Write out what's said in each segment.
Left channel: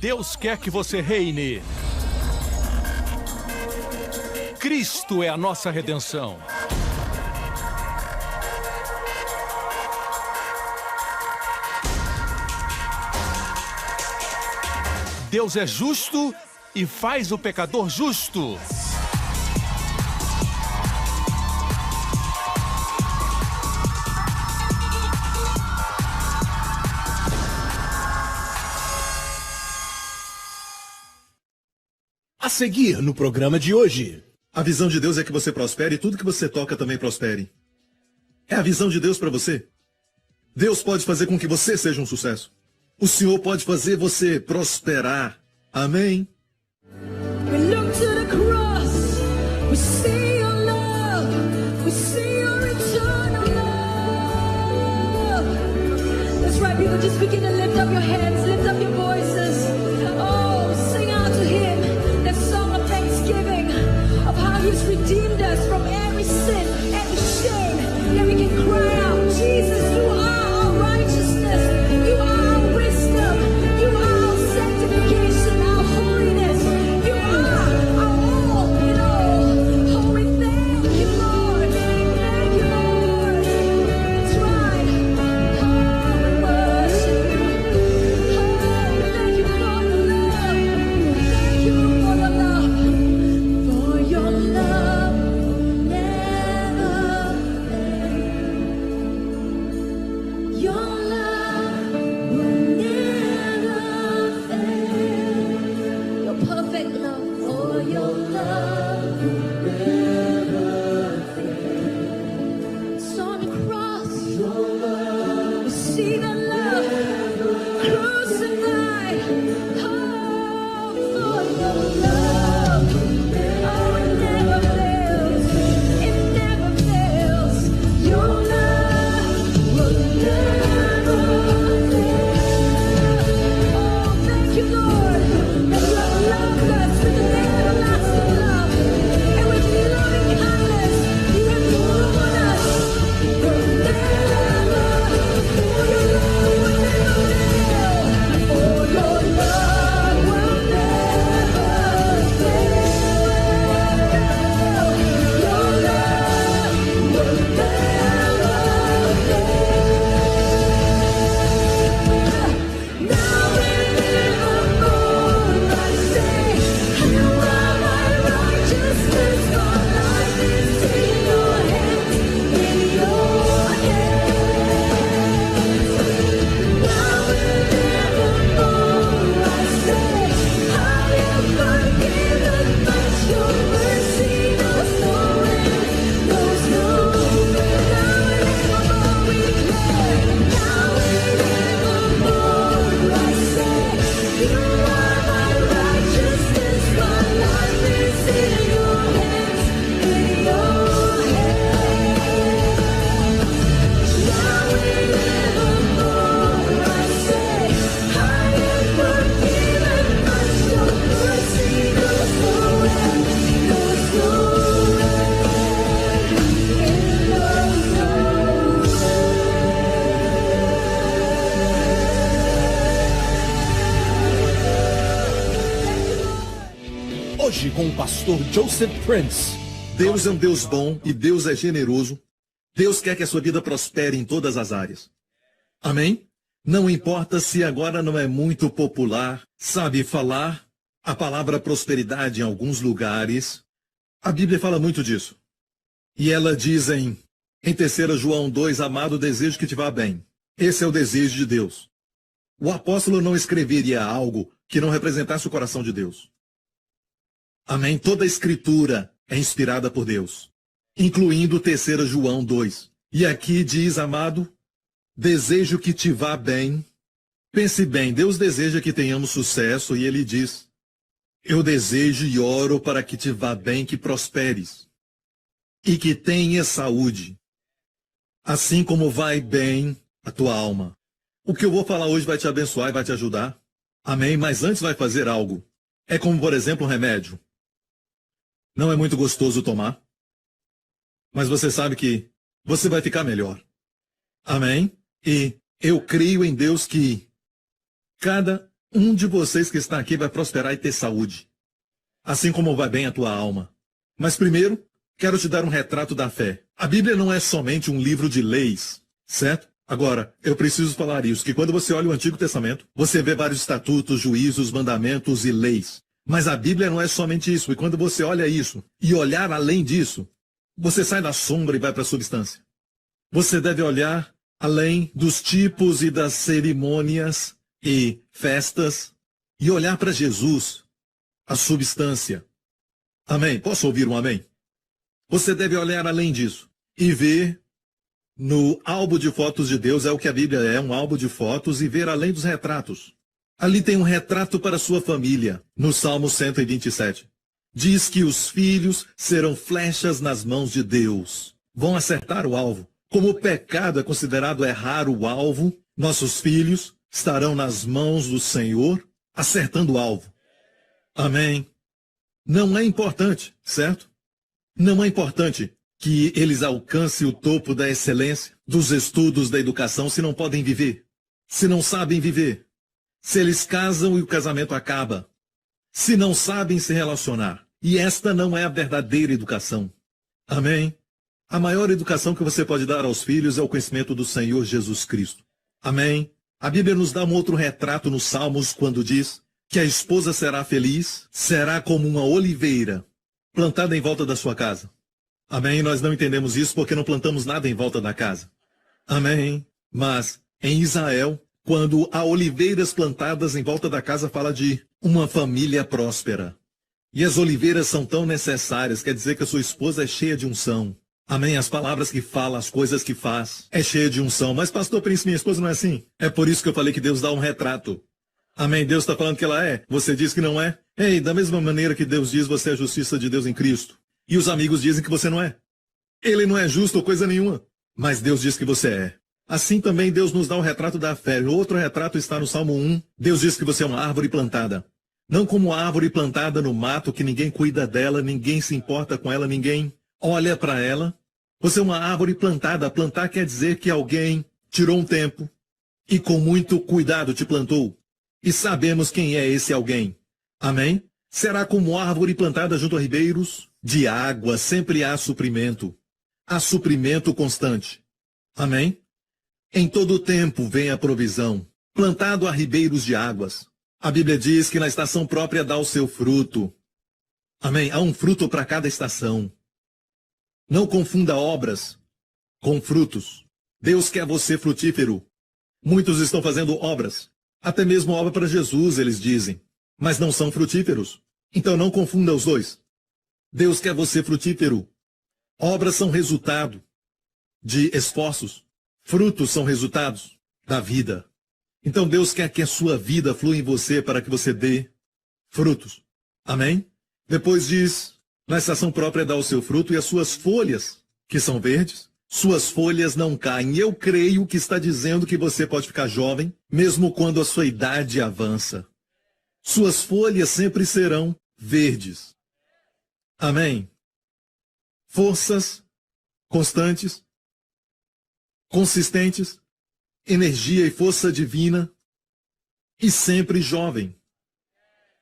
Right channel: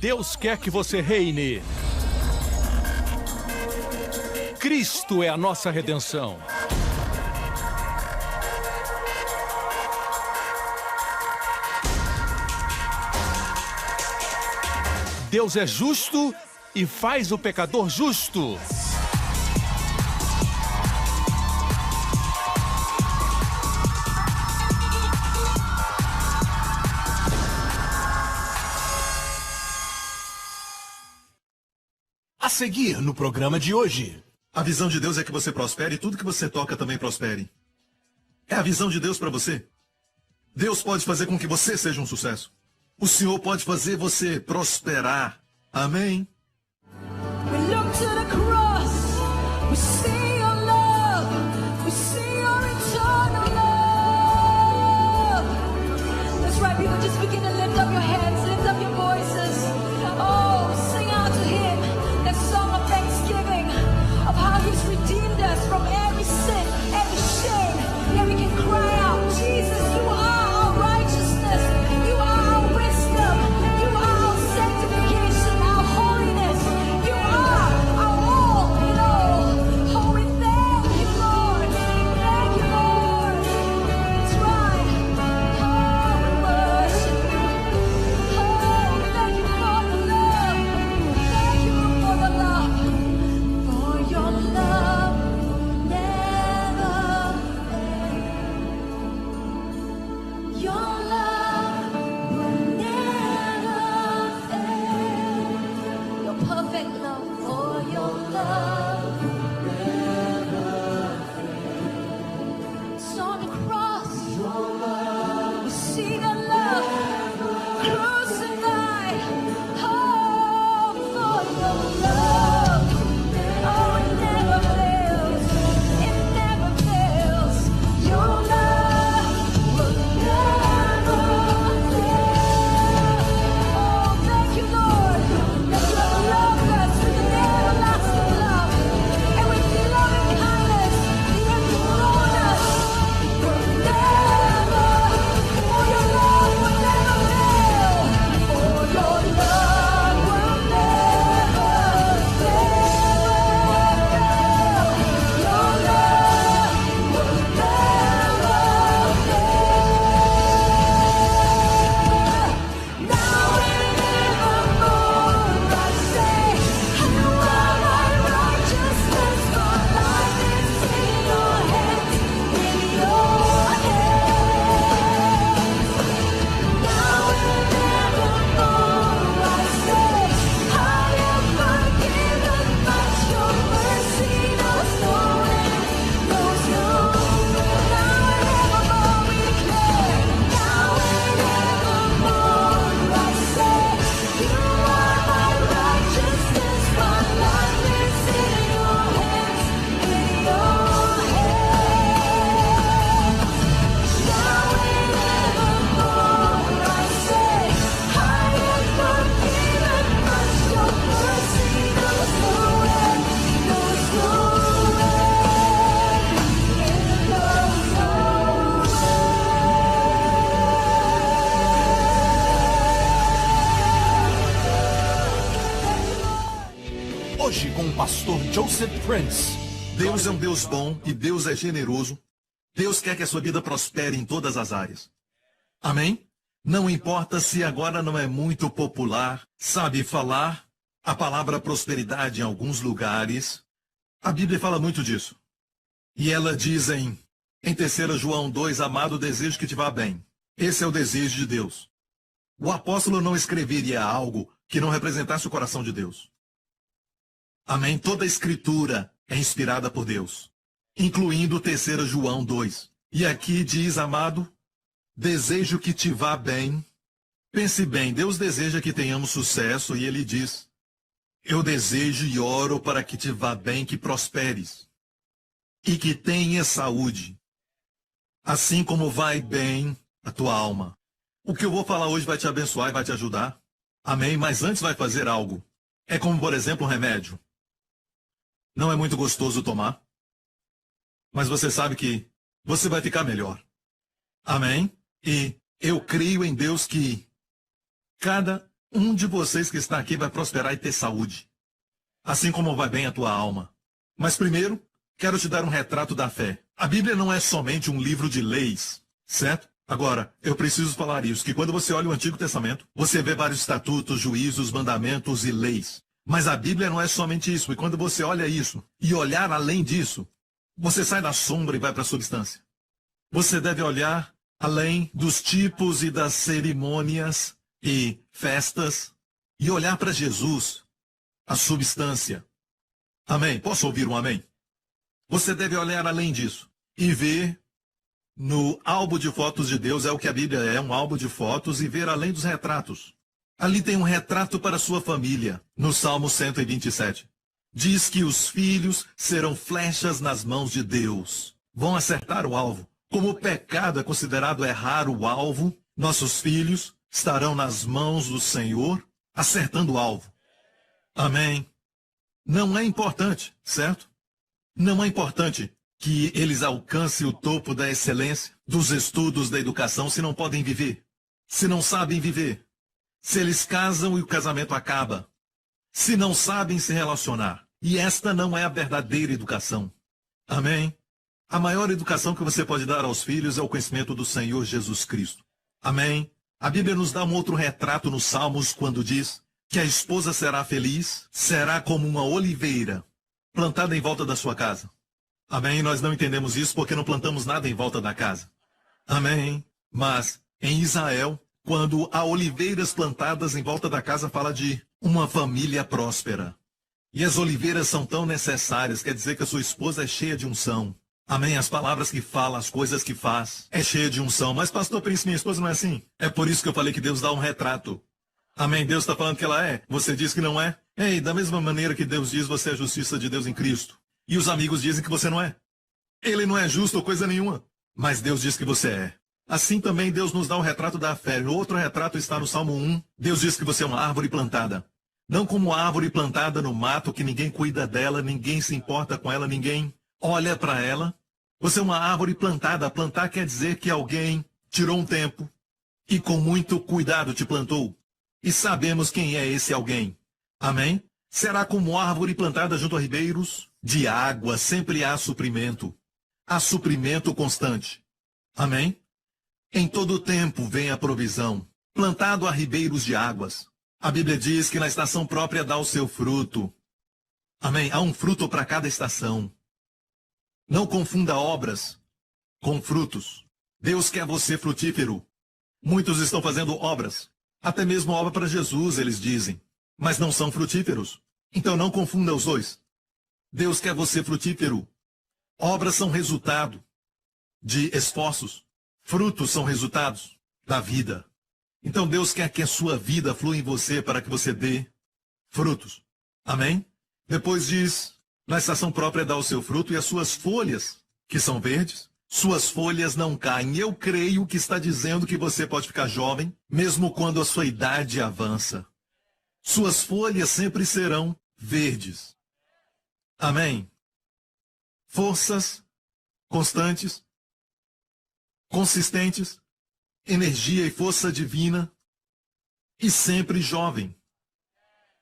Deus quer que você reine. Cristo é a nossa redenção. Deus é justo e faz o pecador justo. A seguir no programa de hoje. A visão de Deus é que você prospere e tudo que você toca também prospere. É a visão de Deus para você. Deus pode fazer com que você seja um sucesso. O Senhor pode fazer você prosperar. Amém? We look to the cross, we see your love, we see your eternal love. That's right, people, just begin to lift up your hands, lift up your voices. Oh, sing out to Him that song of thanksgiving, of how He's redeemed us from every sin, every shame. That we can cry out, Jesus, you are our righteousness, you are our wisdom, you are our sanctification, our holiness, you are our all in all. Oh, we thank you, Lord. Thank you, Lord. That's right. Oh, we worship you. Oh, thank you for the love. Thank you for the love. For your love never ends. Your love will never fail. Your perfect love, for your love it's on the cross. We see the love crucified. Oh, for your love, oh, it never fails. It never fails. Your love will never fail. Oh, thank you, Lord, that you have loved us with an everlasting love, and with loving kindness you have drawn us. Will never, for your love will never fail. For your love will never fail. Your love will never fail. Now and evermore I say, you are my righteousness. My life is in your hands, in your hands. Now and evermore I say, I am forgiven, but your mercy knows no end, knows no end. Now and evermore we declare, now and evermore I say, you are my righteousness. My life is in your hands, in your hands. Now and evermore I say, I am forgiven, but your mercy knows no end, knows no Hoje com o pastor Joseph Prince. Deus é um Deus bom e Deus é generoso. Deus quer que a sua vida prospere em todas as áreas. Amém? Não importa se agora não é muito popular, sabe, falar a palavra prosperidade em alguns lugares. A Bíblia fala muito disso. E ela diz em 3 João 2, amado, desejo que te vá bem. Esse é o desejo de Deus. O apóstolo não escreveria algo que não representasse o coração de Deus. Amém? Toda a escritura é inspirada por Deus, incluindo 3 João 2. E aqui diz, amado, desejo que te vá bem. Pense bem, Deus deseja que tenhamos sucesso e Ele diz, eu desejo e oro para que te vá bem, que prosperes e que tenhas saúde, assim como vai bem a tua alma. O que eu vou falar hoje vai te abençoar e vai te ajudar. Amém? Mas antes vai fazer algo. É como, por exemplo, um remédio. Não é muito gostoso tomar, mas você sabe que você vai ficar melhor. Amém? E eu creio em Deus que cada Um de vocês que está aqui vai prosperar e ter saúde, assim como vai bem a tua alma. Mas primeiro, quero te dar um retrato da fé. A Bíblia não é somente um livro de leis, certo? Agora, eu preciso falar isso, que quando você olha o Antigo Testamento, você vê vários estatutos, juízos, mandamentos e leis. Mas a Bíblia não é somente isso, e quando você olha isso, e olhar além disso, você sai da sombra e vai para a substância. Você deve olhar além dos tipos e das cerimônias e festas, e olhar para Jesus, a substância. Amém? Posso ouvir um amém? Você deve olhar além disso e ver no álbum de fotos de Deus, é o que a Bíblia é, um álbum de fotos, e ver além dos retratos. Ali tem um retrato para sua família, no Salmo 127. Diz que os filhos serão flechas nas mãos de Deus. Vão acertar o alvo. Como o pecado é considerado errar o alvo, nossos filhos estarão nas mãos do Senhor, acertando o alvo. Amém. Não é importante, certo? Não é importante que eles alcancem o topo da excelência, dos estudos, da educação, se não podem viver, se não sabem viver, se eles casam e o casamento acaba, se não sabem se relacionar. E esta não é a verdadeira educação. Amém? A maior educação que você pode dar aos filhos é o conhecimento do Senhor Jesus Cristo. Amém? A Bíblia nos dá um outro retrato nos Salmos quando diz que a esposa será feliz, será como uma oliveira plantada em volta da sua casa. Amém? Nós não entendemos isso porque não plantamos nada em volta da casa. Amém? Mas em Israel, quando há oliveiras plantadas em volta da casa, fala de uma família próspera. E as oliveiras são tão necessárias, quer dizer que a sua esposa é cheia de unção. Amém? As palavras que fala, as coisas que faz, é cheia de unção. Mas pastor Príncipe, minha esposa não é assim. É por isso que eu falei que Deus dá um retrato. Amém? Deus está falando que ela é. Você diz que não é? Ei, da mesma maneira que Deus diz, você é a justiça de Deus em Cristo. E os amigos dizem que você não é. Ele não é justo ou coisa nenhuma. Mas Deus diz que você é. Assim também Deus nos dá o retrato da fé. O outro retrato está no Salmo 1. Deus diz que você é uma árvore plantada. Não como uma árvore plantada no mato, que ninguém cuida dela, ninguém se importa com ela, ninguém olha para ela. Você é uma árvore plantada. Plantar quer dizer que alguém tirou um tempo e com muito cuidado te plantou. E sabemos quem é esse alguém. Amém? Será como árvore plantada junto a ribeiros de água, sempre há suprimento. Há suprimento constante. Amém? Em todo o tempo vem a provisão. Plantado a ribeiros de águas. A Bíblia diz que na estação própria dá o seu fruto. Amém? Há um fruto para cada estação. Não confunda obras com frutos. Deus quer você frutífero. Muitos estão fazendo obras. Até mesmo obra para Jesus, eles dizem. Mas não são frutíferos. Então não confunda os dois. Deus quer você frutífero. Obras são resultado de esforços. Frutos são resultados da vida. Então Deus quer que a sua vida flua em você para que você dê frutos. Amém? Depois diz, na estação própria dá o seu fruto e as suas folhas, que são verdes, suas folhas não caem. Eu creio que está dizendo que você pode ficar jovem, mesmo quando a sua idade avança. Suas folhas sempre serão verdes. Amém? Forças constantes, consistentes, energia e força divina, e sempre jovem.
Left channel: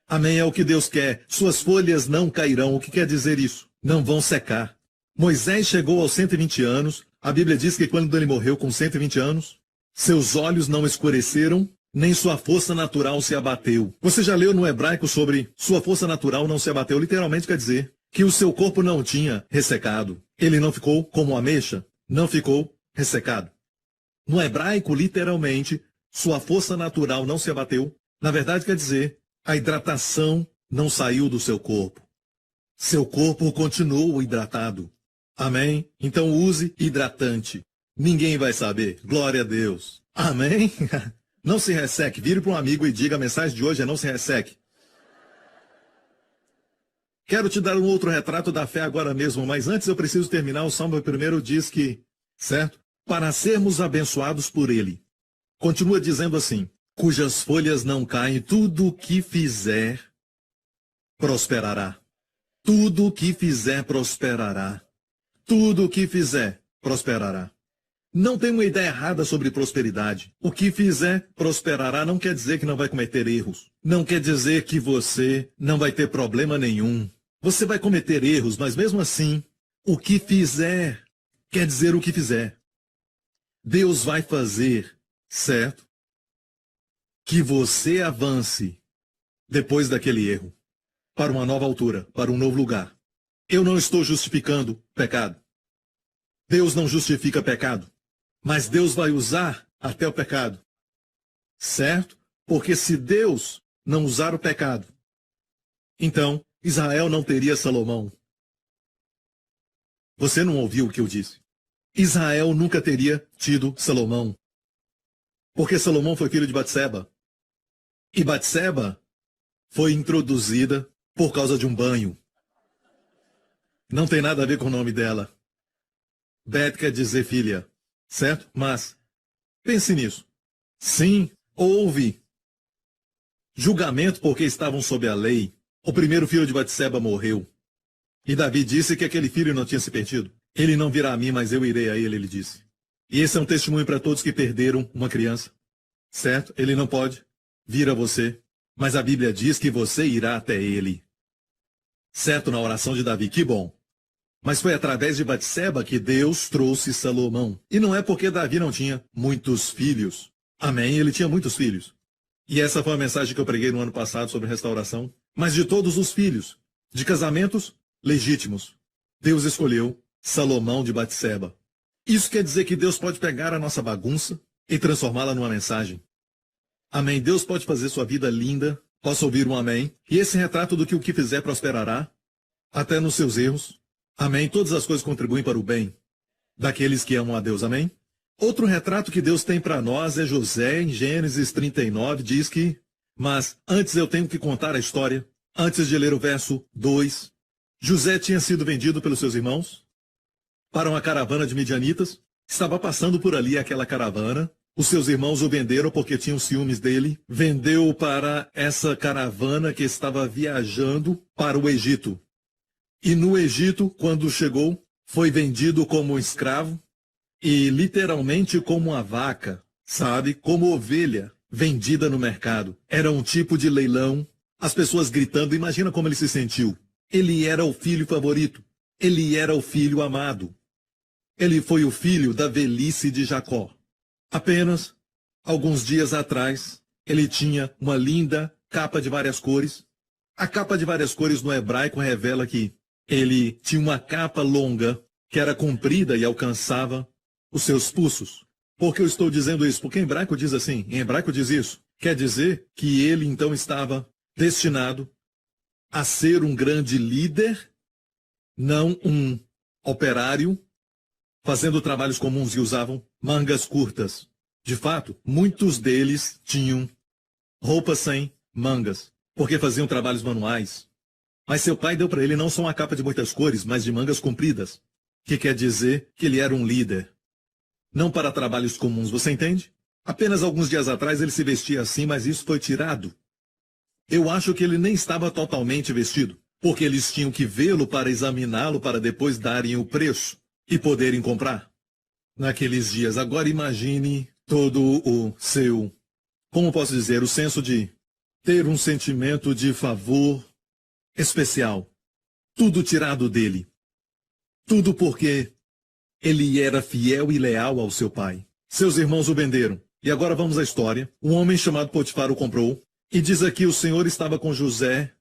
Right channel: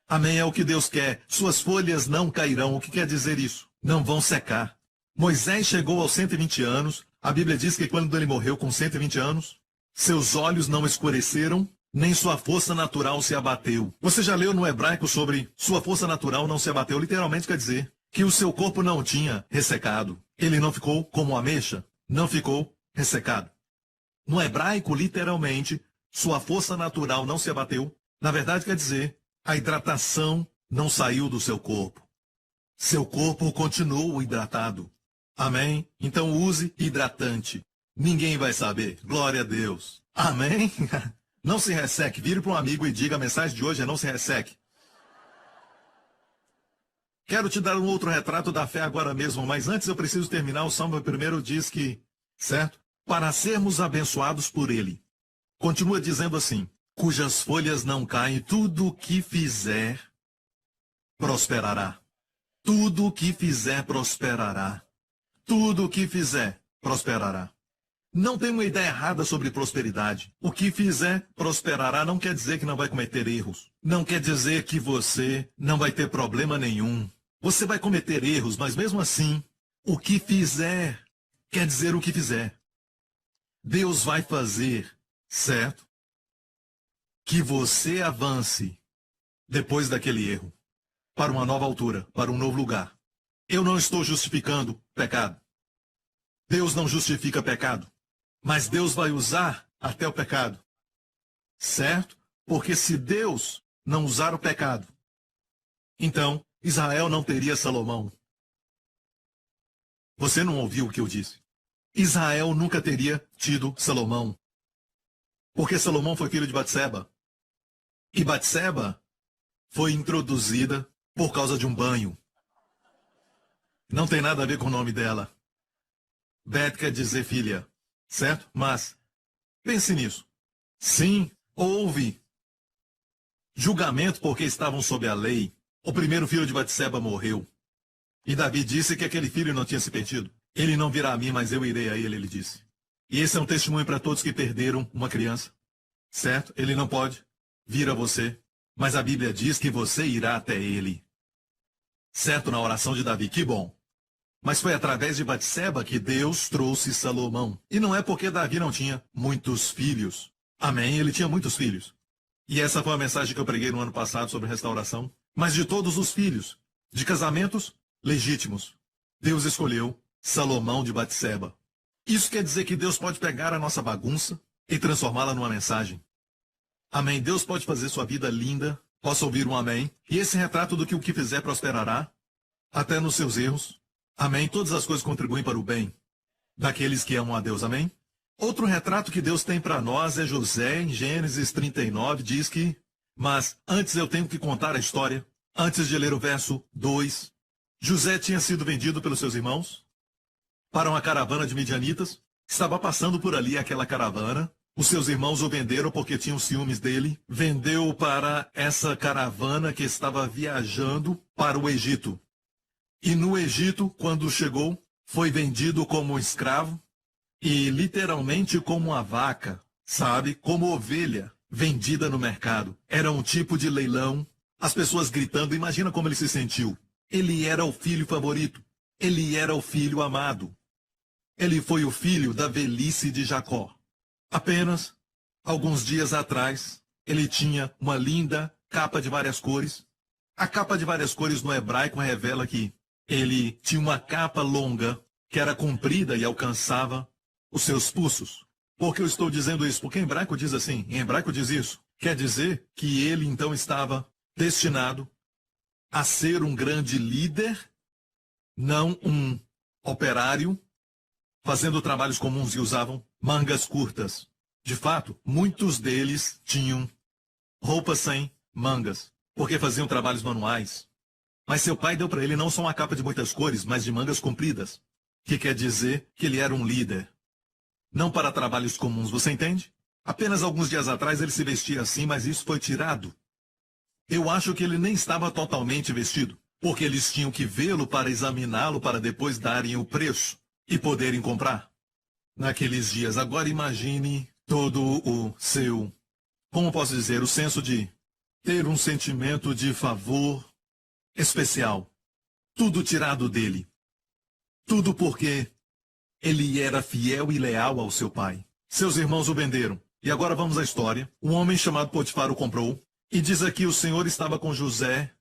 Amém? É o que Deus quer. Suas folhas não cairão. O que quer dizer isso? Não vão secar. Moisés chegou aos 120 anos. A Bíblia diz que quando ele morreu com 120 anos, seus olhos não escureceram, nem sua força natural se abateu. Você já leu no hebraico sobre sua força natural não se abateu? Literalmente quer dizer que o seu corpo não tinha ressecado. Ele não ficou como ameixa, não ficou ressecado. No hebraico, literalmente, sua força natural não se abateu. Na verdade, quer dizer, a hidratação não saiu do seu corpo. Seu corpo continuou hidratado. Amém? Então use hidratante. Ninguém vai saber. Glória a Deus. Amém? Não se resseque. Vire para um amigo e diga, a mensagem de hoje é não se resseque. Quero te dar um outro retrato da fé agora mesmo, mas antes eu preciso terminar. O Salmo 1 diz que, certo? Para sermos abençoados por ele. Continua dizendo assim, cujas folhas não caem, tudo o que fizer prosperará. Tudo o que fizer prosperará. Tudo o que fizer prosperará. Não tem uma ideia errada sobre prosperidade. O que fizer prosperará não quer dizer que não vai cometer erros. Não quer dizer que você não vai ter problema nenhum. Você vai cometer erros, mas mesmo assim, o que fizer quer dizer o que fizer. Deus vai fazer, certo? Que você avance depois daquele erro, para uma nova altura, para um novo lugar. Eu não estou justificando pecado. Deus não justifica pecado. Mas Deus vai usar até o pecado. Certo? Porque se Deus não usar o pecado, então Israel não teria Salomão. Você não ouviu o que eu disse? Israel nunca teria tido Salomão. Porque Salomão foi filho de Batseba. E Batseba foi introduzida por causa de um banho. Não tem nada a ver com o nome dela. Bet quer dizer filha. Certo? Mas, pense nisso. Sim, houve julgamento porque estavam sob a lei. O primeiro filho de Batseba morreu. E Davi disse que aquele filho não tinha se perdido. Ele não virá a mim, mas eu irei a ele disse. E esse é um testemunho para todos que perderam uma criança. Certo? Ele não pode vir a você. Mas a Bíblia diz que você irá até ele. Certo? Na oração de Davi. Que bom. Mas foi através de Batseba que Deus trouxe Salomão. E não é porque Davi não tinha muitos filhos. Amém? Ele tinha muitos filhos. E essa foi a mensagem que eu preguei no ano passado sobre restauração. Mas de todos os filhos, de casamentos legítimos, Deus escolheu Salomão de Batseba. Isso quer dizer que Deus pode pegar a nossa bagunça e transformá-la numa mensagem. Amém? Deus pode fazer sua vida linda. Posso ouvir um amém? E esse retrato do que o que fizer prosperará, até nos seus erros. Amém? Todas as coisas contribuem para o bem daqueles que amam a Deus. Amém? Outro retrato que Deus tem para nós é José, em Gênesis 39, diz que... Mas antes eu tenho que contar a história. Antes de ler o verso 2. José tinha sido vendido pelos seus irmãos para uma caravana de midianitas. Estava passando por ali aquela caravana. Os seus irmãos o venderam porque tinham ciúmes dele. Vendeu para essa caravana que estava viajando para o Egito. E no Egito, quando chegou, foi vendido como um escravo e literalmente como uma vaca, sabe? Como ovelha vendida no mercado. Era um tipo de leilão, as pessoas gritando, imagina como ele se sentiu. Ele era o filho favorito, ele era o filho amado. Ele foi o filho da velhice de Jacó. Apenas alguns dias atrás, ele tinha uma linda capa de várias cores. A capa de várias cores no hebraico revela que ele tinha uma capa longa, que era comprida e alcançava os seus pulsos. Por que eu estou dizendo isso? Porque em hebraico diz assim, em hebraico diz isso. Quer dizer que ele então estava destinado a ser um grande líder, não um operário, fazendo trabalhos comuns e usavam mangas curtas. De fato, muitos deles tinham roupas sem mangas, porque faziam trabalhos manuais. Mas seu pai deu para ele não só uma capa de muitas cores, mas de mangas compridas, que quer dizer que ele era um líder. Não para trabalhos comuns, você entende? Apenas alguns dias atrás ele se vestia assim, mas isso foi tirado. Eu acho que ele nem estava totalmente vestido, porque eles tinham que vê-lo para examiná-lo para depois darem o preço e poderem comprar. Naqueles dias, agora imagine todo o seu, como posso dizer, o senso de ter um sentimento de favor especial. Tudo tirado dele. Tudo porque ele era fiel e leal ao seu pai. Seus irmãos o venderam. E agora vamos à história. Um homem chamado Potifar o comprou. E diz aqui, o Senhor estava com José.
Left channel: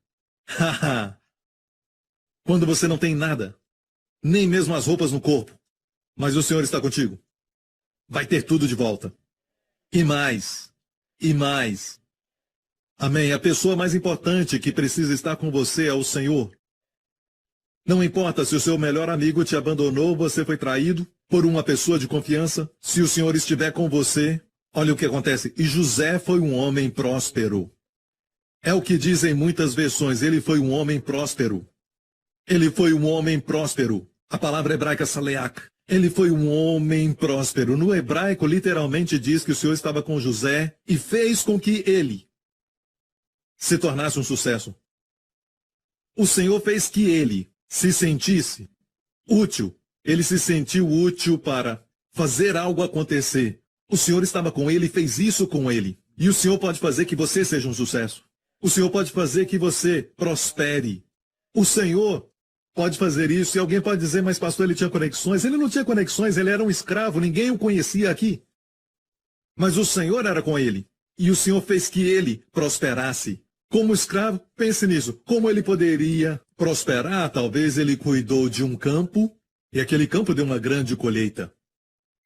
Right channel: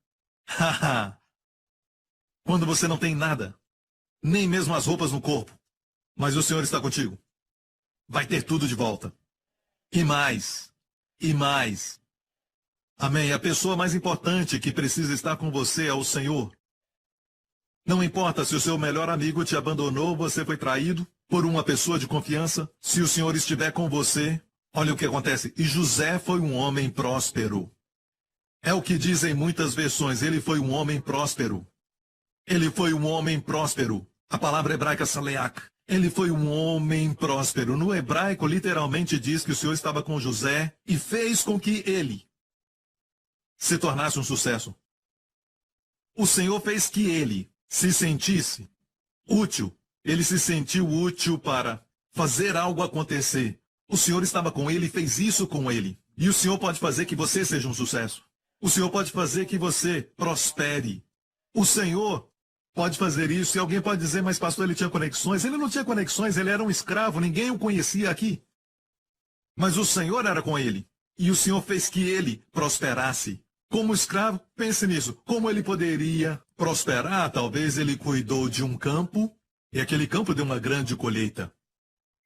Haha. Quando você não tem nada, nem mesmo as roupas no corpo, mas o Senhor está contigo, vai ter tudo de volta. E mais. E mais. Amém. A pessoa mais importante que precisa estar com você é o Senhor. Não importa se o seu melhor amigo te abandonou, você foi traído por uma pessoa de confiança. Se o Senhor estiver com você, olha o que acontece. E José foi um homem próspero. É o que dizem muitas versões. Ele foi um homem próspero. Ele foi um homem próspero. A palavra hebraica saleach. Ele foi um homem próspero. No hebraico, literalmente diz que o Senhor estava com José e fez com que ele se tornasse um sucesso. O Senhor fez que ele se sentisse útil. Ele se sentiu útil para fazer algo acontecer. O Senhor estava com ele e fez isso com ele. E o Senhor pode fazer que você seja um sucesso. O Senhor pode fazer que você prospere. O Senhor pode fazer isso. E alguém pode dizer, mas pastor, ele tinha conexões. Ele não tinha conexões, ele era um escravo, ninguém o conhecia aqui. Mas o Senhor era com ele. E o Senhor fez que ele prosperasse. Como escravo, pense nisso. Como ele poderia prosperar? Talvez ele cuidou de um campo e aquele campo deu uma grande colheita.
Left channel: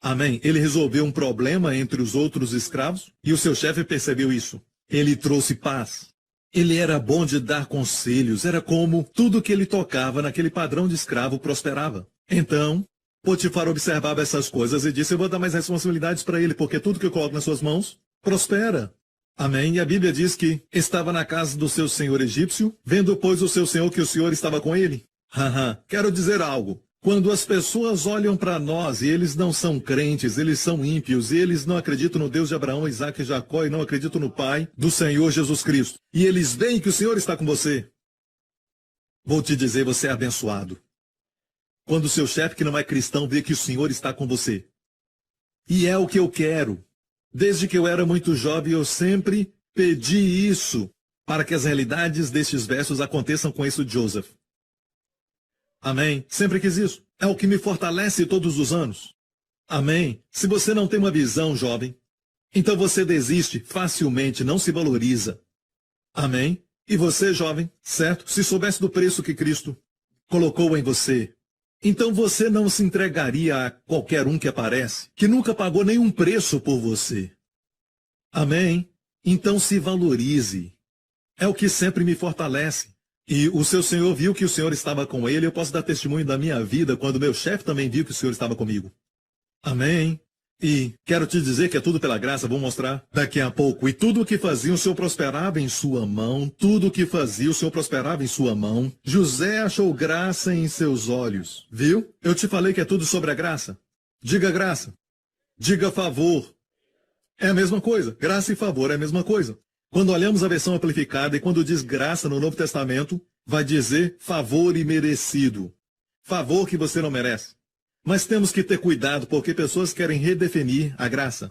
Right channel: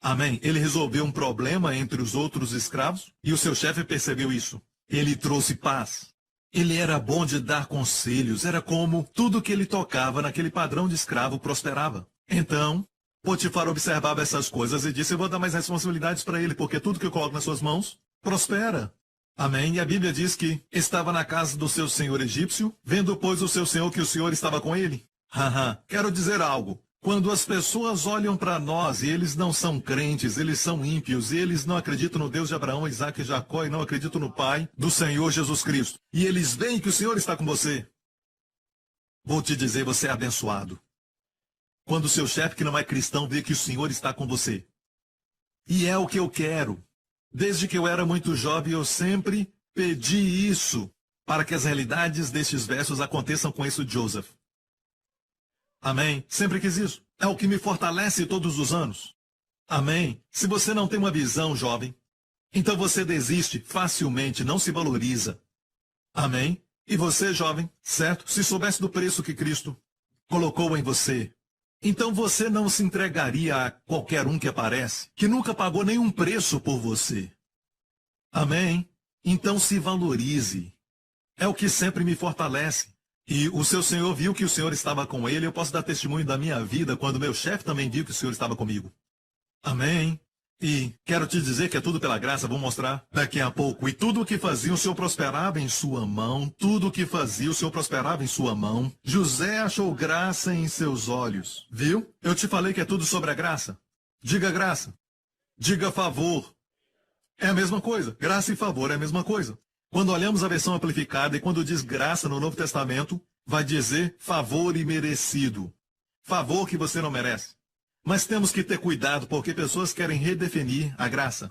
Amém? Ele resolveu um problema entre os outros escravos e o seu chefe percebeu isso. Ele trouxe paz. Ele era bom de dar conselhos. Era como tudo que ele tocava naquele padrão de escravo prosperava. Então, Potifar observava essas coisas e disse, eu vou dar mais responsabilidades para ele, porque tudo que eu coloco nas suas mãos prospera. Amém? E a Bíblia diz que estava na casa do seu senhor egípcio, vendo, pois, o seu senhor que o Senhor estava com ele. Quero dizer algo. Quando as pessoas olham para nós e eles não são crentes, eles são ímpios, e eles não acreditam no Deus de Abraão, Isaque e Jacó, e não acreditam no Pai do Senhor Jesus Cristo, e eles veem que o Senhor está com você, vou te dizer, você é abençoado. Quando o seu chefe, que não é cristão, vê que o Senhor está com você. E é o que eu quero. Desde que eu era muito jovem, eu sempre pedi isso, para que as realidades destes versos aconteçam com esse Joseph. Amém? Sempre quis isso. É o que me fortalece todos os anos. Amém? Se você não tem uma visão, jovem, então você desiste facilmente, não se valoriza. Amém? E você, jovem, certo? Se soubesse do preço que Cristo colocou em você, então você não se entregaria a qualquer um que aparece, que nunca pagou nenhum preço por você. Amém? Então se valorize. É o que sempre me fortalece. E o seu senhor viu que o Senhor estava com ele. Eu posso dar testemunho da minha vida quando meu chefe também viu que o Senhor estava comigo. Amém? E quero te dizer que é tudo pela graça, vou mostrar daqui a pouco. E tudo o que fazia, o Senhor prosperava em sua mão. Tudo o que fazia, o Senhor prosperava em sua mão. José achou graça em seus olhos. Viu? Eu te falei que é tudo sobre a graça. Diga graça. Diga favor. É a mesma coisa. Graça e favor é a mesma coisa. Quando olhamos a versão amplificada e quando diz graça no Novo Testamento, vai dizer favor imerecido. Favor que você não merece. Mas temos que ter cuidado porque pessoas querem redefinir a graça.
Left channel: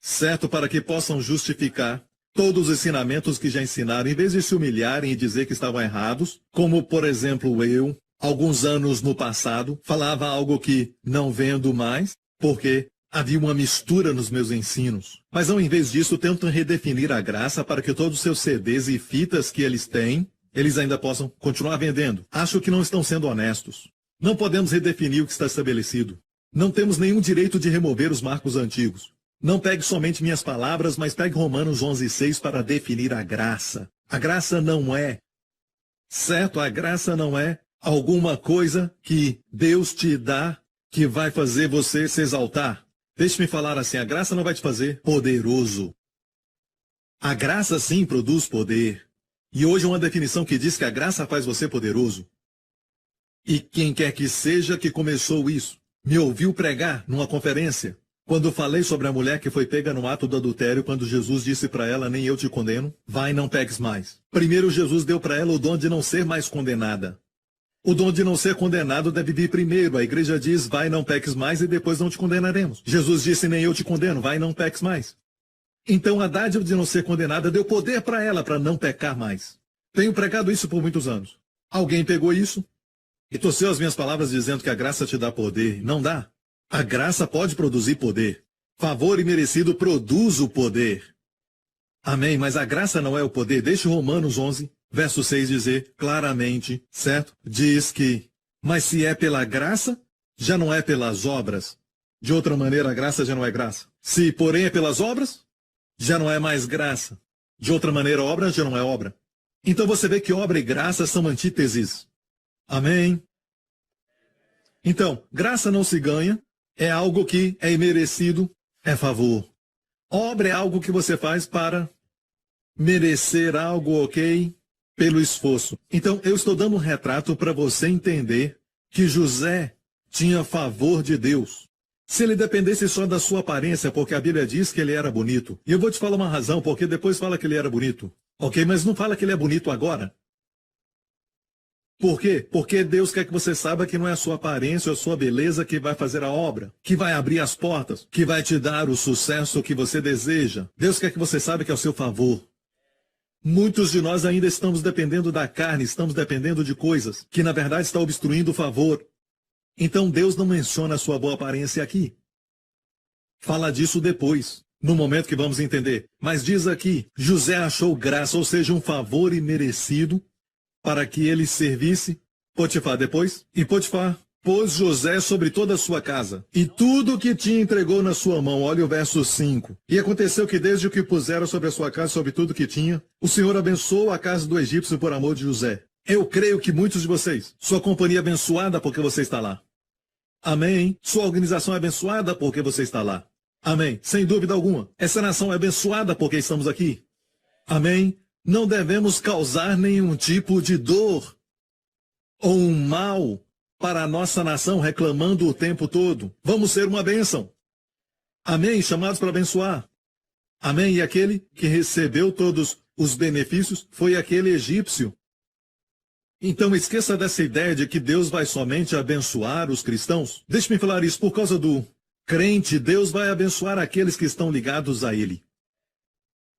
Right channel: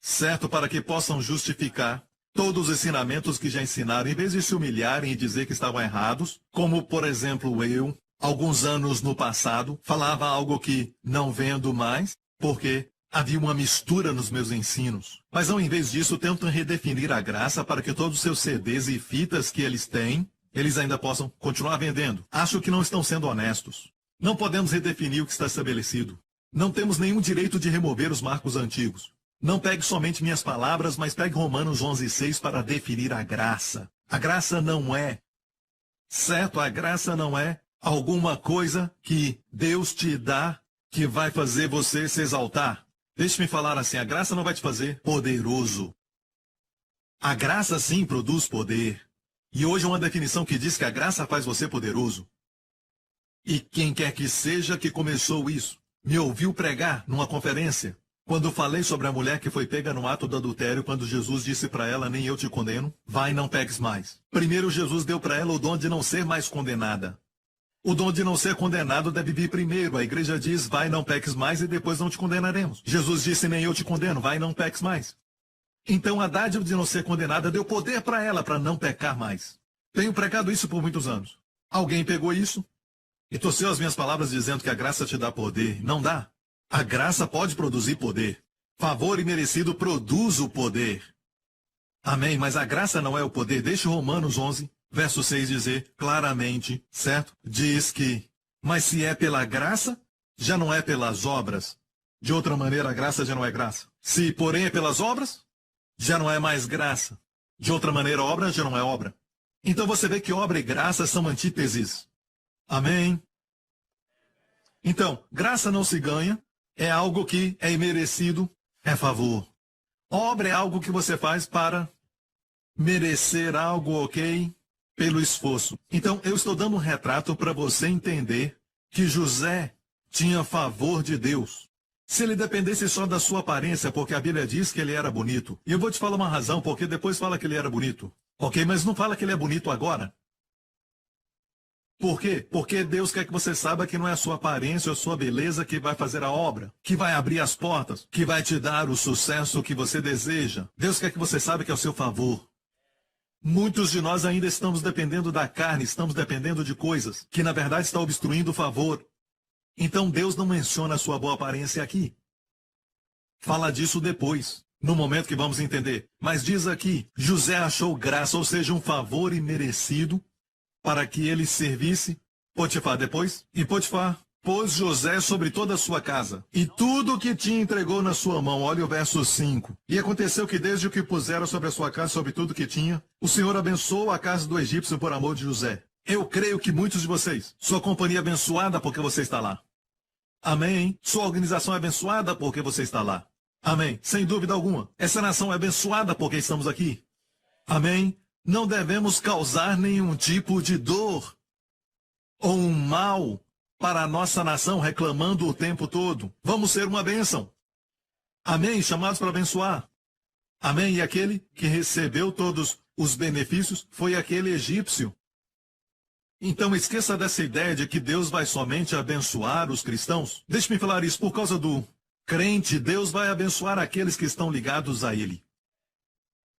Certo? Para que possam justificar todos os ensinamentos que já ensinaram, em vez de se humilharem e dizer que estavam errados, como, por exemplo, eu, alguns anos no passado, falava algo que não vendo mais, porque havia uma mistura nos meus ensinos. Mas ao invés disso, tentam redefinir a graça para que todos os seus CDs e fitas que eles têm, eles ainda possam continuar vendendo. Acho que não estão sendo honestos. Não podemos redefinir o que está estabelecido. Não temos nenhum direito de remover os marcos antigos. Não pegue somente minhas palavras, mas pegue Romanos 11:6 para definir a graça. A graça não é, certo? A graça não é alguma coisa que Deus te dá que vai fazer você se exaltar. Deixe-me falar assim, a graça não vai te fazer poderoso. A graça sim produz poder. E hoje é uma definição que diz que a graça faz você poderoso. E quem quer que seja que começou isso, me ouviu pregar numa conferência, quando falei sobre a mulher que foi pega no ato do adultério, quando Jesus disse para ela, nem eu te condeno, vai, não peques mais. Primeiro Jesus deu para ela o dom de não ser mais condenada. O dom de não ser condenado deve vir primeiro. A igreja diz, vai, não peques mais, e depois não te condenaremos. Jesus disse, nem eu te condeno, vai, não peques mais. Então a dádiva de não ser condenada deu poder para ela, para não pecar mais. Tenho pregado isso por muitos anos. Alguém pegou isso e torceu as minhas palavras dizendo que a graça te dá poder. Não dá. A graça pode produzir poder. Favor imerecido produz o poder. Amém, mas a graça não é o poder. Deixe Romanos 11. Verso 6 dizer claramente, certo? Diz que, mas se é pela graça, já não é pelas obras. De outra maneira, a graça já não é graça. Se, porém, é pelas obras, já não é mais graça. De outra maneira, a obra já não é obra. Então você vê que obra e graça são antíteses. Amém? Então, graça não se ganha, é algo que é imerecido, é favor. Obra é algo que você faz para merecer algo, ok? Pelo esforço. Então, eu estou dando um retrato para você entender que José tinha favor de Deus. Se ele dependesse só da sua aparência, porque a Bíblia diz que ele era bonito. E eu vou te falar uma razão, porque depois fala que ele era bonito. Ok, mas não fala que ele é bonito agora. Por quê? Porque Deus quer que você saiba que não é a sua aparência ou a sua beleza que vai fazer a obra, que vai abrir as portas, que vai te dar o sucesso que você deseja. Deus quer que você saiba que é ao seu favor. Muitos de nós ainda estamos dependendo da carne, estamos dependendo de coisas que na verdade está obstruindo o favor. Então Deus não menciona a sua boa aparência aqui. Fala disso depois, no momento que vamos entender. Mas diz aqui, José achou graça, ou seja, um favor imerecido, para que ele servisse Potifar depois. E Potifar pôs José sobre toda a sua casa, e tudo o que tinha entregou na sua mão. Olha o verso 5. E aconteceu que desde o que puseram sobre a sua casa, sobre tudo o que tinha, o Senhor abençoou a casa do egípcio por amor de José. Eu creio que muitos de vocês, sua companhia é abençoada porque você está lá. Amém. Sua organização é abençoada porque você está lá. Amém. Sem dúvida alguma. Essa nação é abençoada porque estamos aqui. Amém. Não devemos causar nenhum tipo de dor ou um mal para a nossa nação reclamando o tempo todo. Vamos ser uma bênção. Amém. Chamados para abençoar. Amém. E aquele que recebeu todos os benefícios foi aquele egípcio. Então esqueça dessa ideia de que Deus vai somente abençoar os cristãos. Deixe-me falar isso por causa do crente. Deus vai abençoar aqueles que estão ligados a Ele.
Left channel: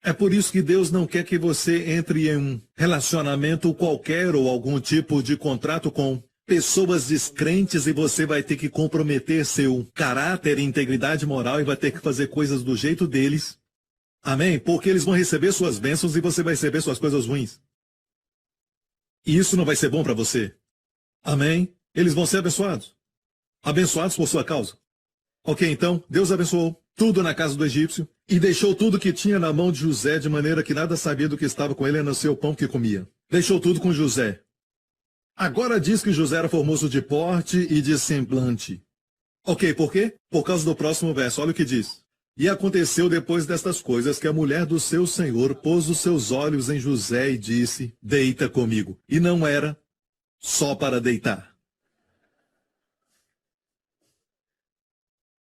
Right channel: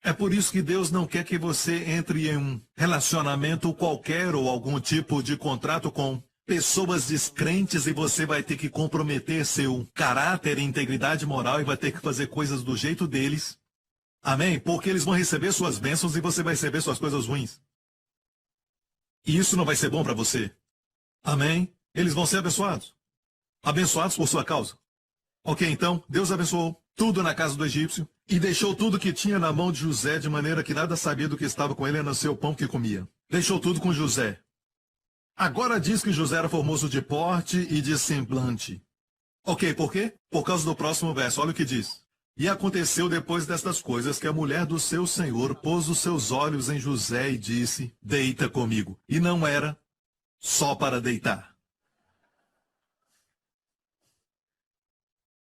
É por isso que Deus não quer que você entre em um relacionamento qualquer ou algum tipo de contrato com pessoas descrentes e você vai ter que comprometer seu caráter e integridade moral e vai ter que fazer coisas do jeito deles. Amém? Porque eles vão receber suas bênçãos e você vai receber suas coisas ruins. E isso não vai ser bom para você. Amém? Eles vão ser abençoados. Abençoados por sua causa. Ok, então, Deus abençoou tudo na casa do egípcio e deixou tudo que tinha na mão de José, de maneira que nada sabia do que estava com ele, a não ser o pão que comia. Deixou tudo com José. Agora diz que José era formoso de porte e de semblante. Ok, por quê? Por causa do próximo verso, olha o que diz. E aconteceu depois destas coisas que a mulher do seu senhor pôs os seus olhos em José e disse, deita comigo. E não era só para deitar.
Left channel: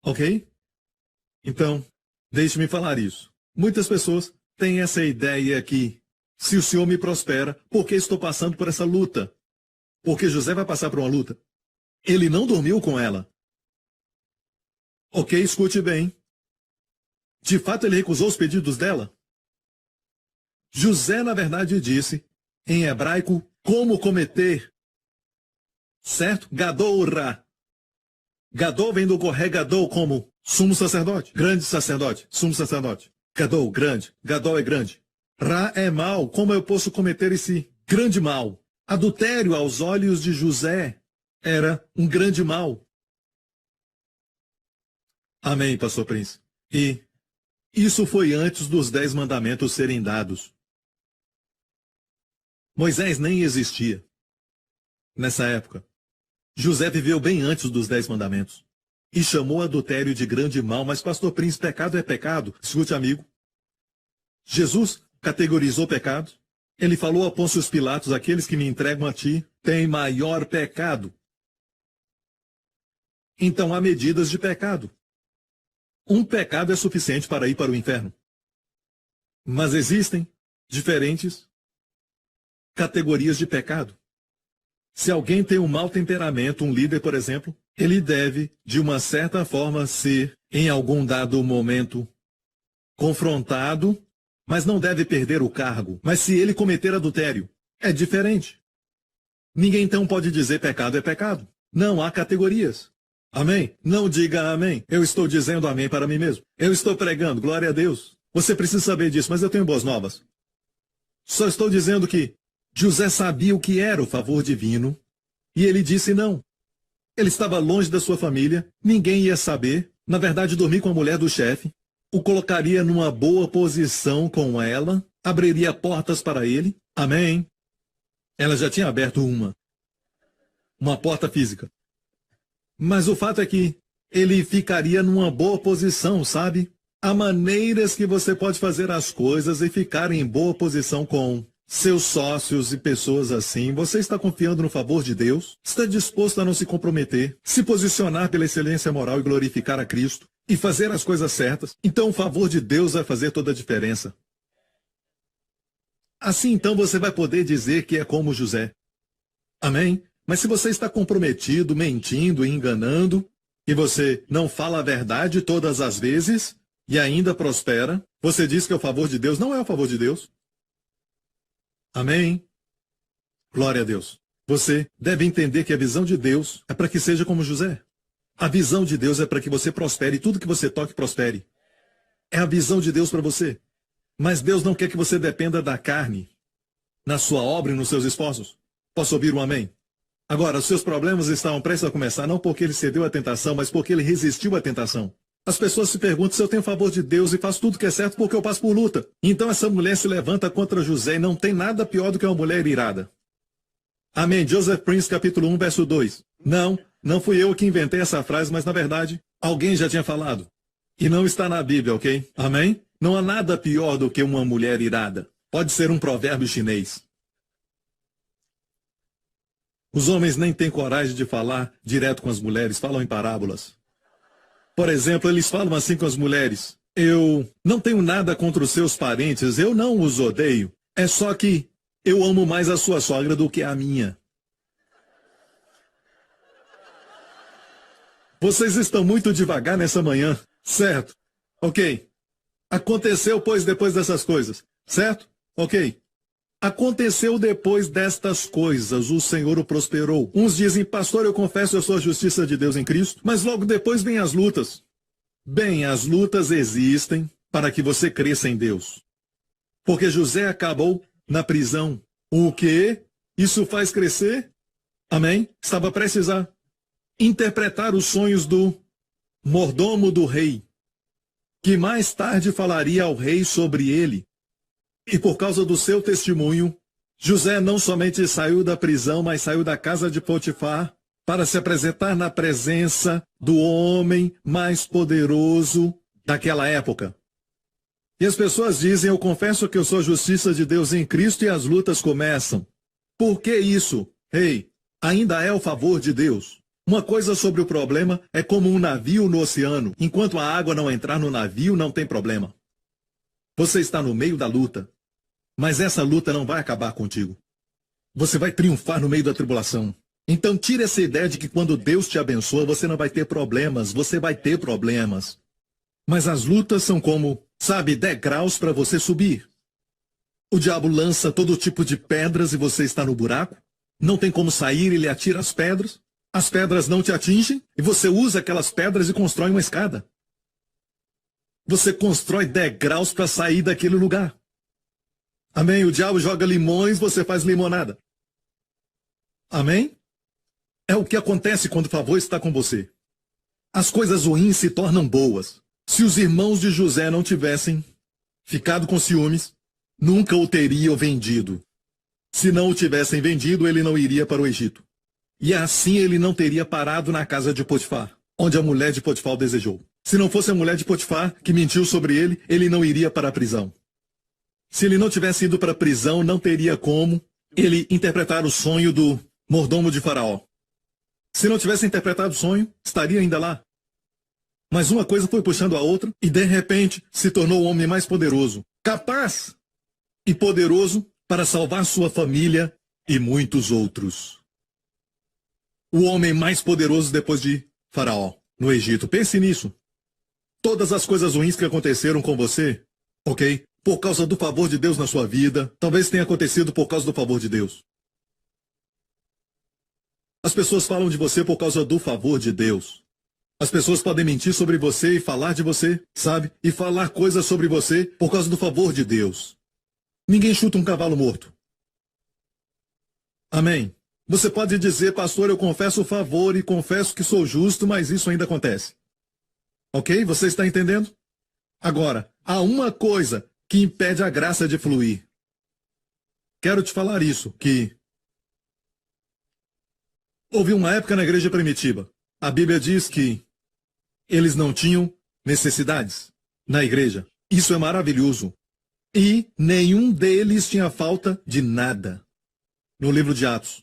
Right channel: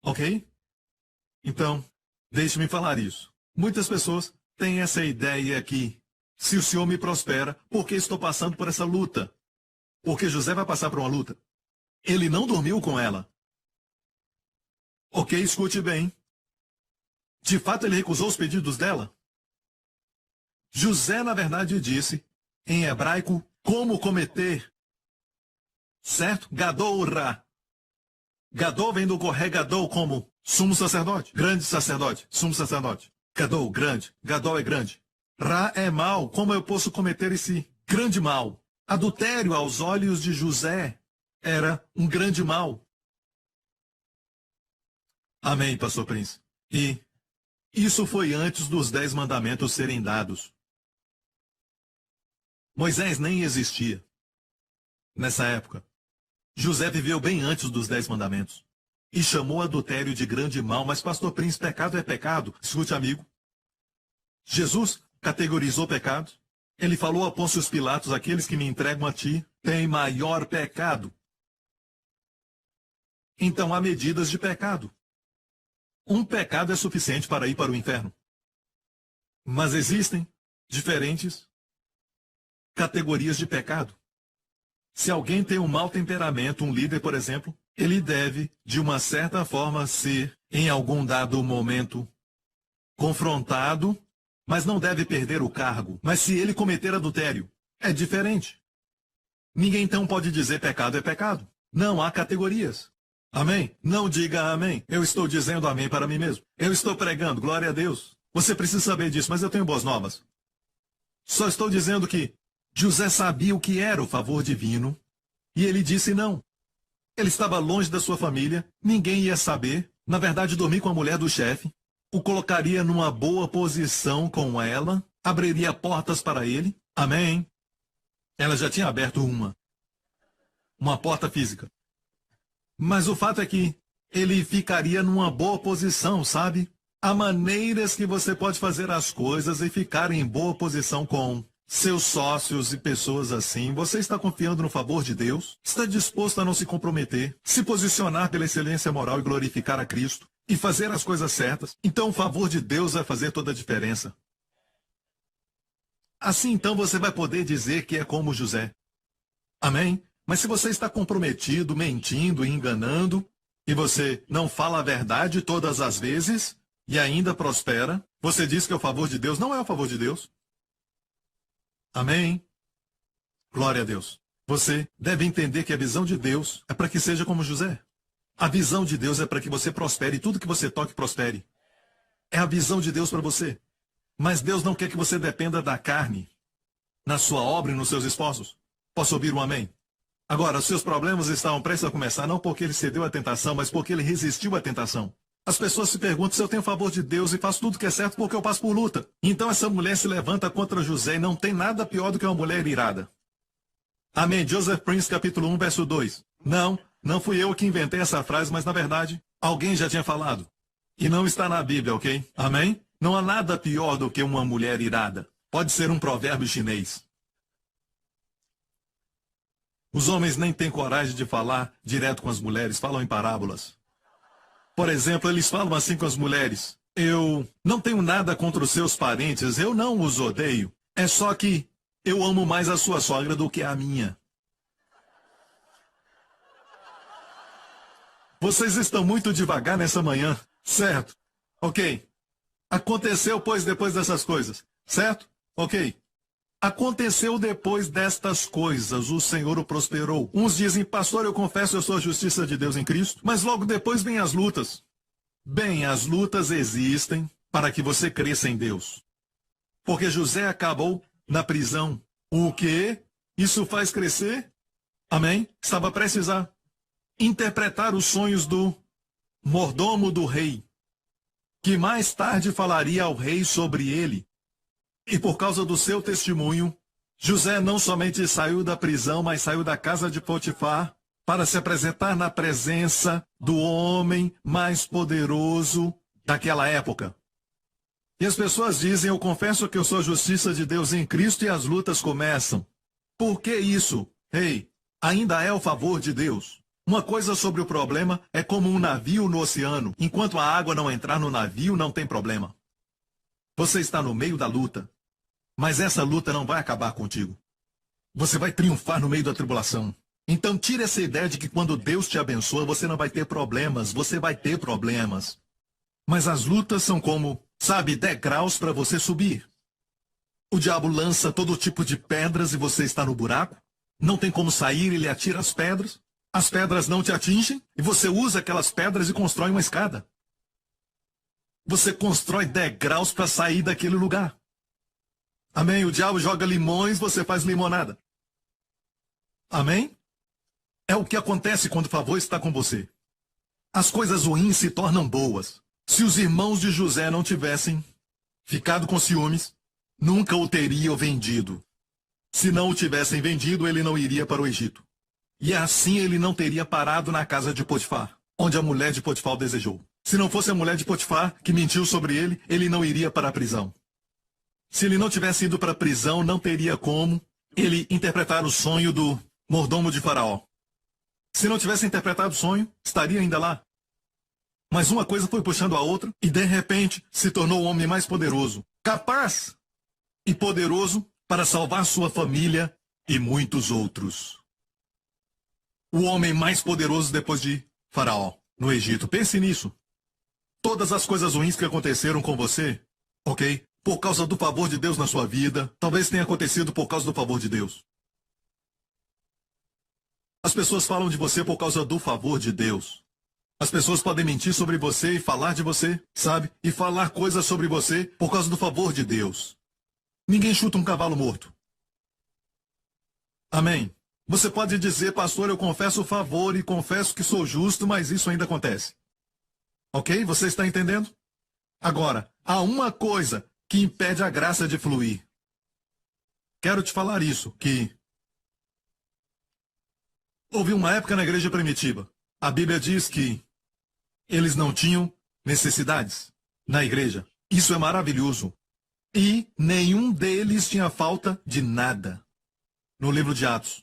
Ok? Então, deixe-me falar isso. Muitas pessoas têm essa ideia que, se o Senhor me prospera, por que estou passando por essa luta? Porque José vai passar por uma luta. Ele não dormiu com ela. Ok, escute bem. De fato, ele recusou os pedidos dela. José, na verdade, disse, em hebraico, como cometer. Certo? Gadol Ra. Gadol vem do Corré Gadol como sumo sacerdote, grande sacerdote, sumo sacerdote. Gadol, grande. Gadol é grande. Ra é mal. Como eu posso cometer esse grande mal? Adultério aos olhos de José era um grande mal. Amém, pastor Prince. E isso foi antes dos 10 mandamentos serem dados. Moisés nem existia nessa época. José viveu bem antes dos 10 mandamentos. E chamou adultério de grande mal, mas pastor Prince, pecado é pecado. Escute, amigo. Jesus categorizou pecado. Ele falou a Pôncio Pilatos, aqueles que me entregam a ti têm maior pecado. Então há medidas de pecado. Um pecado é suficiente para ir para o inferno. Mas existem diferentes categorias de pecado. Se alguém tem um mau temperamento, um líder, por exemplo, ele deve, de uma certa forma, ser, em algum dado momento, confrontado, mas não deve perder o cargo. Mas se ele cometer adultério, é diferente. Ninguém então pode dizer pecado é pecado. Não há categorias. Amém? Não diga amém. Eu estou dizendo amém para mim mesmo. Eu estou pregando, glória a Deus. Você precisa saber disso, mas eu tenho boas novas. Só estou dizendo que José sabia o que era o favor divino, e ele disse não. Ele estava longe da sua família, ninguém ia saber. Na verdade, dormir com a mulher do chefe, o colocaria numa boa posição com ela, abriria portas para ele. Amém? Ela já tinha aberto uma porta física. Mas o fato é que ele ficaria numa boa posição, sabe? Há maneiras que você pode fazer as coisas e ficar em boa posição com seus sócios e pessoas assim. Você está confiando no favor de Deus? Está disposto a não se comprometer, se posicionar pela excelência moral e glorificar a Cristo e fazer as coisas certas? Então o favor de Deus vai fazer toda a diferença. Assim então você vai poder dizer que é como José. Amém? Mas se você está comprometido, mentindo e enganando, e você não fala a verdade todas as vezes, e ainda prospera, você diz que é o favor de Deus, não é o favor de Deus. Amém? Glória a Deus. Você deve entender que a visão de Deus é para que seja como José. A visão de Deus é para que você prospere, e tudo que você toque prospere. É a visão de Deus para você. Mas Deus não quer que você dependa da carne, na sua obra e nos seus esforços. Posso ouvir um amém? Agora, os seus problemas estavam prestes a começar, não porque ele cedeu à tentação, mas porque ele resistiu à tentação. As pessoas se perguntam se eu tenho favor de Deus e faço tudo que é certo porque eu passo por luta. Então essa mulher se levanta contra José e não tem nada pior do que uma mulher irada. Amém. Joseph Prince, capítulo 1, verso 2. Não fui eu que inventei essa frase, mas na verdade, alguém já tinha falado. E não está na Bíblia, ok? Amém? Não há nada pior do que uma mulher irada. Pode ser um provérbio chinês. Os homens nem têm coragem de falar direto com as mulheres, falam em parábolas. Por exemplo, eles falam assim com as mulheres: eu não tenho nada contra os seus parentes, eu não os odeio. É só que eu amo mais a sua sogra do que a minha. Vocês estão muito devagar nessa manhã, certo? Ok. Aconteceu, pois, depois dessas coisas, certo? Ok. Aconteceu depois destas coisas, o Senhor o prosperou. Uns dizem: pastor, eu confesso a sua justiça de Deus em Cristo, mas logo depois vêm as lutas. Bem, as lutas existem para que você cresça em Deus. Porque José acabou na prisão. O quê? Isso faz crescer? Amém? Estava prestes a interpretar os sonhos do mordomo do rei, que mais tarde falaria ao rei sobre ele. E por causa do seu testemunho, José não somente saiu da prisão, mas saiu da casa de Potifar para se apresentar na presença do homem mais poderoso daquela época. E as pessoas dizem: eu confesso que eu sou a justiça de Deus em Cristo, e as lutas começam. Por que isso? Ei, ainda é o favor de Deus. Uma coisa sobre o problema é como um navio no oceano. Enquanto a água não entrar no navio, não tem problema. Você está no meio da luta, mas essa luta não vai acabar contigo. Você vai triunfar no meio da tribulação. Então tire essa ideia de que quando Deus te abençoa, você não vai ter problemas. Você vai ter problemas. Mas as lutas são como, sabe, degraus para você subir. O diabo lança todo tipo de pedras e você está no buraco. Não tem como sair, ele atira as pedras. As pedras não te atingem e você usa aquelas pedras e constrói uma escada. Você constrói degraus para sair daquele lugar. Amém? O diabo joga limões, você faz limonada. Amém? É o que acontece quando o favor está com você. As coisas ruins se tornam boas. Se os irmãos de José não tivessem ficado com ciúmes, nunca o teriam vendido. Se não o tivessem vendido, ele não iria para o Egito. E assim ele não teria parado na casa de Potifar, onde a mulher de Potifar o desejou. Se não fosse a mulher de Potifar que mentiu sobre ele, ele não iria para a prisão. Se ele não tivesse ido para a prisão, não teria como ele interpretar o sonho do mordomo de Faraó. Se não tivesse interpretado o sonho, estaria ainda lá. Mas uma coisa foi puxando a outra, e de repente se tornou o homem mais poderoso, capaz e poderoso para salvar sua família e muitos outros. O homem mais poderoso depois de Faraó, no Egito. Pense nisso. Todas as coisas ruins que aconteceram com você, ok? Por causa do favor de Deus na sua vida, talvez tenha acontecido por causa do favor de Deus. As pessoas falam de você por causa do favor de Deus. As pessoas podem mentir sobre você e falar de você, sabe? E falar coisas sobre você por causa do favor de Deus. Ninguém chuta um cavalo morto. Amém? Você pode dizer: pastor, eu confesso o favor e confesso que sou justo, mas isso ainda acontece. Ok? Você está entendendo? Agora, há uma coisa que impede a graça de fluir. Quero te falar isso, que houve uma época na igreja primitiva. A Bíblia diz que eles não tinham necessidades na igreja. Isso é maravilhoso. E nenhum deles tinha falta de nada. No livro de Atos.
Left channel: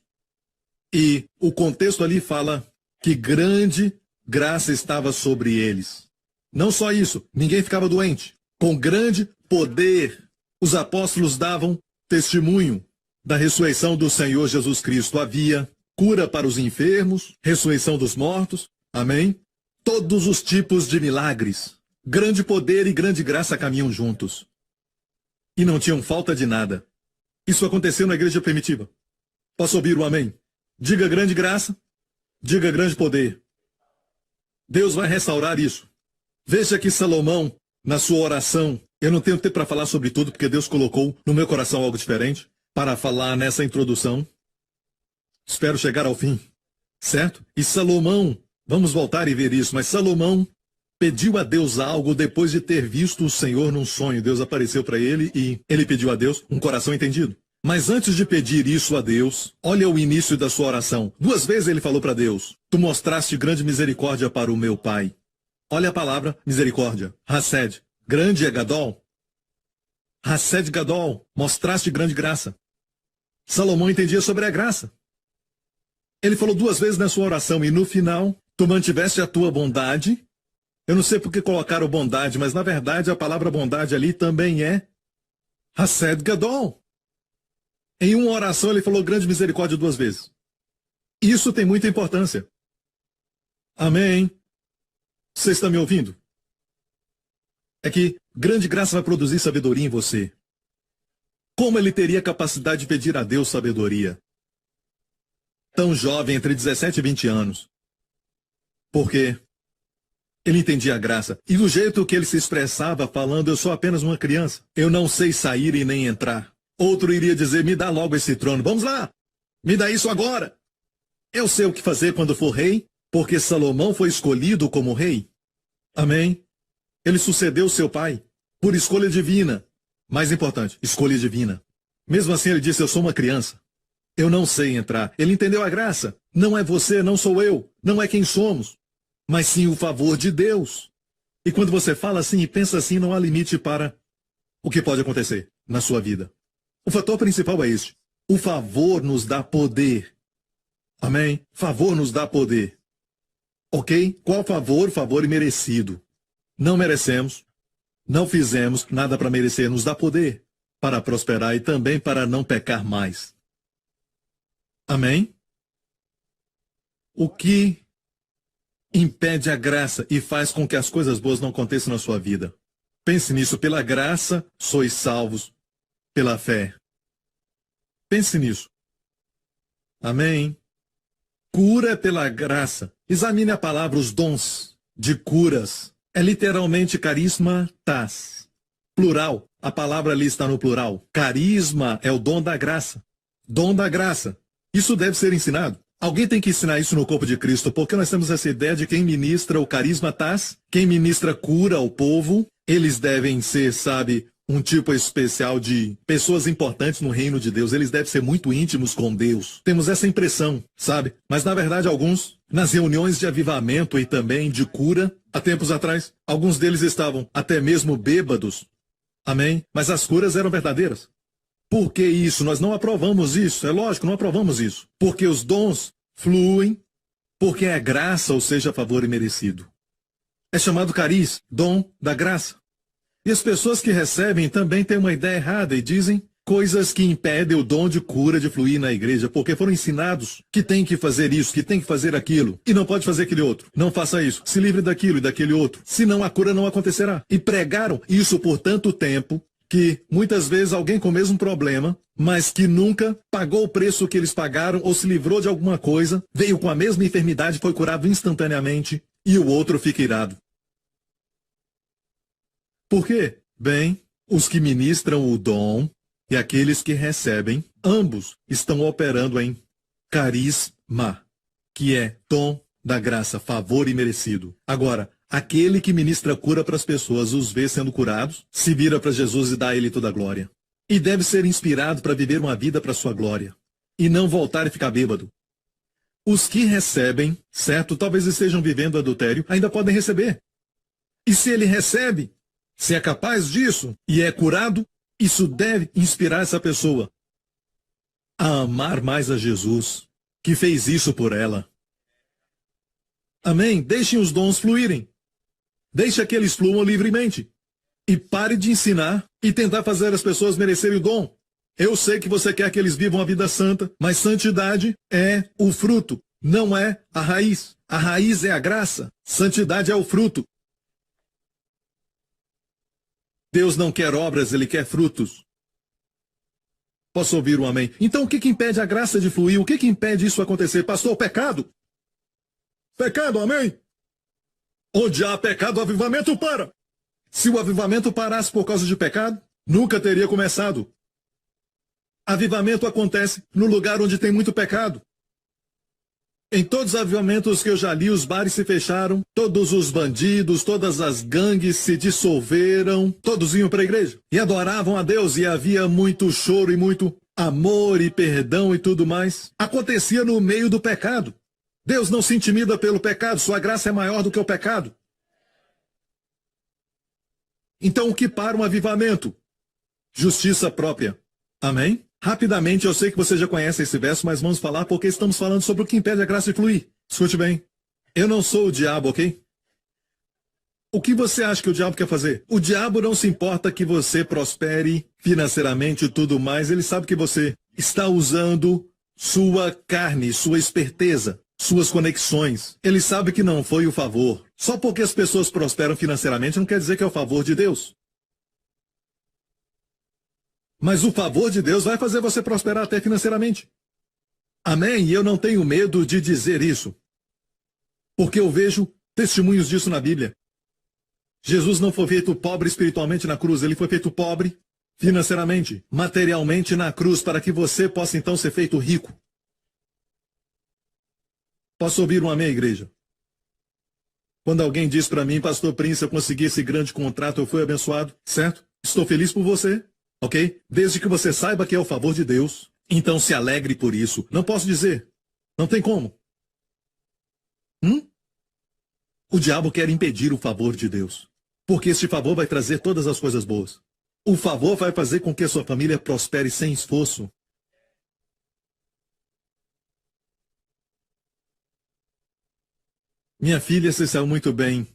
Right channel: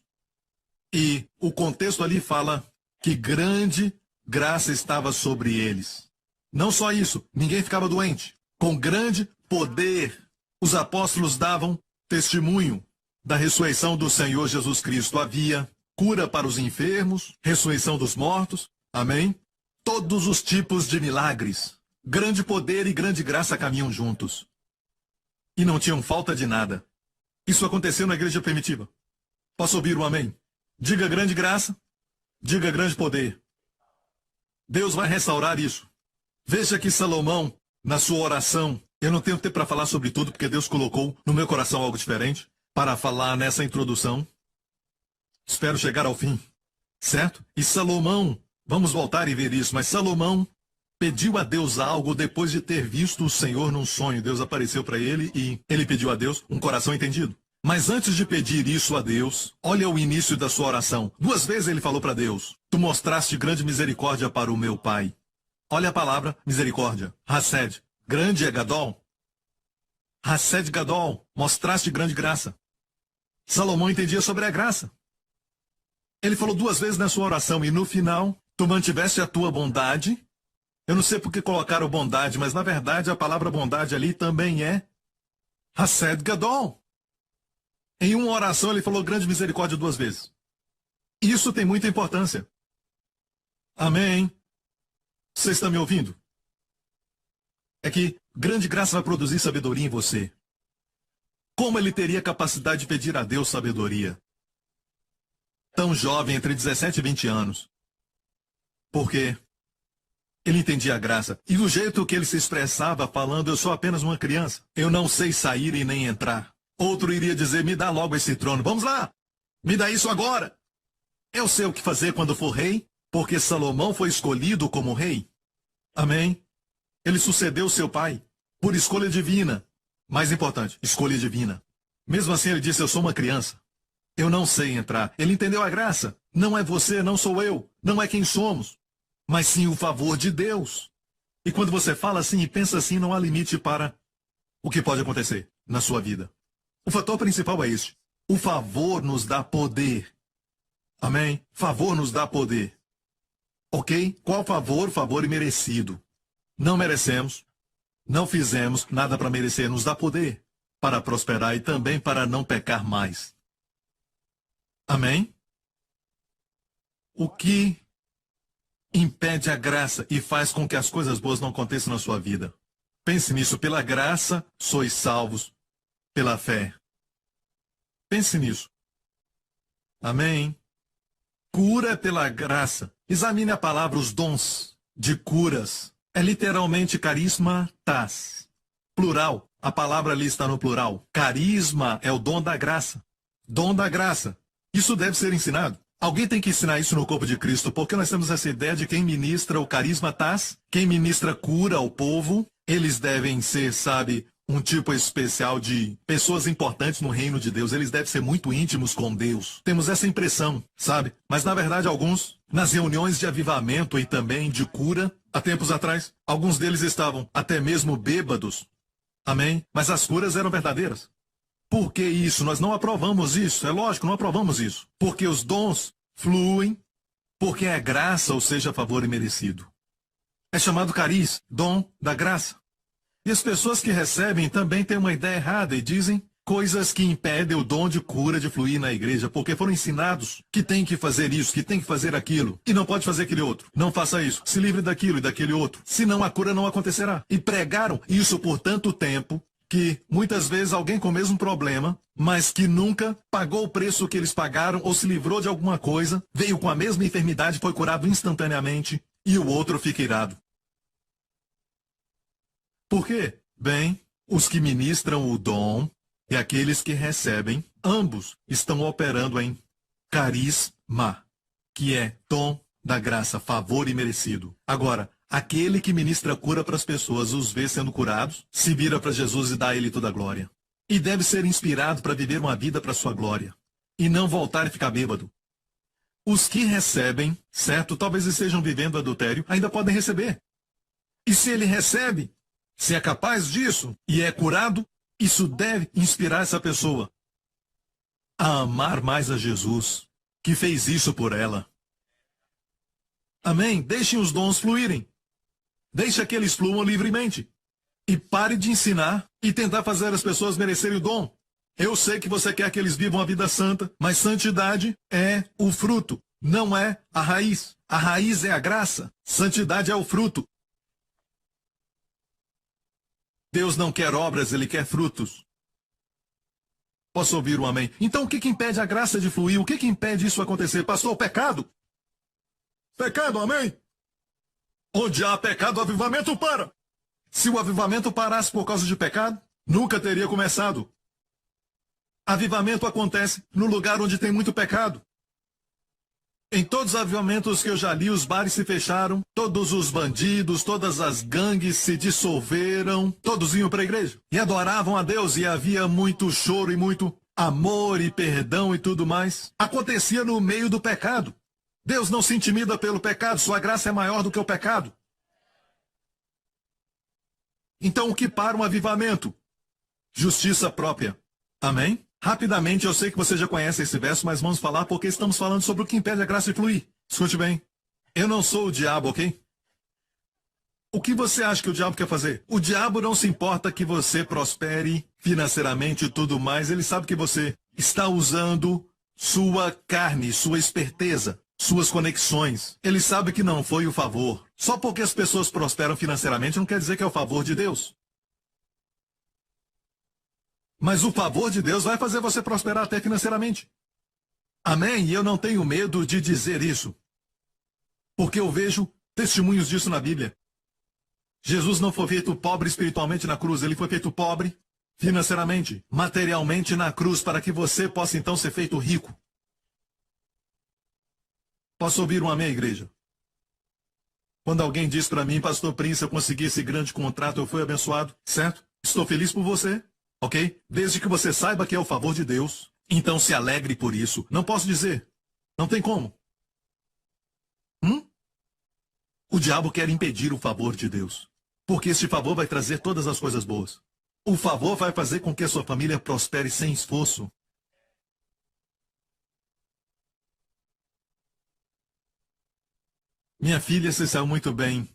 E o contexto ali fala que grande graça estava sobre eles. Não só isso, ninguém ficava doente. Com grande poder, os apóstolos davam testemunho da ressurreição do Senhor Jesus Cristo havia cura para os enfermos, ressurreição dos mortos, amém? Todos os tipos de milagres, grande poder e grande graça caminham juntos. E não tinham falta de nada. Isso aconteceu na igreja primitiva. Posso ouvir o amém? Diga grande graça, diga grande poder. Deus vai restaurar isso. Veja que Salomão, na sua oração, eu não tenho tempo para falar sobre tudo, porque Deus colocou no meu coração algo diferente para falar nessa introdução. Espero chegar ao fim, certo? E Salomão, vamos voltar e ver isso, mas Salomão pediu a Deus algo depois de ter visto o Senhor num sonho. Deus apareceu para ele e ele pediu a Deus um coração entendido. Mas antes de pedir isso a Deus, olha o início da sua oração. 2 vezes ele falou para Deus: tu mostraste grande misericórdia para o meu pai. Olha a palavra misericórdia. Hased. Grande é Gadol. Hased Gadol. Mostraste grande graça. Salomão entendia sobre a graça. Ele falou 2 vezes na sua oração e no final, tu mantiveste a tua bondade. Eu não sei por que colocaram bondade, mas na verdade a palavra bondade ali também é Hased Gadol. Em uma oração ele falou grande misericórdia 2 vezes. Isso tem muita importância. Amém? Você está me ouvindo? É que grande graça vai produzir sabedoria em você. Como ele teria capacidade de pedir a Deus sabedoria? Tão jovem, entre 17 e 20 anos. Porque ele entendia a graça. E do jeito que ele se expressava falando, eu sou apenas uma criança. Eu não sei sair e nem entrar. Outro iria dizer, me dá logo esse trono. Vamos lá, me dá isso agora. Eu sei o que fazer quando for rei, porque Salomão foi escolhido como rei. Amém? Ele sucedeu seu pai por escolha divina. Mais importante, escolha divina. Mesmo assim ele disse, eu sou uma criança. Eu não sei entrar. Ele entendeu a graça. Não é você, não sou eu. Não é quem somos. Mas sim o favor de Deus. E quando você fala assim e pensa assim, não há limite para o que pode acontecer na sua vida. O fator principal é este. O favor nos dá poder. Amém? Favor nos dá poder. Ok? Qual favor? Favor imerecido. Não merecemos. Não fizemos nada para merecer. Nos dá poder para prosperar e também para não pecar mais. Amém? O que impede a graça e faz com que as coisas boas não aconteçam na sua vida? Pense nisso. Pela graça sois salvos pela fé. Pense nisso. Amém? Cura pela graça. Examine a palavra, os dons de curas. É literalmente carismatas. Plural. A palavra ali está no plural. Carisma é o dom da graça. Dom da graça. Isso deve ser ensinado. Alguém tem que ensinar isso no corpo de Cristo, porque nós temos essa ideia de quem ministra o carismatas, quem ministra cura ao povo, eles devem ser, sabe, um tipo especial de pessoas importantes no reino de Deus. Eles devem ser muito íntimos com Deus. Temos essa impressão, sabe? Mas na verdade alguns, nas reuniões de avivamento e também de cura, há tempos atrás, alguns deles estavam até mesmo bêbados. Amém? Mas as curas eram verdadeiras. Por que isso? Nós não aprovamos isso. É lógico, não aprovamos isso. Porque os dons fluem, porque é graça, ou seja, favor imerecido. É chamado cariz, dom da graça. E as pessoas que recebem também têm uma ideia errada e dizem coisas que impedem o dom de cura de fluir na igreja, porque foram ensinados que tem que fazer isso, que tem que fazer aquilo, e não pode fazer aquele outro. Não faça isso, se livre daquilo e daquele outro, senão a cura não acontecerá. E pregaram isso por tanto tempo, que muitas vezes alguém com o mesmo problema, mas que nunca pagou o preço que eles pagaram ou se livrou de alguma coisa, veio com a mesma enfermidade, foi curado instantaneamente, e o outro fica irado. Por quê? Bem, os que ministram o dom e aqueles que recebem, ambos estão operando em carisma, que é dom da graça, favor imerecido. Agora, aquele que ministra cura para as pessoas, os vê sendo curados, se vira para Jesus e dá a ele toda a glória. E deve ser inspirado para viver uma vida para sua glória, e não voltar e ficar bêbado. Os que recebem, certo, talvez estejam vivendo adultério, ainda podem receber. E se ele recebe, se é capaz disso e é curado, isso deve inspirar essa pessoa a amar mais a Jesus, que fez isso por ela. Amém? Deixem os dons fluírem. Deixe que eles fluam livremente. E pare de ensinar e tentar fazer as pessoas merecerem o dom. Eu sei que você quer que eles vivam a vida santa, mas santidade é o fruto, não é a raiz. A raiz é a graça, santidade é o fruto. Deus não quer obras, Ele quer frutos. Posso ouvir um amém? Então o que impede a graça de fluir? O que impede isso acontecer? Pastor, o pecado? Pecado, amém? Onde há pecado, o avivamento para. Se o avivamento parasse por causa de pecado, nunca teria começado. Avivamento acontece no lugar onde tem muito pecado. Em todos os avivamentos que eu já li, os bares se fecharam, todos os bandidos, todas as gangues se dissolveram, todos iam para a igreja e adoravam a Deus, e havia muito choro e muito amor e perdão e tudo mais. Acontecia no meio do pecado. Deus não se intimida pelo pecado, sua graça é maior do que o pecado. Então o que para um avivamento? Justiça própria. Amém? Rapidamente, eu sei que você já conhece esse verso, mas vamos falar porque estamos falando sobre o que impede a graça de fluir. Escute bem. Eu não sou o diabo, ok? O que você acha que o diabo quer fazer? O diabo não se importa que você prospere financeiramente e tudo mais. Ele sabe que você está usando sua carne, sua esperteza, suas conexões. Ele sabe que não foi o favor. Só porque as pessoas prosperam financeiramente não quer dizer que é o favor de Deus. Mas o favor de Deus vai fazer você prosperar até financeiramente. Amém? E eu não tenho medo de dizer isso. Porque eu vejo testemunhos disso na Bíblia. Jesus não foi feito pobre espiritualmente na cruz, ele foi feito pobre financeiramente, materialmente na cruz, para que você possa então ser feito rico. Posso ouvir um amém, igreja? Quando alguém diz para mim, Pastor Prince, eu consegui esse grande contrato, eu fui abençoado, certo? Estou feliz por você. Ok? Desde que você saiba que é o favor de Deus, então se alegre por isso. Não posso dizer. Não tem como. O diabo quer impedir o favor de Deus. Porque este favor vai trazer todas as coisas boas. O favor vai fazer com que a sua família prospere sem esforço. Minha filha se saiu muito bem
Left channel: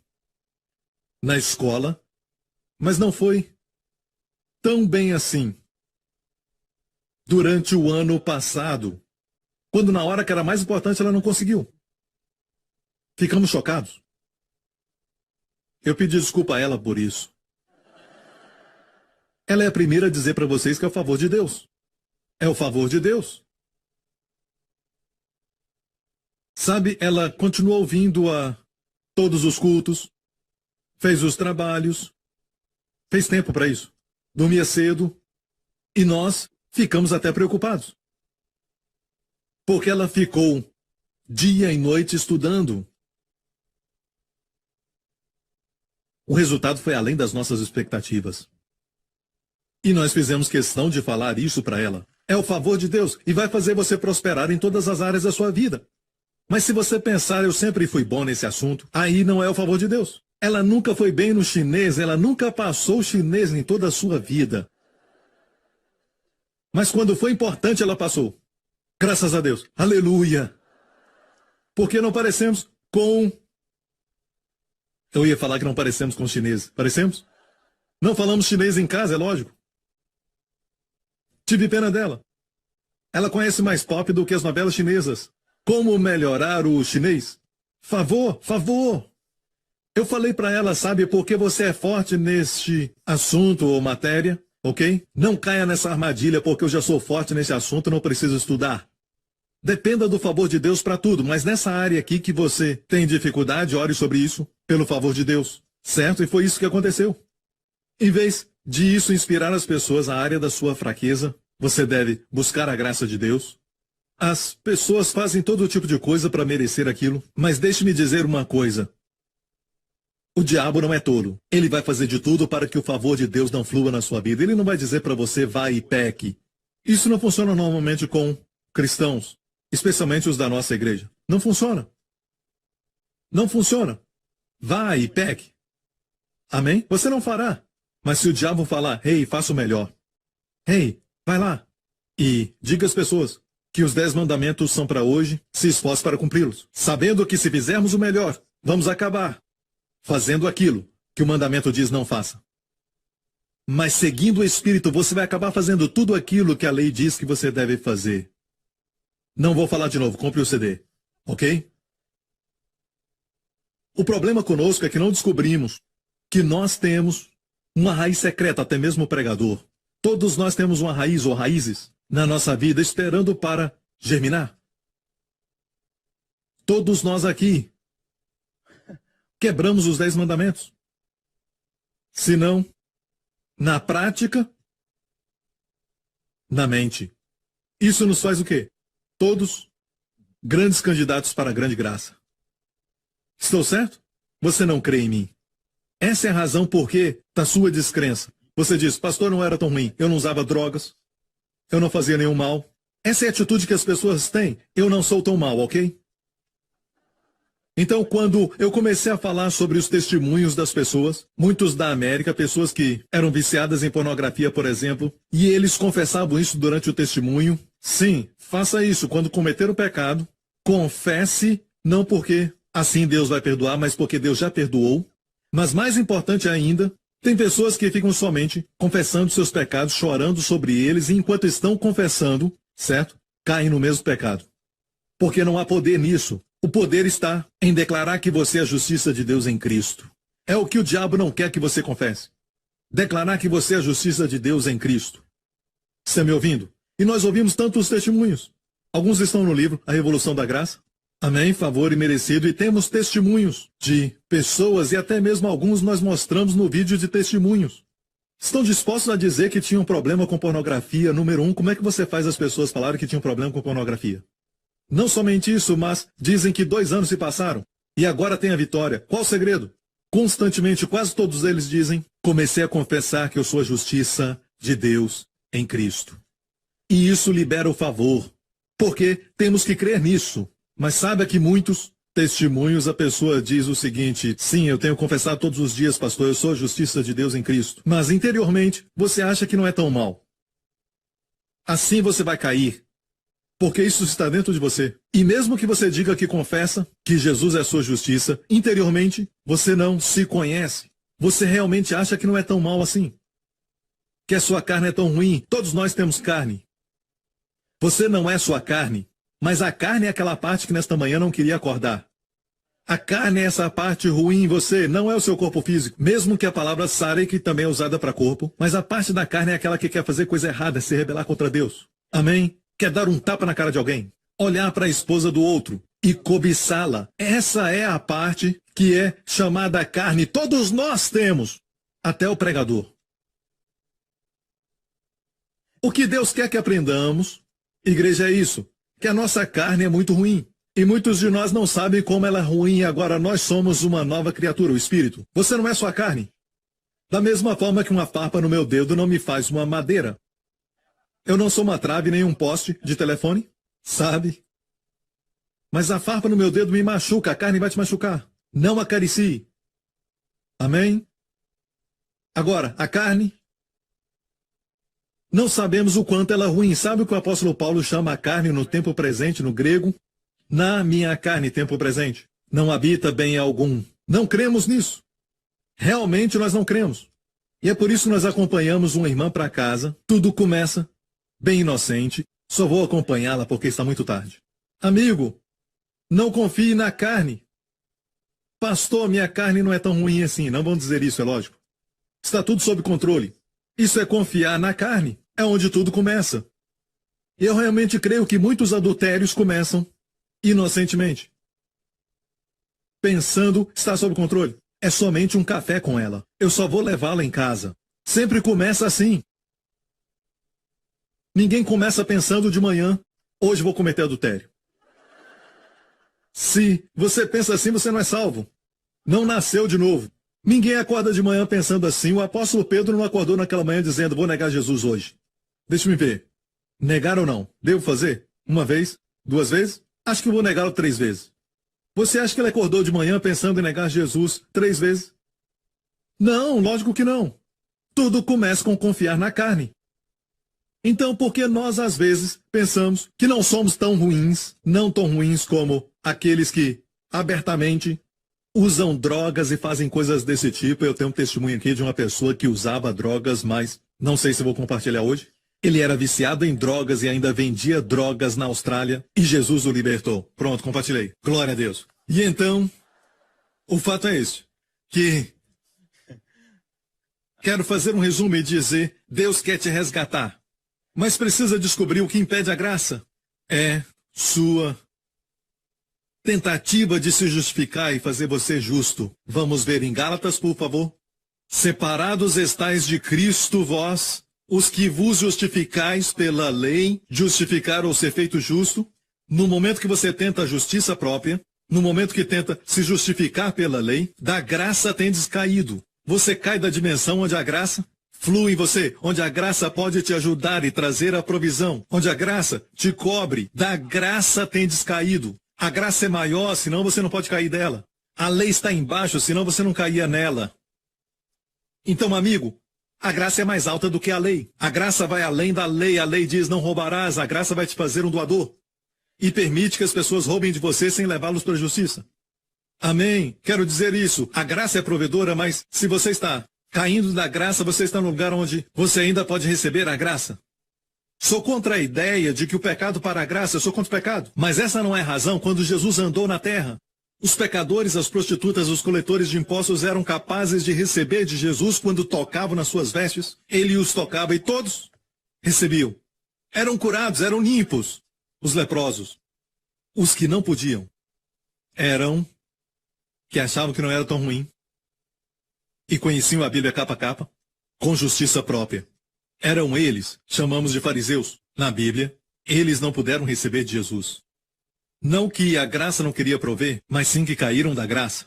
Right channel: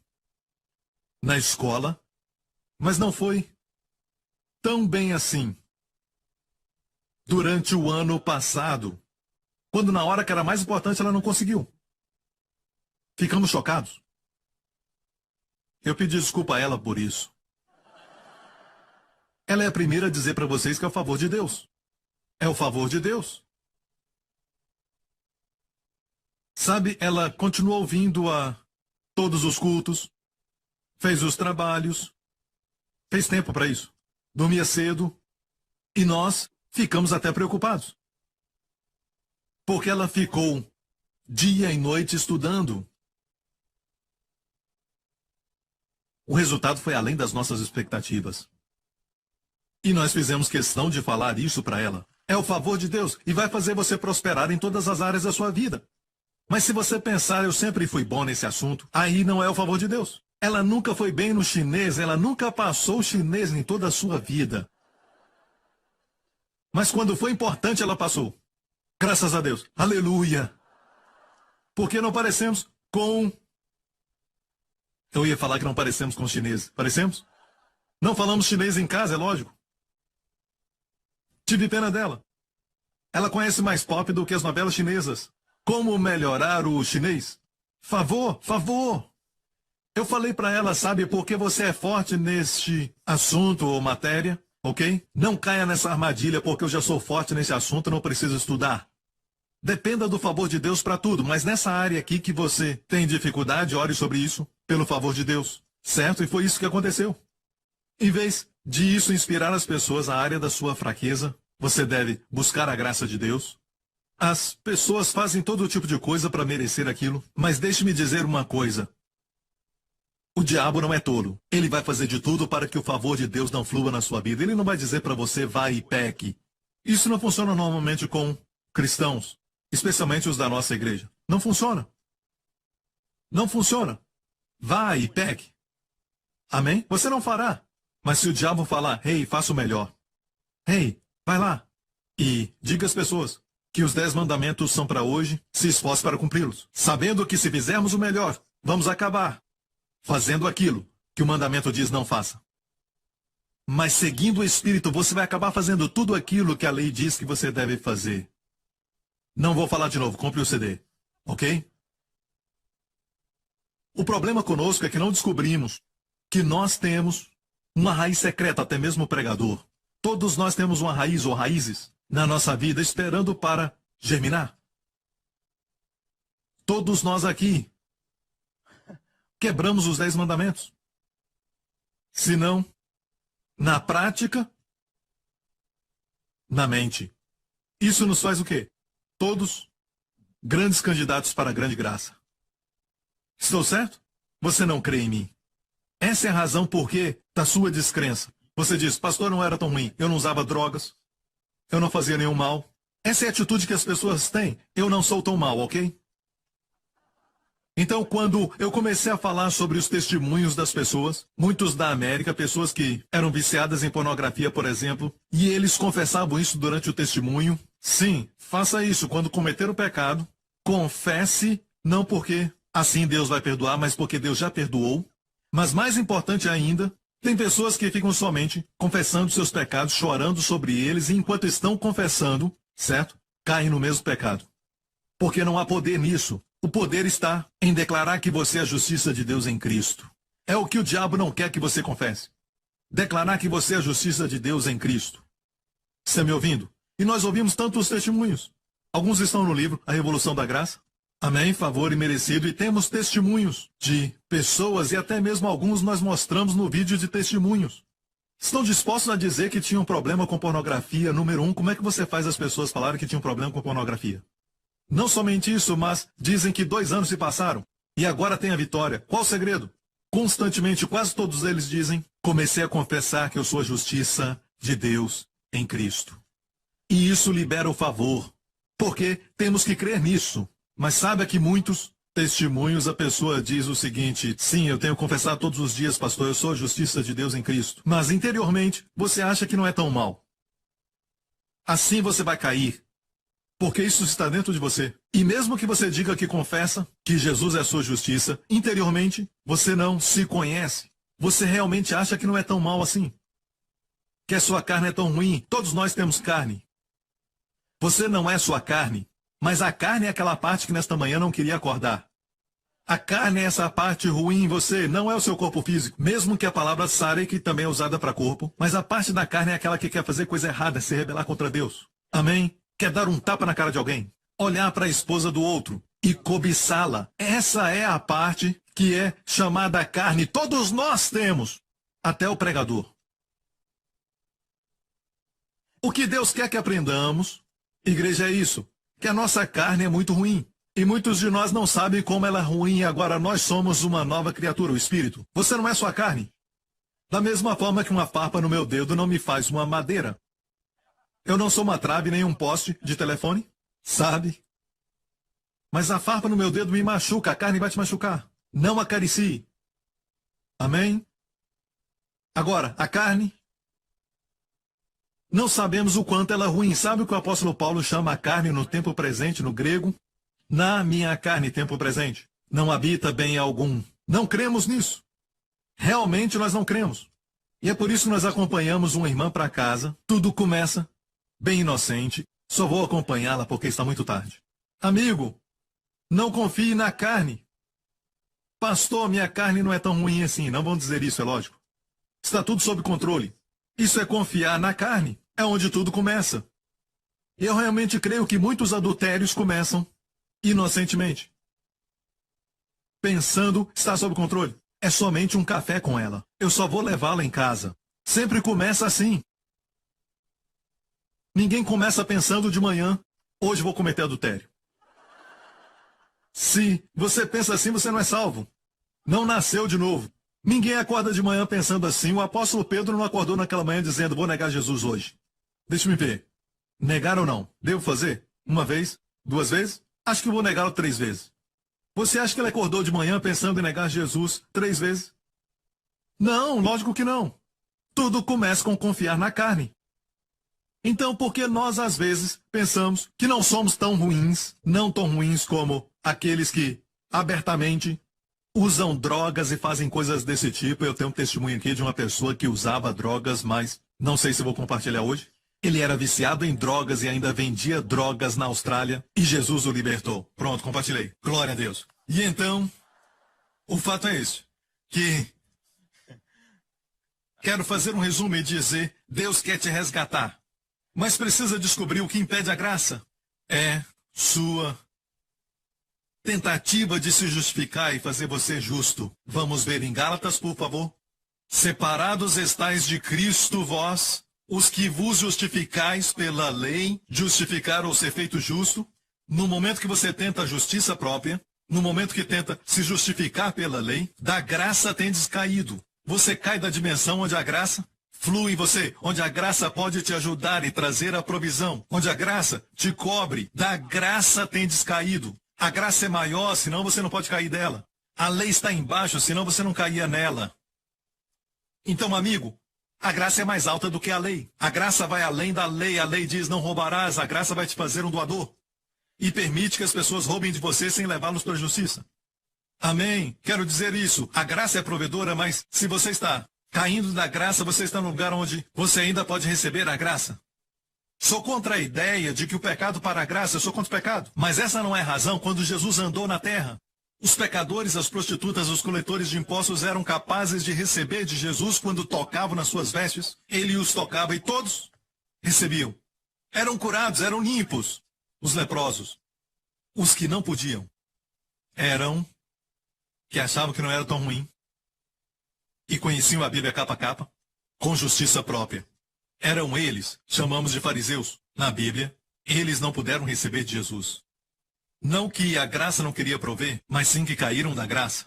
na escola, mas não foi tão bem assim durante o ano passado, quando na hora que era mais importante ela não conseguiu. Ficamos chocados. Eu pedi desculpa a ela por isso. Ela é a primeira a dizer para vocês que é o favor de Deus. É o favor de Deus. Sabe, ela continuou vindo a todos os cultos, fez os trabalhos, fez tempo para isso. Dormia cedo, e nós ficamos até preocupados. Porque ela ficou dia e noite estudando. O resultado foi além das nossas expectativas. E nós fizemos questão de falar isso para ela. É o favor de Deus e vai fazer você prosperar em todas as áreas da sua vida. Mas se você pensar, eu sempre fui bom nesse assunto, aí não é o favor de Deus. Ela nunca foi bem no chinês, ela nunca passou chinês em toda a sua vida. Mas quando foi importante, ela passou. Graças a Deus. Aleluia. Porque não parecemos com... Eu ia falar que não parecemos com os chineses. Parecemos? Não falamos chinês em casa, é lógico. Tive pena dela. Ela conhece mais pop do que as novelas chinesas. Como melhorar o chinês? Favor, favor. Eu falei para ela, sabe, porque você é forte neste assunto ou matéria, ok? Não caia nessa armadilha porque eu já sou forte nesse assunto, não preciso estudar. Dependa do favor de Deus para tudo, mas nessa área aqui que você tem dificuldade, ore sobre isso, pelo favor de Deus, certo? E foi isso que aconteceu. Em vez de isso inspirar as pessoas na área da sua fraqueza, você deve buscar a graça de Deus. As pessoas fazem todo tipo de coisa para merecer aquilo, mas deixe-me dizer uma coisa. O diabo não é tolo. Ele vai fazer de tudo para que o favor de Deus não flua na sua vida. Ele não vai dizer para você, vai e peque. Isso não funciona normalmente com cristãos, especialmente os da nossa igreja. Não funciona. Não funciona. Vai e peque. Amém? Você não fará. Mas se o diabo falar, hey, faça o melhor. Hey, vai lá. E diga às pessoas que os 10 mandamentos são para hoje, se esforce para cumpri-los. Sabendo que se fizermos o melhor, vamos acabar fazendo aquilo que o mandamento diz não faça. Mas seguindo o Espírito, você vai acabar fazendo tudo aquilo que a lei diz que você deve fazer. Não vou falar de novo, compre o CD, ok? O problema conosco é que não descobrimos que nós temos uma raiz secreta, até mesmo o pregador. Todos nós temos uma raiz ou raízes na nossa vida esperando para germinar. Todos nós aqui quebramos os 10 mandamentos. Se não, na prática, na mente. Isso nos faz o quê? Todos grandes candidatos para a grande graça. Estou certo? Você não crê em mim. Essa é a razão por que da sua descrença. Você diz, pastor, não era tão ruim. Eu não usava drogas. Eu não fazia nenhum mal. Essa é a atitude que as pessoas têm. Eu não sou tão mal, ok? Então, quando eu comecei a falar sobre os testemunhos das pessoas, muitos da América, pessoas que eram viciadas em pornografia, por exemplo, e eles confessavam isso durante o testemunho. Sim, faça isso. Quando cometer o pecado, confesse, não porque assim Deus vai perdoar, mas porque Deus já perdoou. Mas mais importante ainda, tem pessoas que ficam somente confessando seus pecados, chorando sobre eles, e enquanto estão confessando, certo? Caem no mesmo pecado. Porque não há poder nisso. O poder está em declarar que você é a justiça de Deus em Cristo. É o que o diabo não quer que você confesse. Declarar que você é a justiça de Deus em Cristo. Está me ouvindo? E nós ouvimos tantos testemunhos. Alguns estão no livro A Revolução da Graça. Amém, favor e merecido. E temos testemunhos de pessoas e até mesmo alguns nós mostramos no vídeo de testemunhos. Estão dispostos a dizer que tinham problema com pornografia? Número 1, como é que você faz as pessoas falarem que tinham problema com pornografia? Não somente isso, mas dizem que 2 anos se passaram e agora tem a vitória. Qual o segredo? Constantemente, quase todos eles dizem, comecei a confessar que eu sou a justiça de Deus em Cristo. E isso libera o favor, porque temos que crer nisso. Mas sabe que muitos testemunhos a pessoa diz o seguinte, sim, eu tenho confessado todos os dias, pastor, eu sou a justiça de Deus em Cristo. Mas interiormente, você acha que não é tão mal. Assim você vai cair. Porque isso está dentro de você. E mesmo que você diga que confessa que Jesus é a sua justiça, interiormente você não se conhece. Você realmente acha que não é tão mal assim. Que a sua carne é tão ruim. Todos nós temos carne. Você não é sua carne, mas a carne é aquela parte que nesta manhã não queria acordar. A carne é essa parte ruim em você, não é o seu corpo físico. Mesmo que a palavra sare, que também é usada para corpo, mas a parte da carne é aquela que quer fazer coisa errada, se rebelar contra Deus. Amém? Quer dar um tapa na cara de alguém? Olhar para a esposa do outro e cobiçá-la. Essa é a parte que é chamada carne. Todos nós temos, até o pregador. O que Deus quer que aprendamos, igreja, é isso. Que a nossa carne é muito ruim. E muitos de nós não sabem como ela é ruim e agora nós somos uma nova criatura, o Espírito. Você não é sua carne. Da mesma forma que uma farpa no meu dedo não me faz uma madeira. Eu não sou uma trave nem um poste de telefone, sabe? Mas a farpa no meu dedo me machuca, a carne vai te machucar. Não acaricie. Amém? Agora, a carne, não sabemos o quanto ela é ruim. Sabe o que o apóstolo Paulo chama a carne no tempo presente, no grego? Na minha carne, tempo presente, não habita bem algum. Não cremos nisso. Realmente nós não cremos. E é por isso que nós acompanhamos uma irmã para casa. Tudo começa bem inocente, só vou acompanhá-la porque está muito tarde. Amigo, não confie na carne. Pastor, minha carne não é tão ruim assim. Não vão dizer isso, é lógico. Está tudo sob controle. Isso é confiar na carne. É onde tudo começa. Eu realmente creio que muitos adultérios começam inocentemente. Pensando, está sob controle. É somente um café com ela. Eu só vou levá-la em casa. Sempre começa assim. Ninguém começa pensando de manhã, hoje vou cometer adultério. Se você pensa assim, você não é salvo. Não nasceu de novo. Ninguém acorda de manhã pensando assim. O apóstolo Pedro não acordou naquela manhã dizendo, vou negar Jesus hoje. Deixa-me ver. Negar ou não? Devo fazer? 1 vez? 2 vezes? Acho que vou negá-lo 3 vezes. Você acha que ele acordou de manhã pensando em negar Jesus 3 vezes? Não, lógico que não. Tudo começa com confiar na carne. Então, por que nós, às vezes, pensamos que não somos tão ruins, não tão ruins como aqueles que, abertamente, usam drogas e fazem coisas desse tipo. Eu tenho um testemunho aqui de uma pessoa que usava drogas, mas não sei se vou compartilhar hoje. Ele era viciado em drogas e ainda vendia drogas na Austrália e Jesus o libertou. Pronto, compartilhei. Glória a Deus. E então, o fato é esse, que quero fazer um resumo e dizer, Deus quer te resgatar, mas precisa descobrir o que impede a graça. É sua tentativa de se justificar e fazer você justo. Vamos ver em Gálatas, por favor. Separados estais de Cristo vós, os que vos justificais pela lei, justificar ou ser feito justo. No momento que você tenta a justiça própria, no momento que tenta se justificar pela lei, da graça tendes caído. Você cai da dimensão onde a graça flui em você, onde a graça pode te ajudar e trazer a provisão, onde a graça te cobre. Da graça tendes caído. A graça é maior, senão você não pode cair dela. A lei está embaixo, senão você não caía nela. Então, amigo, a graça é mais alta do que a lei. A graça vai além da lei. A lei diz não roubarás. A graça vai te fazer um doador. E permite que as pessoas roubem de você sem levá-los para a justiça. Amém. Quero dizer isso. A graça é provedora, mas se você está caindo da graça, você está no lugar onde você ainda pode receber a graça. Sou contra a ideia de que o pecado para a graça, eu sou contra o pecado. Mas essa não é a razão. Quando Jesus andou na terra, os pecadores, as prostitutas, os coletores de impostos eram capazes de receber de Jesus quando tocavam nas suas vestes. Ele os tocava e todos recebiam. Eram curados, eram limpos. Os leprosos. Os que não podiam eram que achavam que não era tão ruim e conheciam a Bíblia capa a capa, com justiça própria. Eram eles, chamamos de fariseus. Na Bíblia, eles não puderam receber de Jesus. Não que a graça não queria prover, mas sim que caíram da graça.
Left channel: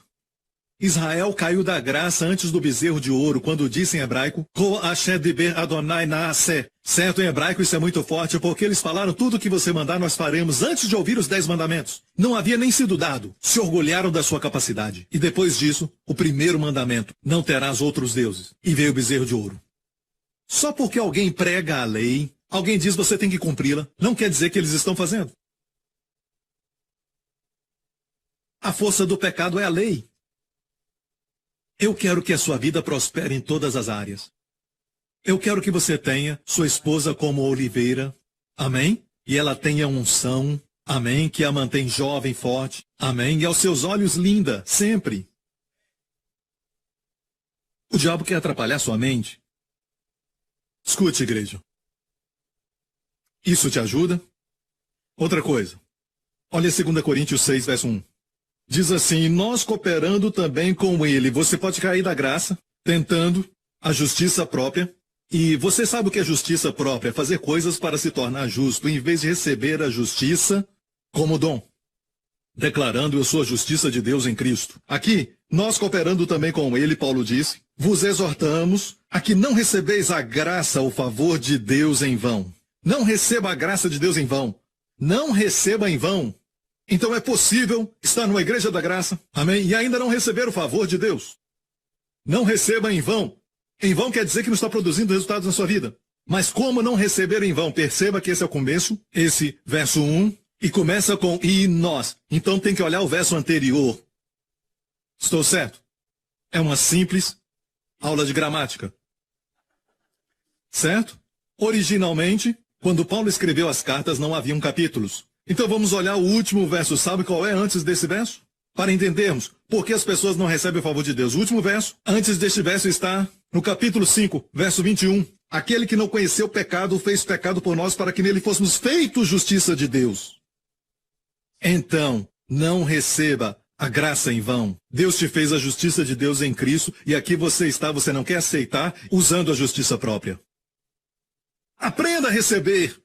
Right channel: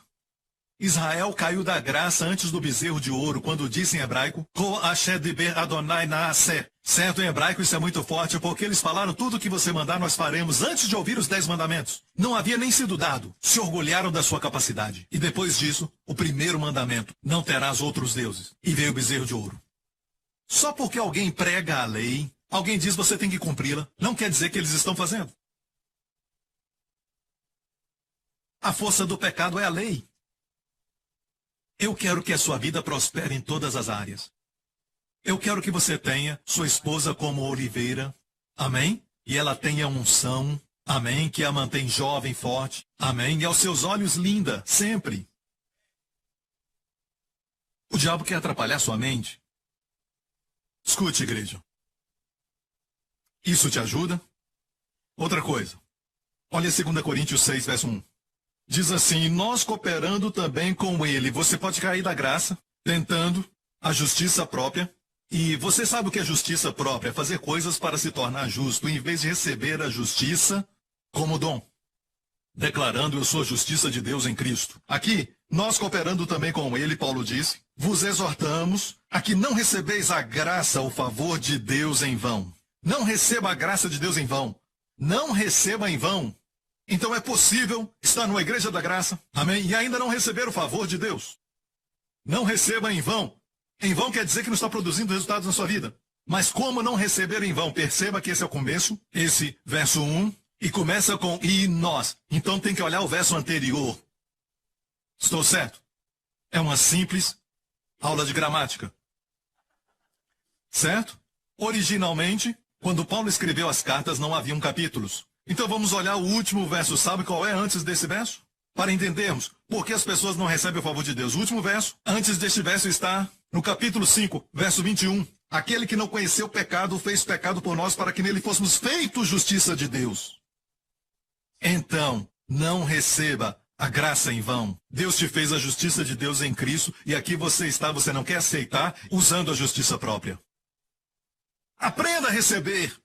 Israel caiu da graça antes do bezerro de ouro, quando disse em hebraico, Ko Hashem diber Adonai naaseh. Certo, em hebraico isso é muito forte, porque eles falaram tudo o que você mandar nós faremos antes de ouvir os 10 mandamentos. Não havia nem sido dado. Se orgulharam da sua capacidade. E depois disso, o primeiro mandamento, não terás outros deuses. E veio o bezerro de ouro. Só porque alguém prega a lei, alguém diz você tem que cumpri-la, não quer dizer que eles estão fazendo. A força do pecado é a lei. Eu quero que a sua vida prospere em todas as áreas. Eu quero que você tenha sua esposa como oliveira, amém? E ela tenha unção, amém? Que a mantém jovem, forte, amém? E aos seus olhos linda, sempre. O diabo quer atrapalhar sua mente. Escute, igreja. Isso te ajuda? Outra coisa. Olha 2 Coríntios 6, verso 1. Diz assim, nós cooperando também com ele. Você pode cair da graça, tentando a justiça própria. E você sabe o que é justiça própria? Fazer coisas para se tornar justo, em vez de receber a justiça como dom. Declarando, eu sou a justiça de Deus em Cristo. Aqui, nós cooperando também com ele, Paulo disse, vos exortamos a que não recebeis a graça, o favor de Deus em vão. Não receba a graça de Deus em vão. Não receba em vão. Então é possível estar numa igreja da graça, amém? E ainda não receber o favor de Deus. Não receba em vão. Em vão quer dizer que não está produzindo resultados na sua vida. Mas como não receber em vão? Perceba que esse é o começo, esse verso 1, e começa com e nós. Então tem que olhar o verso anterior. Estou certo? É uma simples aula de gramática. Certo? Originalmente, quando Paulo escreveu as cartas, não haviam capítulos. Então vamos olhar o último verso. Sabe qual é antes desse verso? Para entendermos por que as pessoas não recebem o favor de Deus. O último verso, antes deste verso, está no capítulo 5, verso 21. Aquele que não conheceu o pecado, fez pecado por nós para que nele fôssemos feitos justiça de Deus. Então, não receba a graça em vão. Deus te fez a justiça de Deus em Cristo e aqui você está, você não quer aceitar, usando a justiça própria. Aprenda a receber.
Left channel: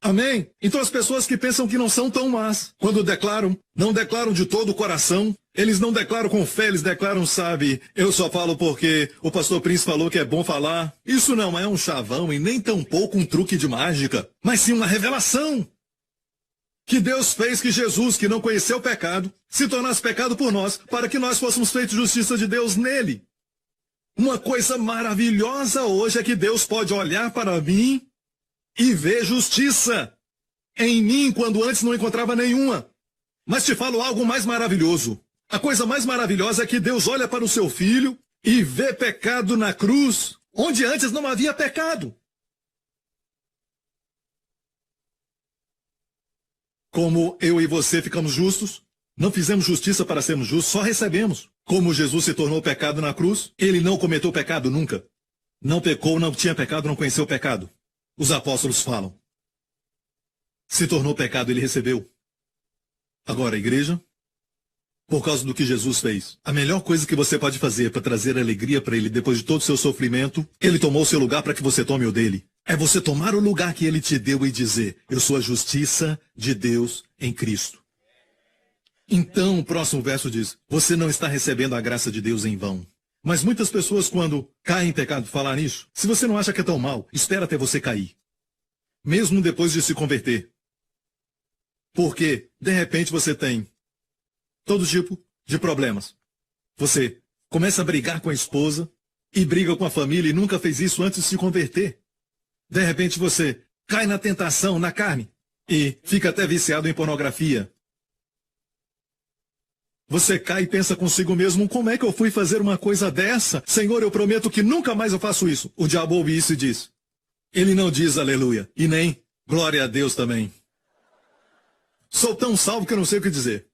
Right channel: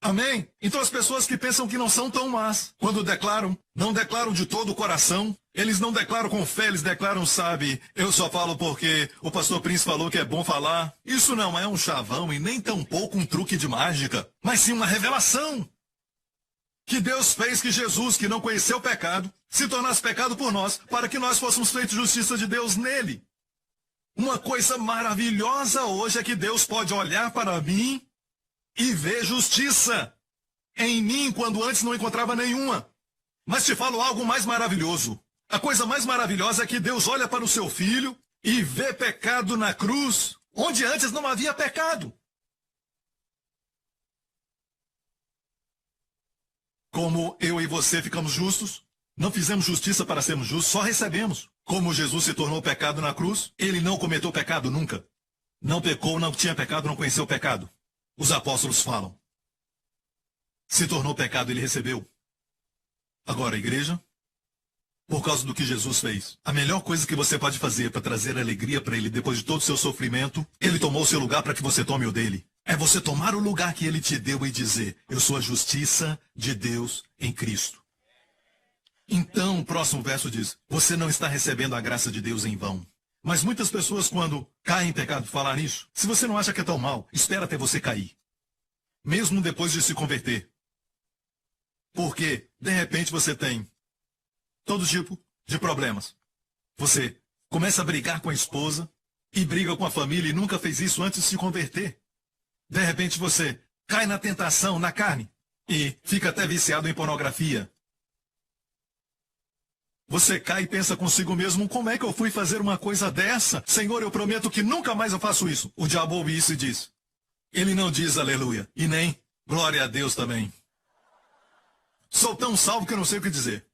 Amém? Então as pessoas que pensam que não são tão más, quando declaram, não declaram de todo o coração, eles não declaram com fé, eles declaram, sabe, eu só falo porque o pastor Príncipe falou que é bom falar. Isso não é um chavão e nem tampouco um truque de mágica, mas sim uma revelação. Que Deus fez que Jesus, que não conheceu o pecado, se tornasse pecado por nós, para que nós fôssemos feitos justiça de Deus nele. Uma coisa maravilhosa hoje é que Deus pode olhar para mim e ver justiça em mim, quando antes não encontrava nenhuma. Mas te falo algo mais maravilhoso. A coisa mais maravilhosa é que Deus olha para o seu filho e vê pecado na cruz, onde antes não havia pecado. Como eu e você ficamos justos, não fizemos justiça para sermos justos, só recebemos. Como Jesus se tornou pecado na cruz, ele não cometeu pecado nunca. Não pecou, não tinha pecado, não conheceu o pecado. Os apóstolos falam. Se tornou pecado, ele recebeu. Agora, a igreja, por causa do que Jesus fez, a melhor coisa que você pode fazer para trazer alegria para ele depois de todo o seu sofrimento, ele tomou o seu lugar para que você tome o dele. É você tomar o lugar que ele te deu e dizer, eu sou a justiça de Deus em Cristo. Então, o próximo verso diz, você não está recebendo a graça de Deus em vão. Mas muitas pessoas, quando caem em pecado, falam isso. Se você não acha que é tão mal, espera até você cair. Mesmo depois de se converter. Porque, de repente, você tem todo tipo de problemas. Você começa a brigar com a esposa e briga com a família e nunca fez isso antes de se converter. De repente, você cai na tentação, na carne, e fica até viciado em pornografia. Você cai e pensa consigo mesmo, como é que eu fui fazer uma coisa dessa? Senhor, eu prometo que nunca mais eu faço isso. O diabo ouve isso e diz. Ele não diz aleluia, e nem glória a Deus também. Sou tão salvo que eu não sei o que dizer.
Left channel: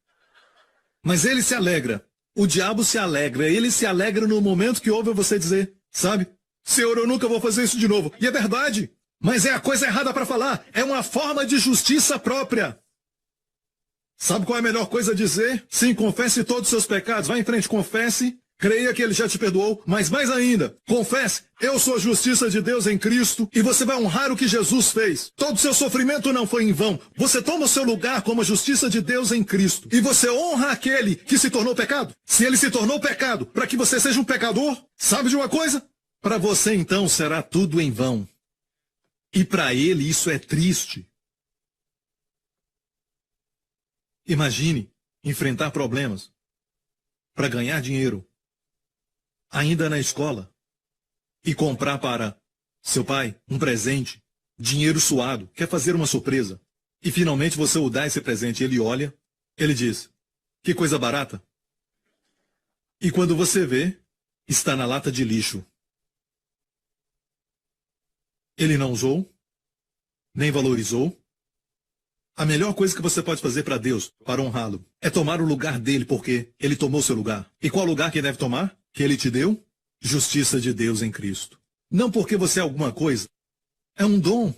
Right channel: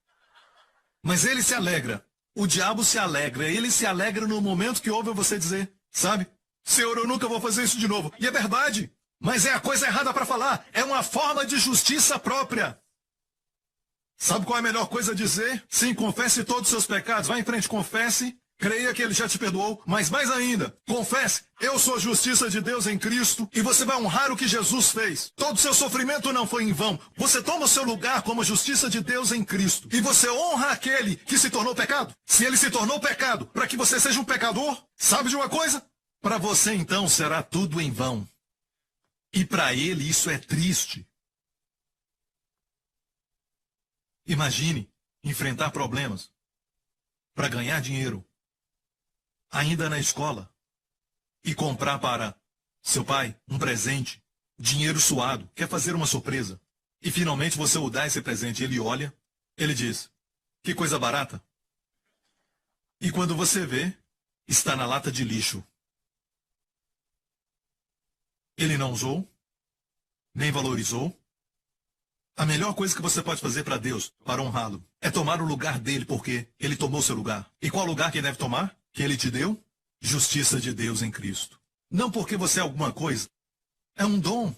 Mas ele se alegra. O diabo se alegra. Ele se alegra no momento que ouve você dizer, sabe? Senhor, eu nunca vou fazer isso de novo. E é verdade. Mas é a coisa errada para falar. É uma forma de justiça própria. Sabe qual é a melhor coisa a dizer? Sim, confesse todos os seus pecados. Vá em frente, confesse. Creia que ele já te perdoou. Mas mais ainda, confesse. Eu sou a justiça de Deus em Cristo. E você vai honrar o que Jesus fez. Todo o seu sofrimento não foi em vão. Você toma o seu lugar como a justiça de Deus em Cristo. E você honra aquele que se tornou pecado. Se ele se tornou pecado para que você seja um pecador, sabe de uma coisa? Para você então será tudo em vão. E para ele isso é triste. Imagine enfrentar problemas para ganhar dinheiro, ainda na escola, e comprar para seu pai um presente, dinheiro suado, quer fazer uma surpresa, e finalmente você o dá esse presente, ele olha, ele diz, que coisa barata. E quando você vê, está na lata de lixo. Ele não usou, nem valorizou. A melhor coisa que você pode fazer para Deus, para honrá-lo, é tomar o lugar dele, porque ele tomou seu lugar. E qual lugar que ele deve tomar? Que ele te deu? Justiça de Deus em Cristo. Não porque você é alguma coisa. É um dom.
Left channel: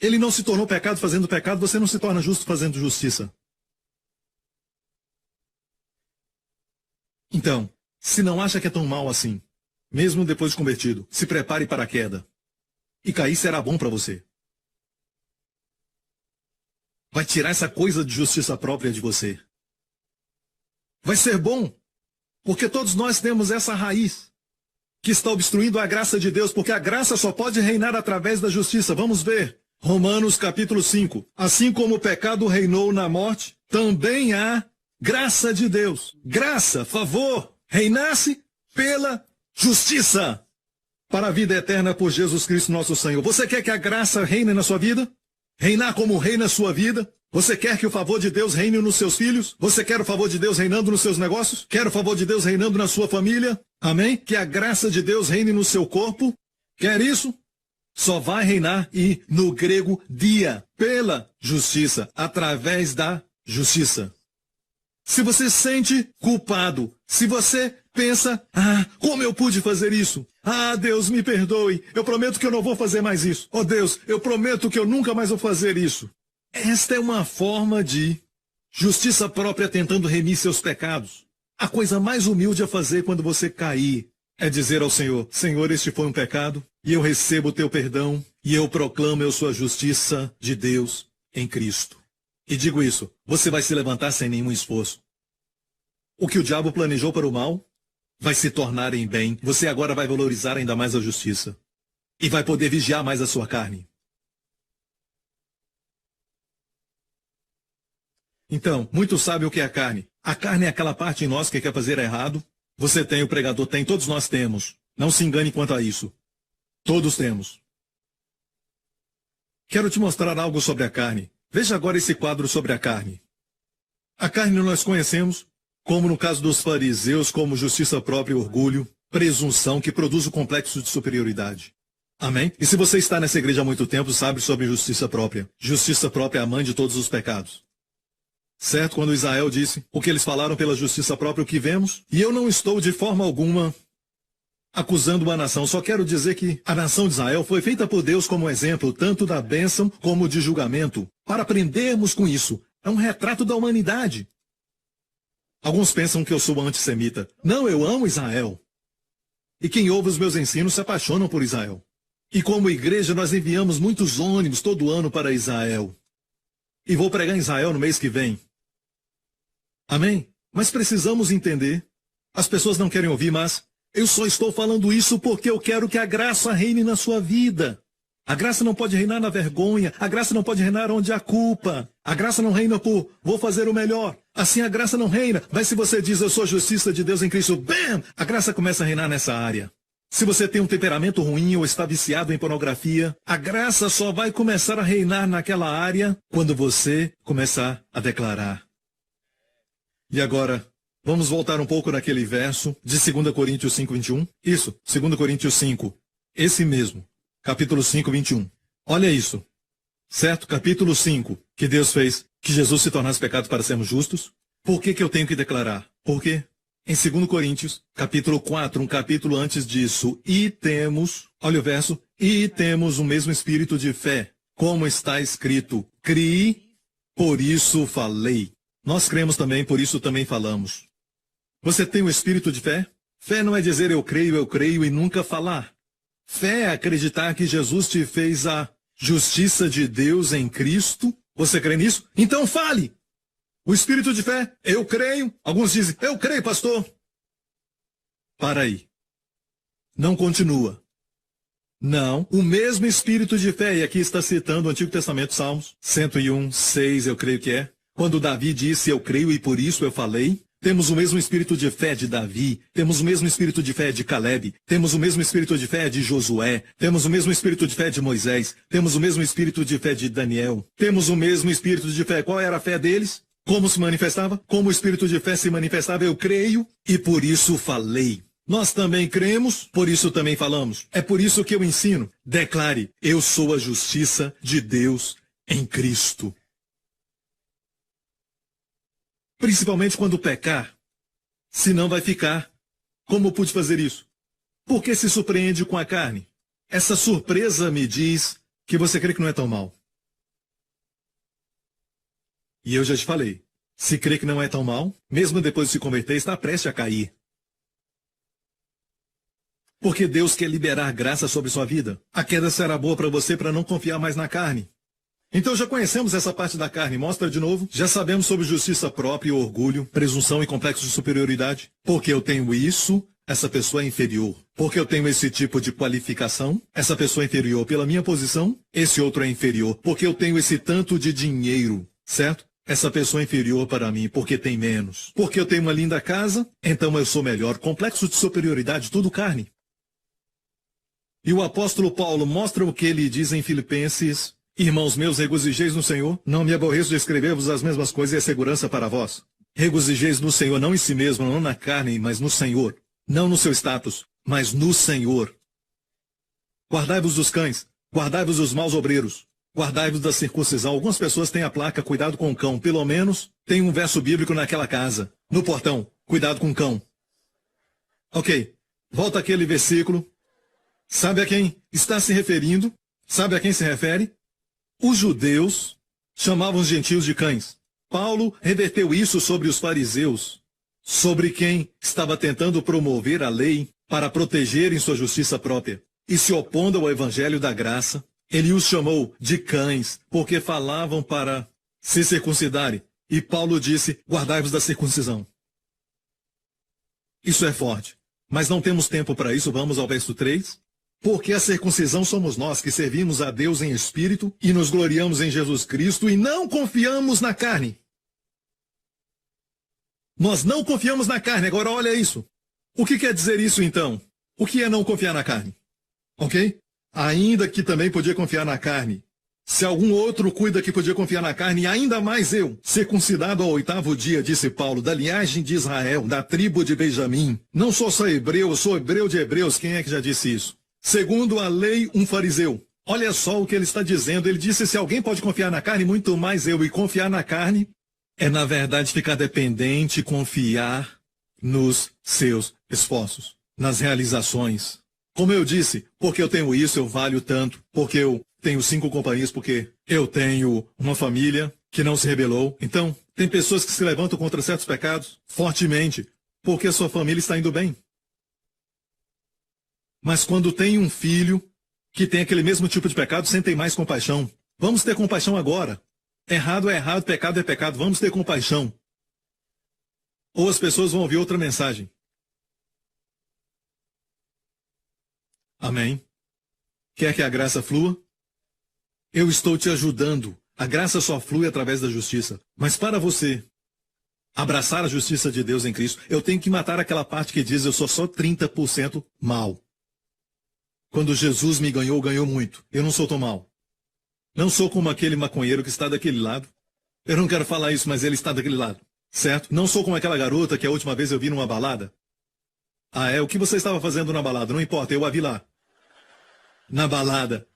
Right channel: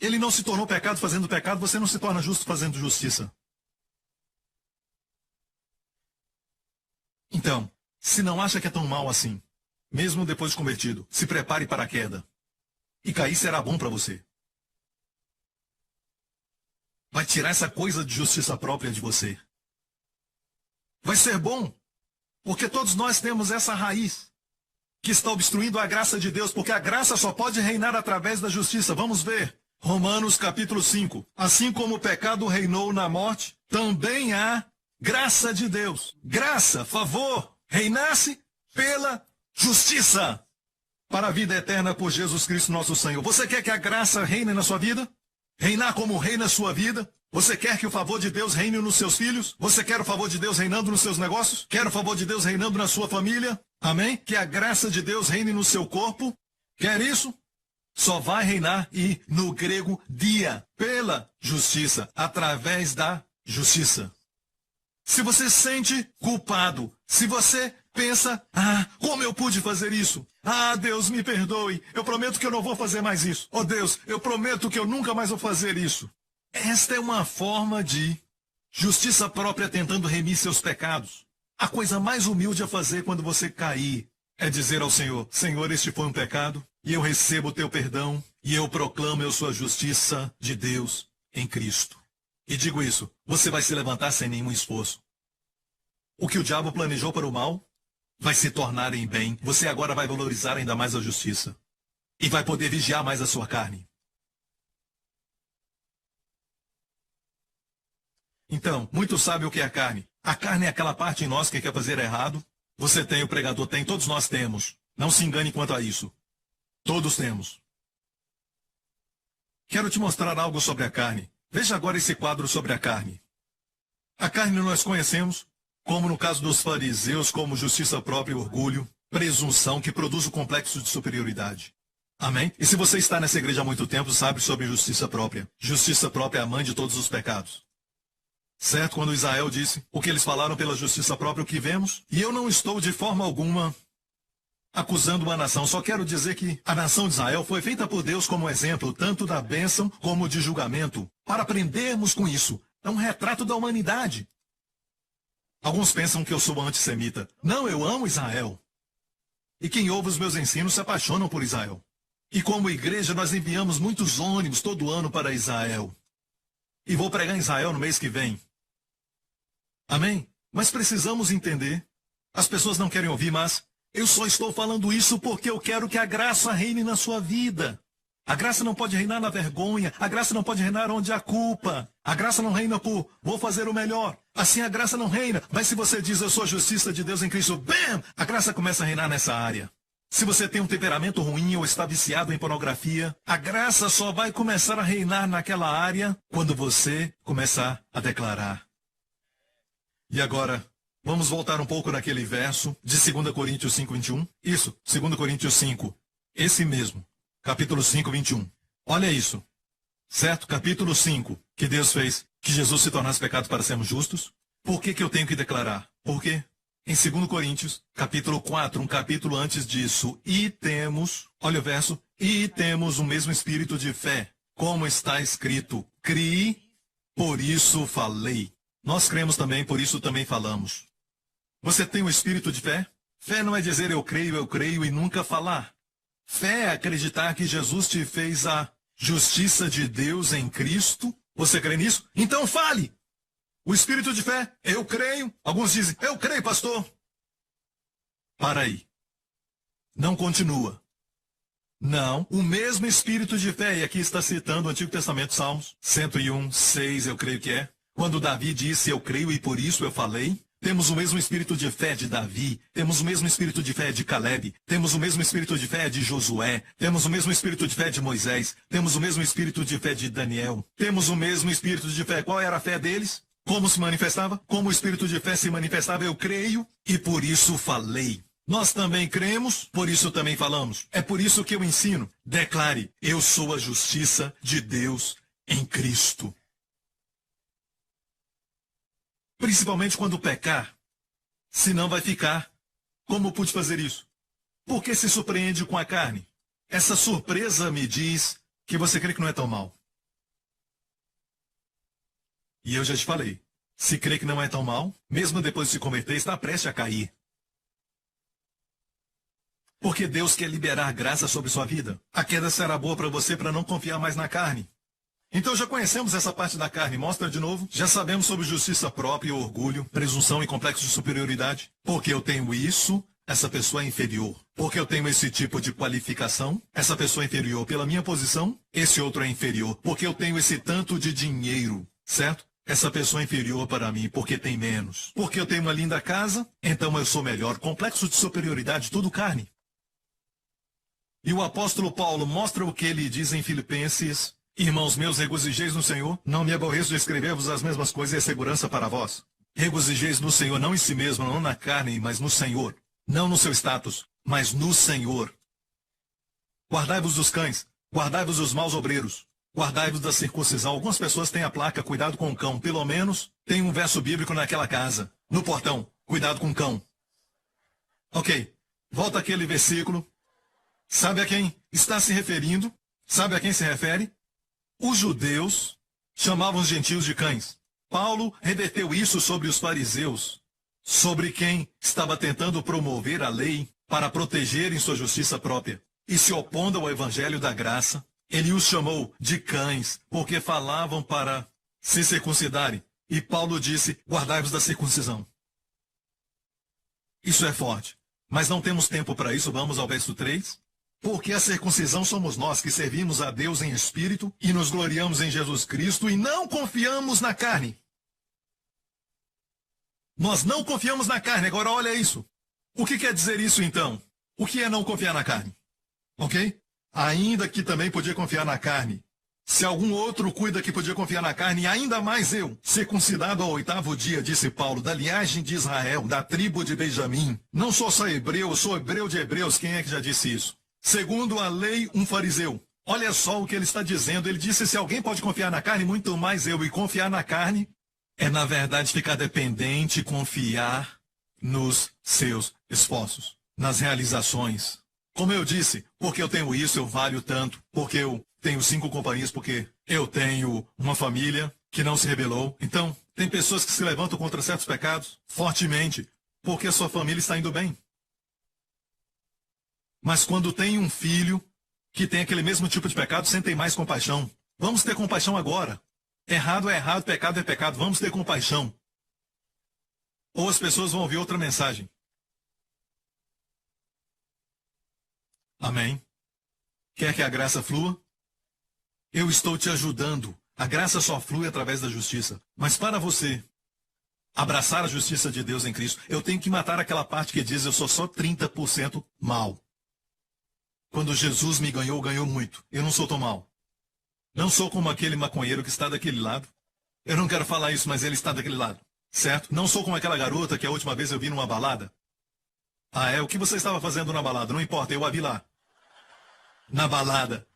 Ele não se tornou pecado fazendo pecado, você não se torna justo fazendo justiça. Então, se não acha que é tão mal assim, mesmo depois de convertido, se prepare para a queda. E cair será bom para você. Vai tirar essa coisa de justiça própria de você. Vai ser bom, porque todos nós temos essa raiz que está obstruindo a graça de Deus, porque a graça só pode reinar através da justiça. Vamos ver. Romanos capítulo 5. Assim como o pecado reinou na morte, também há graça de Deus. Graça, favor, reinasse pela justiça para a vida eterna por Jesus Cristo nosso Senhor. Você quer que a graça reine na sua vida? Reinar como rei na sua vida? Você quer que o favor de Deus reine nos seus filhos? Você quer o favor de Deus reinando nos seus negócios? Quer o favor de Deus reinando na sua família? Amém? Que a graça de Deus reine no seu corpo? Quer isso? Só vai reinar, e no grego, dia, pela justiça, através da justiça. Se você se sente culpado, se você pensa, como eu pude fazer isso? Deus, me perdoe, eu prometo que eu não vou fazer mais isso. Oh Deus, eu prometo que eu nunca mais vou fazer isso. Esta é uma forma de justiça própria tentando remir seus pecados. A coisa mais humilde a fazer quando você cair é dizer ao Senhor, Senhor, este foi um pecado, e eu recebo o teu perdão, e eu proclamo eu sou a justiça de Deus em Cristo. E digo isso, você vai se levantar sem nenhum esforço. O que o diabo planejou para o mal vai se tornar em bem. Você agora vai valorizar ainda mais a justiça. E vai poder vigiar mais a sua carne. Então, muitos sabem o que é a carne. A carne é aquela parte em nós que quer fazer errado. Você tem, o pregador tem, todos nós temos. Não se engane quanto a isso. Todos temos. Quero te mostrar algo sobre a carne. Veja agora esse quadro sobre a carne. A carne nós conhecemos como no caso dos fariseus, como justiça própria e orgulho, presunção que produz o complexo de superioridade. Amém? E se você está nessa igreja há muito tempo, sabe sobre justiça própria. Justiça própria é a mãe de todos os pecados. Certo? Quando Israel disse o que eles falaram pela justiça própria, o que vemos? E eu não estou de forma alguma acusando uma nação, só quero dizer que a nação de Israel foi feita por Deus como exemplo, tanto da bênção como de julgamento, para aprendermos com isso. É um retrato da humanidade. Alguns pensam que eu sou antissemita. Não, eu amo Israel. E quem ouve os meus ensinos se apaixonam por Israel. E como igreja, nós enviamos muitos ônibus todo ano para Israel. E vou pregar em Israel no mês que vem. Amém? Mas precisamos entender. As pessoas não querem ouvir, mas eu só estou falando isso porque eu quero que a graça reine na sua vida. A graça não pode reinar na vergonha. A graça não pode reinar onde há culpa. A graça não reina por vou fazer o melhor. Assim a graça não reina. Mas se você diz eu sou a justiça de Deus em Cristo, bam! A graça começa a reinar nessa área. Se você tem um temperamento ruim ou está viciado em pornografia, a graça só vai começar a reinar naquela área quando você começar a declarar. E agora, vamos voltar um pouco naquele verso de 2 Coríntios 5, 21. Isso, 2 Coríntios 5. Esse mesmo. Capítulo 5, 21. Olha isso. Certo? Capítulo 5. Que Deus fez que Jesus se tornasse pecado para sermos justos. Por que eu tenho que declarar? Por quê? Em 2 Coríntios, capítulo 4, um capítulo antes disso, e temos, olha o verso, e temos o mesmo espírito de fé, como está escrito, criei, por isso falei. Nós cremos também, por isso também falamos. Você tem o espírito de fé? Fé não é dizer eu creio e nunca falar. Fé é acreditar que Jesus te fez a justiça de Deus em Cristo. Você crê nisso? Então fale! O espírito de fé, eu creio. Alguns dizem, eu creio, pastor. Para aí. Não continua. Não, o mesmo espírito de fé, e aqui está citando o Antigo Testamento, Salmos 101, 6, eu creio que é. Quando Davi disse, eu creio e por isso eu falei. Temos o mesmo espírito de fé de Davi, temos o mesmo espírito de fé de Caleb, temos o mesmo espírito de fé de Josué, temos o mesmo espírito de fé de Moisés, temos o mesmo espírito de fé de Daniel, temos o mesmo espírito de fé. Qual era a fé deles? Como se manifestava? Como o espírito de fé se manifestava? Eu creio e por isso falei. Nós também cremos, por isso também falamos. É por isso que eu ensino. Declare, eu sou a justiça de Deus em Cristo. Principalmente quando pecar, senão vai ficar. Como pude fazer isso? Porque se surpreende com a carne. Essa surpresa me diz que você crê que não é tão mal. E eu já te falei, se crê que não é tão mal, mesmo depois de se converter, está prestes a cair. Porque Deus quer liberar graça sobre sua vida. A queda será boa para você para não confiar mais na carne. Então já conhecemos essa parte da carne. Mostra de novo. Já sabemos sobre justiça própria e orgulho, presunção e complexo de superioridade. Porque eu tenho isso, essa pessoa é inferior. Porque eu tenho esse tipo de qualificação, essa pessoa é inferior. Pela minha posição, esse outro é inferior. Porque eu tenho esse tanto de dinheiro, certo? Essa pessoa é inferior para mim porque tem menos. Porque eu tenho uma linda casa, então eu sou melhor. Complexo de superioridade, tudo carne. E o apóstolo Paulo mostra o que ele diz em Filipenses: irmãos meus, regozijeis no Senhor. Não me aborreço de escrever-vos as mesmas coisas e é segurança para vós. Regozijeis no Senhor, não em si mesmo, não na carne, mas no Senhor. Não no seu status, mas no Senhor. Guardai-vos dos cães, guardai-vos dos maus obreiros. Guardai-vos da circuncisão. Algumas pessoas têm a placa, cuidado com o cão. Pelo menos tem um verso bíblico naquela casa. No portão, cuidado com o cão. Ok, volta aquele versículo. Sabe a quem está se referindo? Sabe a quem se refere? Os judeus chamavam os gentios de cães. Paulo reverteu isso sobre os fariseus, sobre quem estava tentando promover a lei para protegerem sua justiça própria e se opondo ao evangelho da graça. Ele os chamou de cães, porque falavam para se circuncidarem. E Paulo disse, guardai-vos da circuncisão. Isso é forte. Mas não temos tempo para isso, vamos ao verso 3. Porque a circuncisão somos nós que servimos a Deus em espírito e nos gloriamos em Jesus Cristo e não confiamos na carne. Nós não confiamos na carne. Agora olha isso. O que quer dizer isso então? O que é não confiar na carne? Ok? Ainda que também podia confiar na carne. Se algum outro cuida que podia confiar na carne, ainda mais eu, circuncidado ao 8º dia, disse Paulo, da linhagem de Israel, da tribo de Benjamim. Não sou só hebreu, eu sou hebreu de hebreus. Quem é que já disse isso? Segundo a lei, um fariseu. Olha só o que ele está dizendo. Ele disse, se alguém pode confiar na carne, muito mais eu. E confiar na carne é, na verdade, ficar dependente, confiar nos seus esforços, nas realizações. Como eu disse, porque eu tenho isso, eu valho tanto, porque eu tenho 5 companhias, porque eu tenho uma família que não se rebelou. Então, tem pessoas que se levantam contra certos pecados fortemente, porque a sua família está indo bem. Mas quando tem um filho que tem aquele mesmo tipo de pecado, sentem mais compaixão. Vamos ter compaixão agora. Errado é errado, pecado é pecado. Vamos ter compaixão. Ou as pessoas vão ouvir outra mensagem. Amém? Quer que a graça flua? Eu estou te ajudando. A graça só flui através da justiça. Mas para você abraçar a justiça de Deus em Cristo, eu tenho que matar aquela parte que diz eu sou só 30% mal. Quando Jesus me ganhou, ganhou muito. Eu não sou tão mal. Não sou como aquele maconheiro que está daquele lado. Eu não quero falar isso, mas ele está daquele lado. Certo? Não sou como aquela garota que a última vez eu vi numa balada. Ah, é? O que você estava fazendo na balada? Não importa, eu a vi lá. Na balada.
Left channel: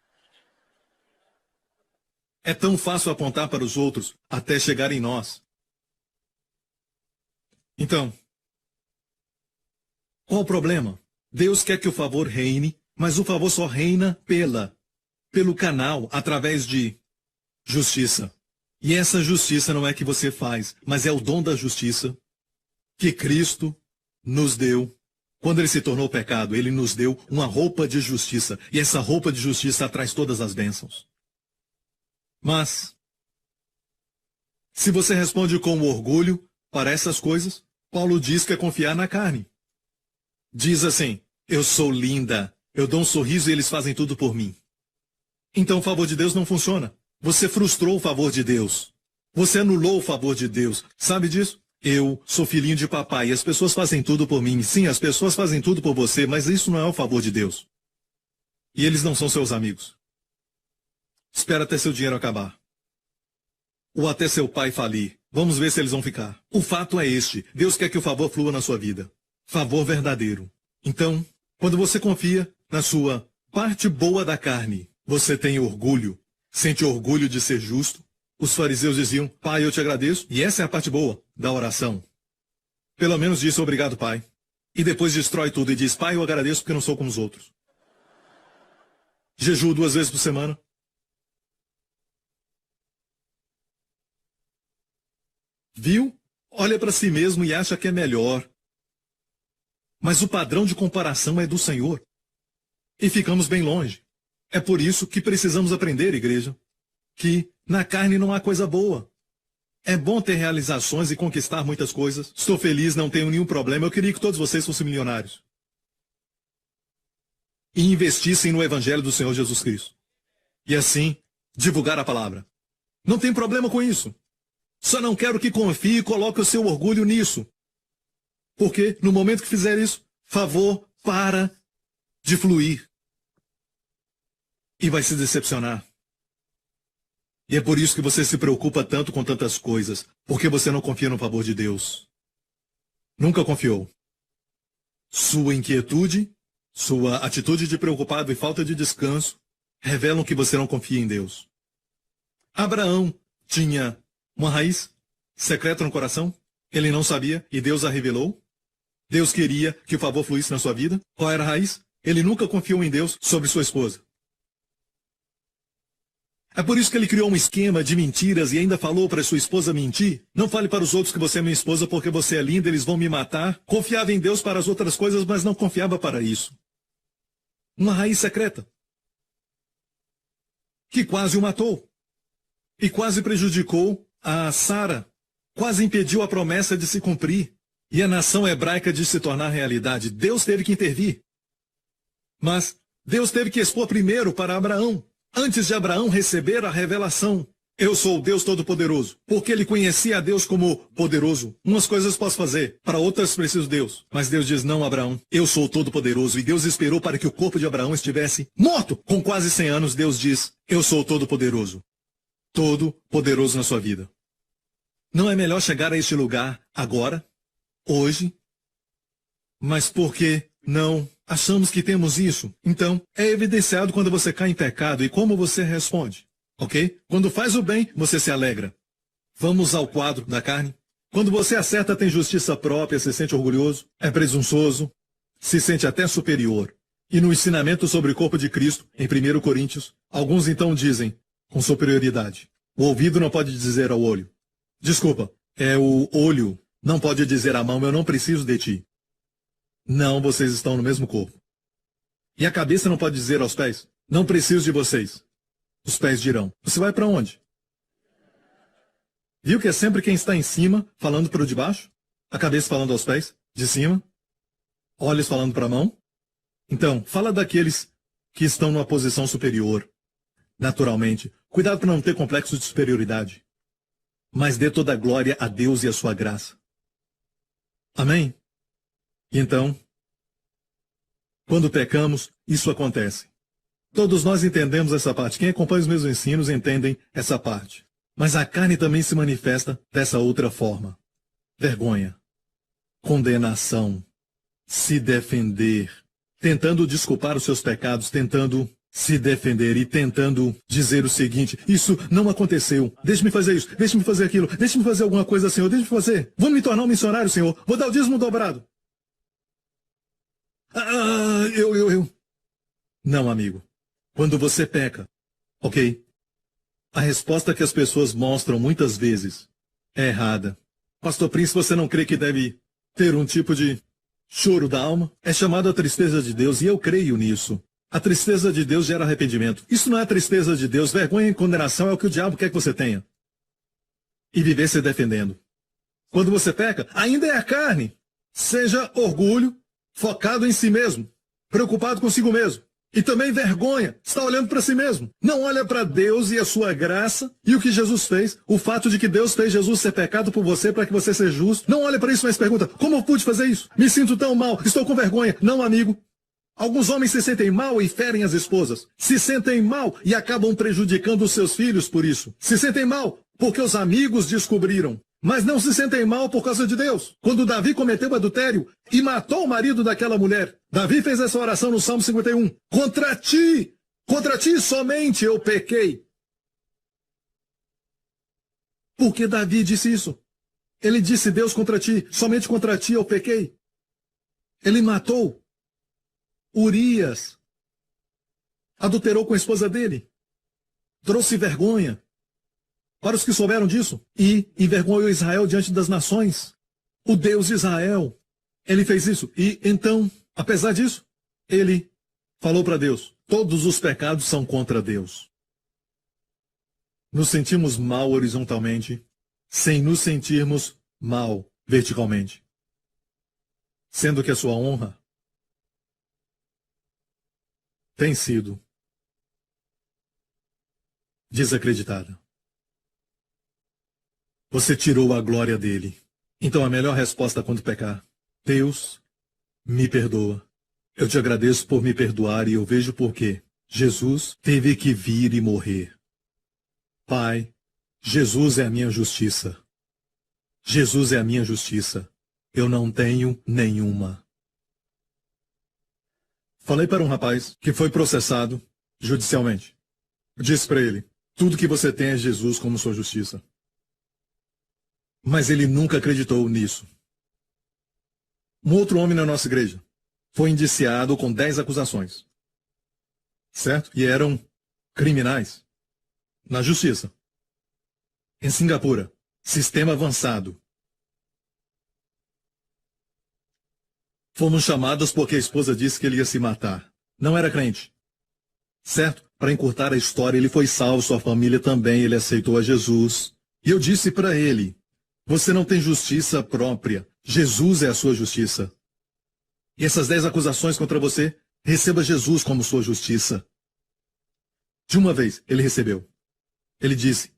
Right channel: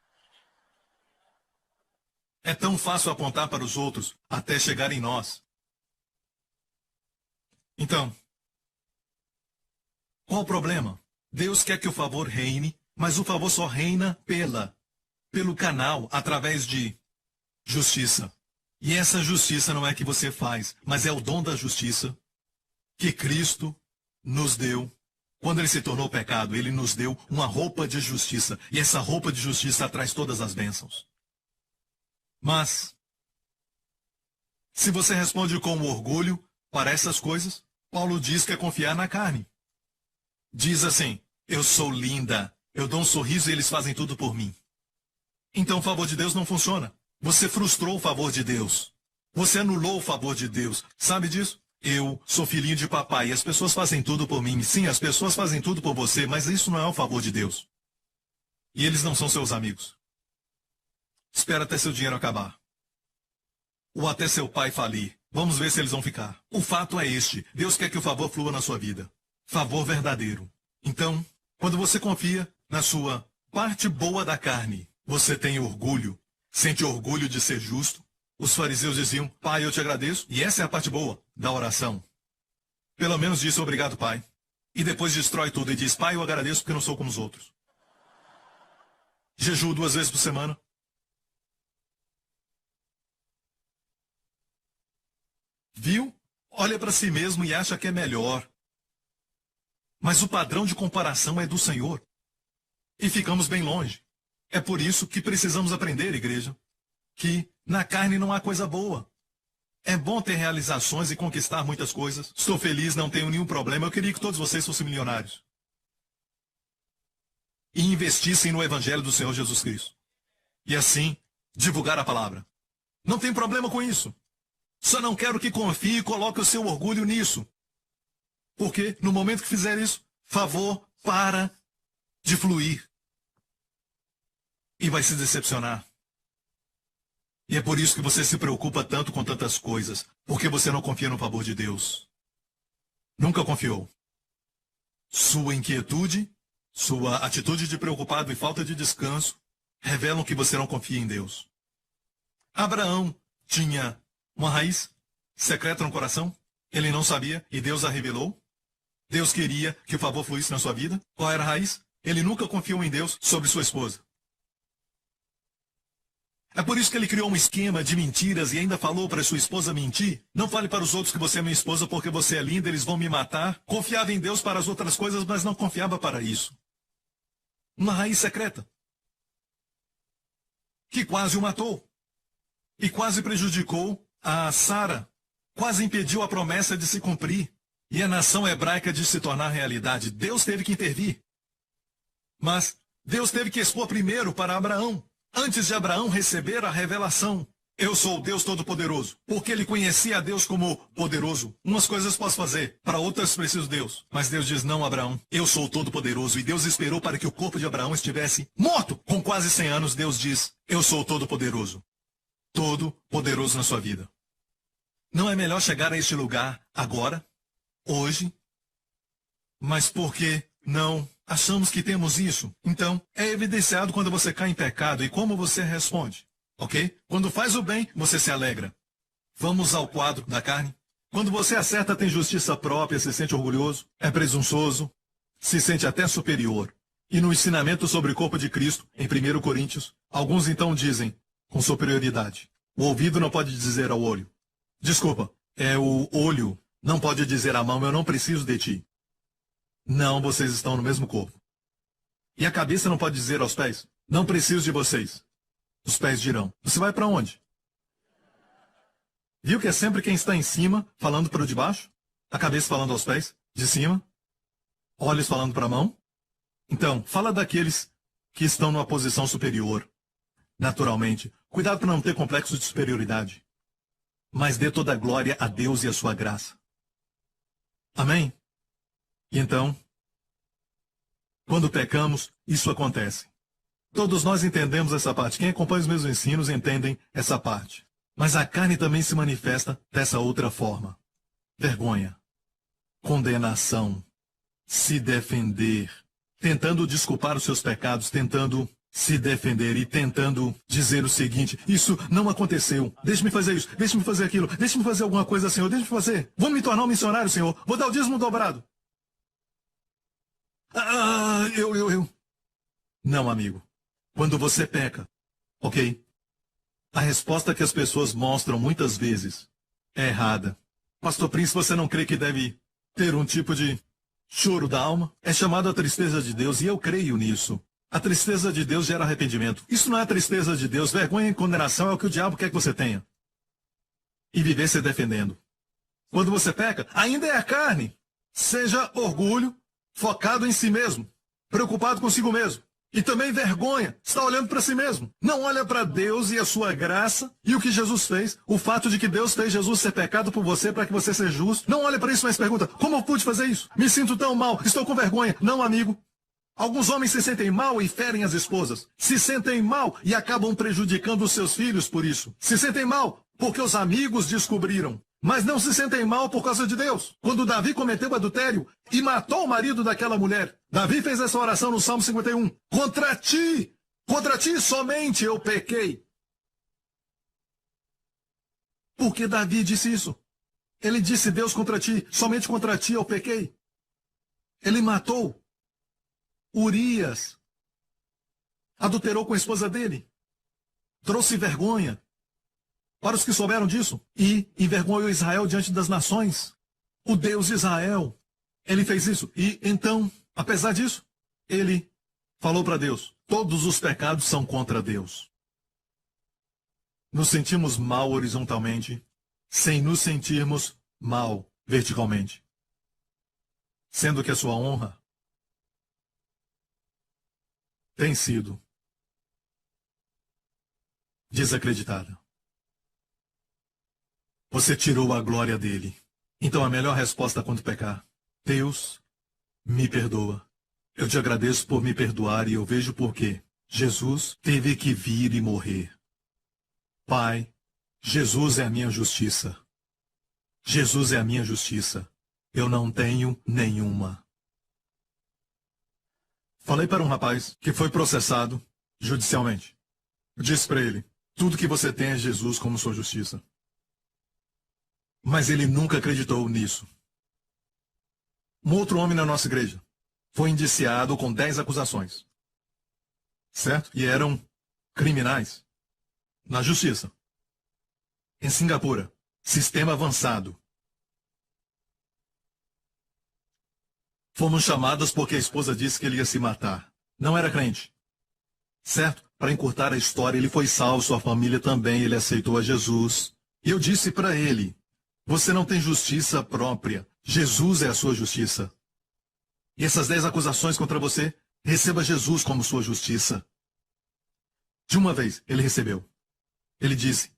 É tão fácil apontar para os outros até chegar em nós. Então, qual o problema? Deus quer que o favor reine, mas o favor só reina pelo canal, através de justiça. E essa justiça não é que você faz, mas é o dom da justiça que Cristo nos deu. Quando ele se tornou pecado, ele nos deu uma roupa de justiça. E essa roupa de justiça traz todas as bênçãos. Mas, se você responde com orgulho para essas coisas, Paulo diz que é confiar na carne. Diz assim, eu sou linda, eu dou um sorriso e eles fazem tudo por mim. Então o favor de Deus não funciona. Você frustrou o favor de Deus. Você anulou o favor de Deus. Sabe disso? Eu sou filhinho de papai e as pessoas fazem tudo por mim. Sim, as pessoas fazem tudo por você, mas isso não é o favor de Deus. E eles não são seus amigos. Espera até seu dinheiro acabar. Ou até seu pai falir. Vamos ver se eles vão ficar. O fato é este. Deus quer que o favor flua na sua vida. Favor verdadeiro. Então, quando você confia na sua parte boa da carne, você tem orgulho. Sente orgulho de ser justo. Os fariseus diziam, Pai, eu te agradeço. E essa é a parte boa da oração. Pelo menos disse obrigado, Pai. E depois destrói tudo e diz, Pai, eu agradeço porque eu não sou como os outros. Jejuo 2 vezes por semana. Viu? Olha para si mesmo e acha que é melhor. Mas o padrão de comparação é do Senhor. E ficamos bem longe. É por isso que precisamos aprender, igreja, que na carne não há coisa boa. É bom ter realizações e conquistar muitas coisas. Estou feliz, não tenho nenhum problema. Eu queria que todos vocês fossem milionários. E investissem no Evangelho do Senhor Jesus Cristo. E assim, divulgar a palavra. Não tem problema com isso. Só não quero que confie e coloque o seu orgulho nisso. Porque, no momento que fizer isso, favor para de fluir. E vai se decepcionar. E é por isso que você se preocupa tanto com tantas coisas. Porque você não confia no favor de Deus. Nunca confiou. Sua inquietude, sua atitude de preocupado e falta de descanso revelam que você não confia em Deus. Abraão tinha uma raiz secreta no coração. Ele não sabia e Deus a revelou. Deus queria que o favor fluísse na sua vida. Qual era a raiz? Ele nunca confiou em Deus sobre sua esposa. É por isso que ele criou um esquema de mentiras e ainda falou para sua esposa mentir. Não fale para os outros que você é minha esposa porque você é linda, eles vão me matar. Confiava em Deus para as outras coisas, mas não confiava para isso. Uma raiz secreta. Que quase o matou. E quase prejudicou a Sara. Quase impediu a promessa de se cumprir. E a nação hebraica de se tornar realidade. Deus teve que intervir. Mas Deus teve que expor primeiro para Abraão. Antes de Abraão receber a revelação. Eu sou o Deus Todo-Poderoso, porque ele conhecia a Deus como poderoso. Umas coisas posso fazer, para outras preciso Deus. Mas Deus diz, não, Abraão, eu sou o Todo-Poderoso. E Deus esperou para que o corpo de Abraão estivesse morto. Com quase 100 anos, Deus diz, eu sou o Todo-Poderoso. Todo-Poderoso na sua vida. Não é melhor chegar a este lugar agora, hoje? Mas por que não achamos que temos isso? Então, é evidenciado quando você cai em pecado e como você responde. Ok? Quando faz o bem, você se alegra. Vamos ao quadro da carne. Quando você acerta, tem justiça própria, se sente orgulhoso, é presunçoso, se sente até superior. E no ensinamento sobre o corpo de Cristo, em 1 Coríntios, alguns então dizem, com superioridade, o ouvido não pode dizer ao olho. Desculpa, é o olho, não pode dizer à mão, eu não preciso de ti. Não, vocês estão no mesmo corpo. E a cabeça não pode dizer aos pés, não preciso de vocês. Os pés dirão, você vai para onde? Viu que é sempre quem está em cima falando para o de baixo? A cabeça falando aos pés, de cima? Olhos falando para a mão? Então, fala daqueles que estão numa posição superior. Naturalmente, cuidado para não ter complexo de superioridade. Mas dê toda a glória a Deus e a sua graça. Amém? E então, quando pecamos, isso acontece. Todos nós entendemos essa parte. Quem acompanha os meus ensinos entendem essa parte. Mas a carne também se manifesta dessa outra forma. Vergonha, condenação, se defender, tentando desculpar os seus pecados, tentando se defender e tentando dizer o seguinte, isso não aconteceu, deixe-me fazer isso, deixe-me fazer aquilo, deixe-me fazer alguma coisa, Senhor, deixe-me fazer. Vou me tornar um missionário, Senhor, vou dar o dízimo dobrado. Não, amigo. Quando você peca, ok? A resposta que as pessoas mostram muitas vezes é errada. Pastor Prince, você não crê que deve ter um tipo de choro da alma? É chamado a tristeza de Deus e eu creio nisso. A tristeza de Deus gera arrependimento. Isso não é a tristeza de Deus. Vergonha e condenação é o que o diabo quer que você tenha. E viver se defendendo. Quando você peca, ainda é a carne. Seja orgulho, focado em si mesmo, preocupado consigo mesmo. E também vergonha, está olhando para si mesmo. Não olha para Deus e a sua graça e o que Jesus fez. O fato de que Deus fez Jesus ser pecado por você para que você seja justo. Não olha para isso, mas pergunta, como eu pude fazer isso? Me sinto tão mal, estou com vergonha. Não, amigo. Alguns homens se sentem mal e ferem as esposas. Se sentem mal e acabam prejudicando os seus filhos por isso. Se sentem mal porque os amigos descobriram. Mas não se sentem mal por causa de Deus. Quando Davi cometeu adultério e matou o marido daquela mulher, Davi fez essa oração no Salmo 51. Contra ti somente eu pequei. Por que Davi disse isso? Ele disse, Deus, contra ti, somente contra ti eu pequei. Ele matou Urias. Adulterou com a esposa dele. Trouxe vergonha para os que souberam disso, e envergonhou Israel diante das nações. O Deus de Israel, ele fez isso. E então, apesar disso, ele falou para Deus, todos os pecados são contra Deus. Nos sentimos mal horizontalmente, sem nos sentirmos mal verticalmente. Sendo que a sua honra tem sido desacreditada. Você tirou a glória dele. Então a melhor resposta quando pecar. Deus, me perdoa. Eu te agradeço por me perdoar e eu vejo por quê. Jesus teve que vir e morrer. Pai, Jesus é a minha justiça. Jesus é a minha justiça. Eu não tenho nenhuma. Falei para um rapaz que foi processado judicialmente. Disse para ele, tudo que você tem é Jesus como sua justiça. Mas ele nunca acreditou nisso. Um outro homem na nossa igreja foi indiciado com 10 acusações. Certo? E eram criminais. Na justiça. Em Singapura. Sistema avançado. Fomos chamados porque a esposa disse que ele ia se matar. Não era crente. Certo? Para encurtar a história, ele foi salvo, sua família também, ele aceitou a Jesus. E eu disse para ele, você não tem justiça própria. Jesus é a sua justiça. E essas 10 acusações contra você, receba Jesus como sua justiça. De uma vez, ele recebeu. Ele disse,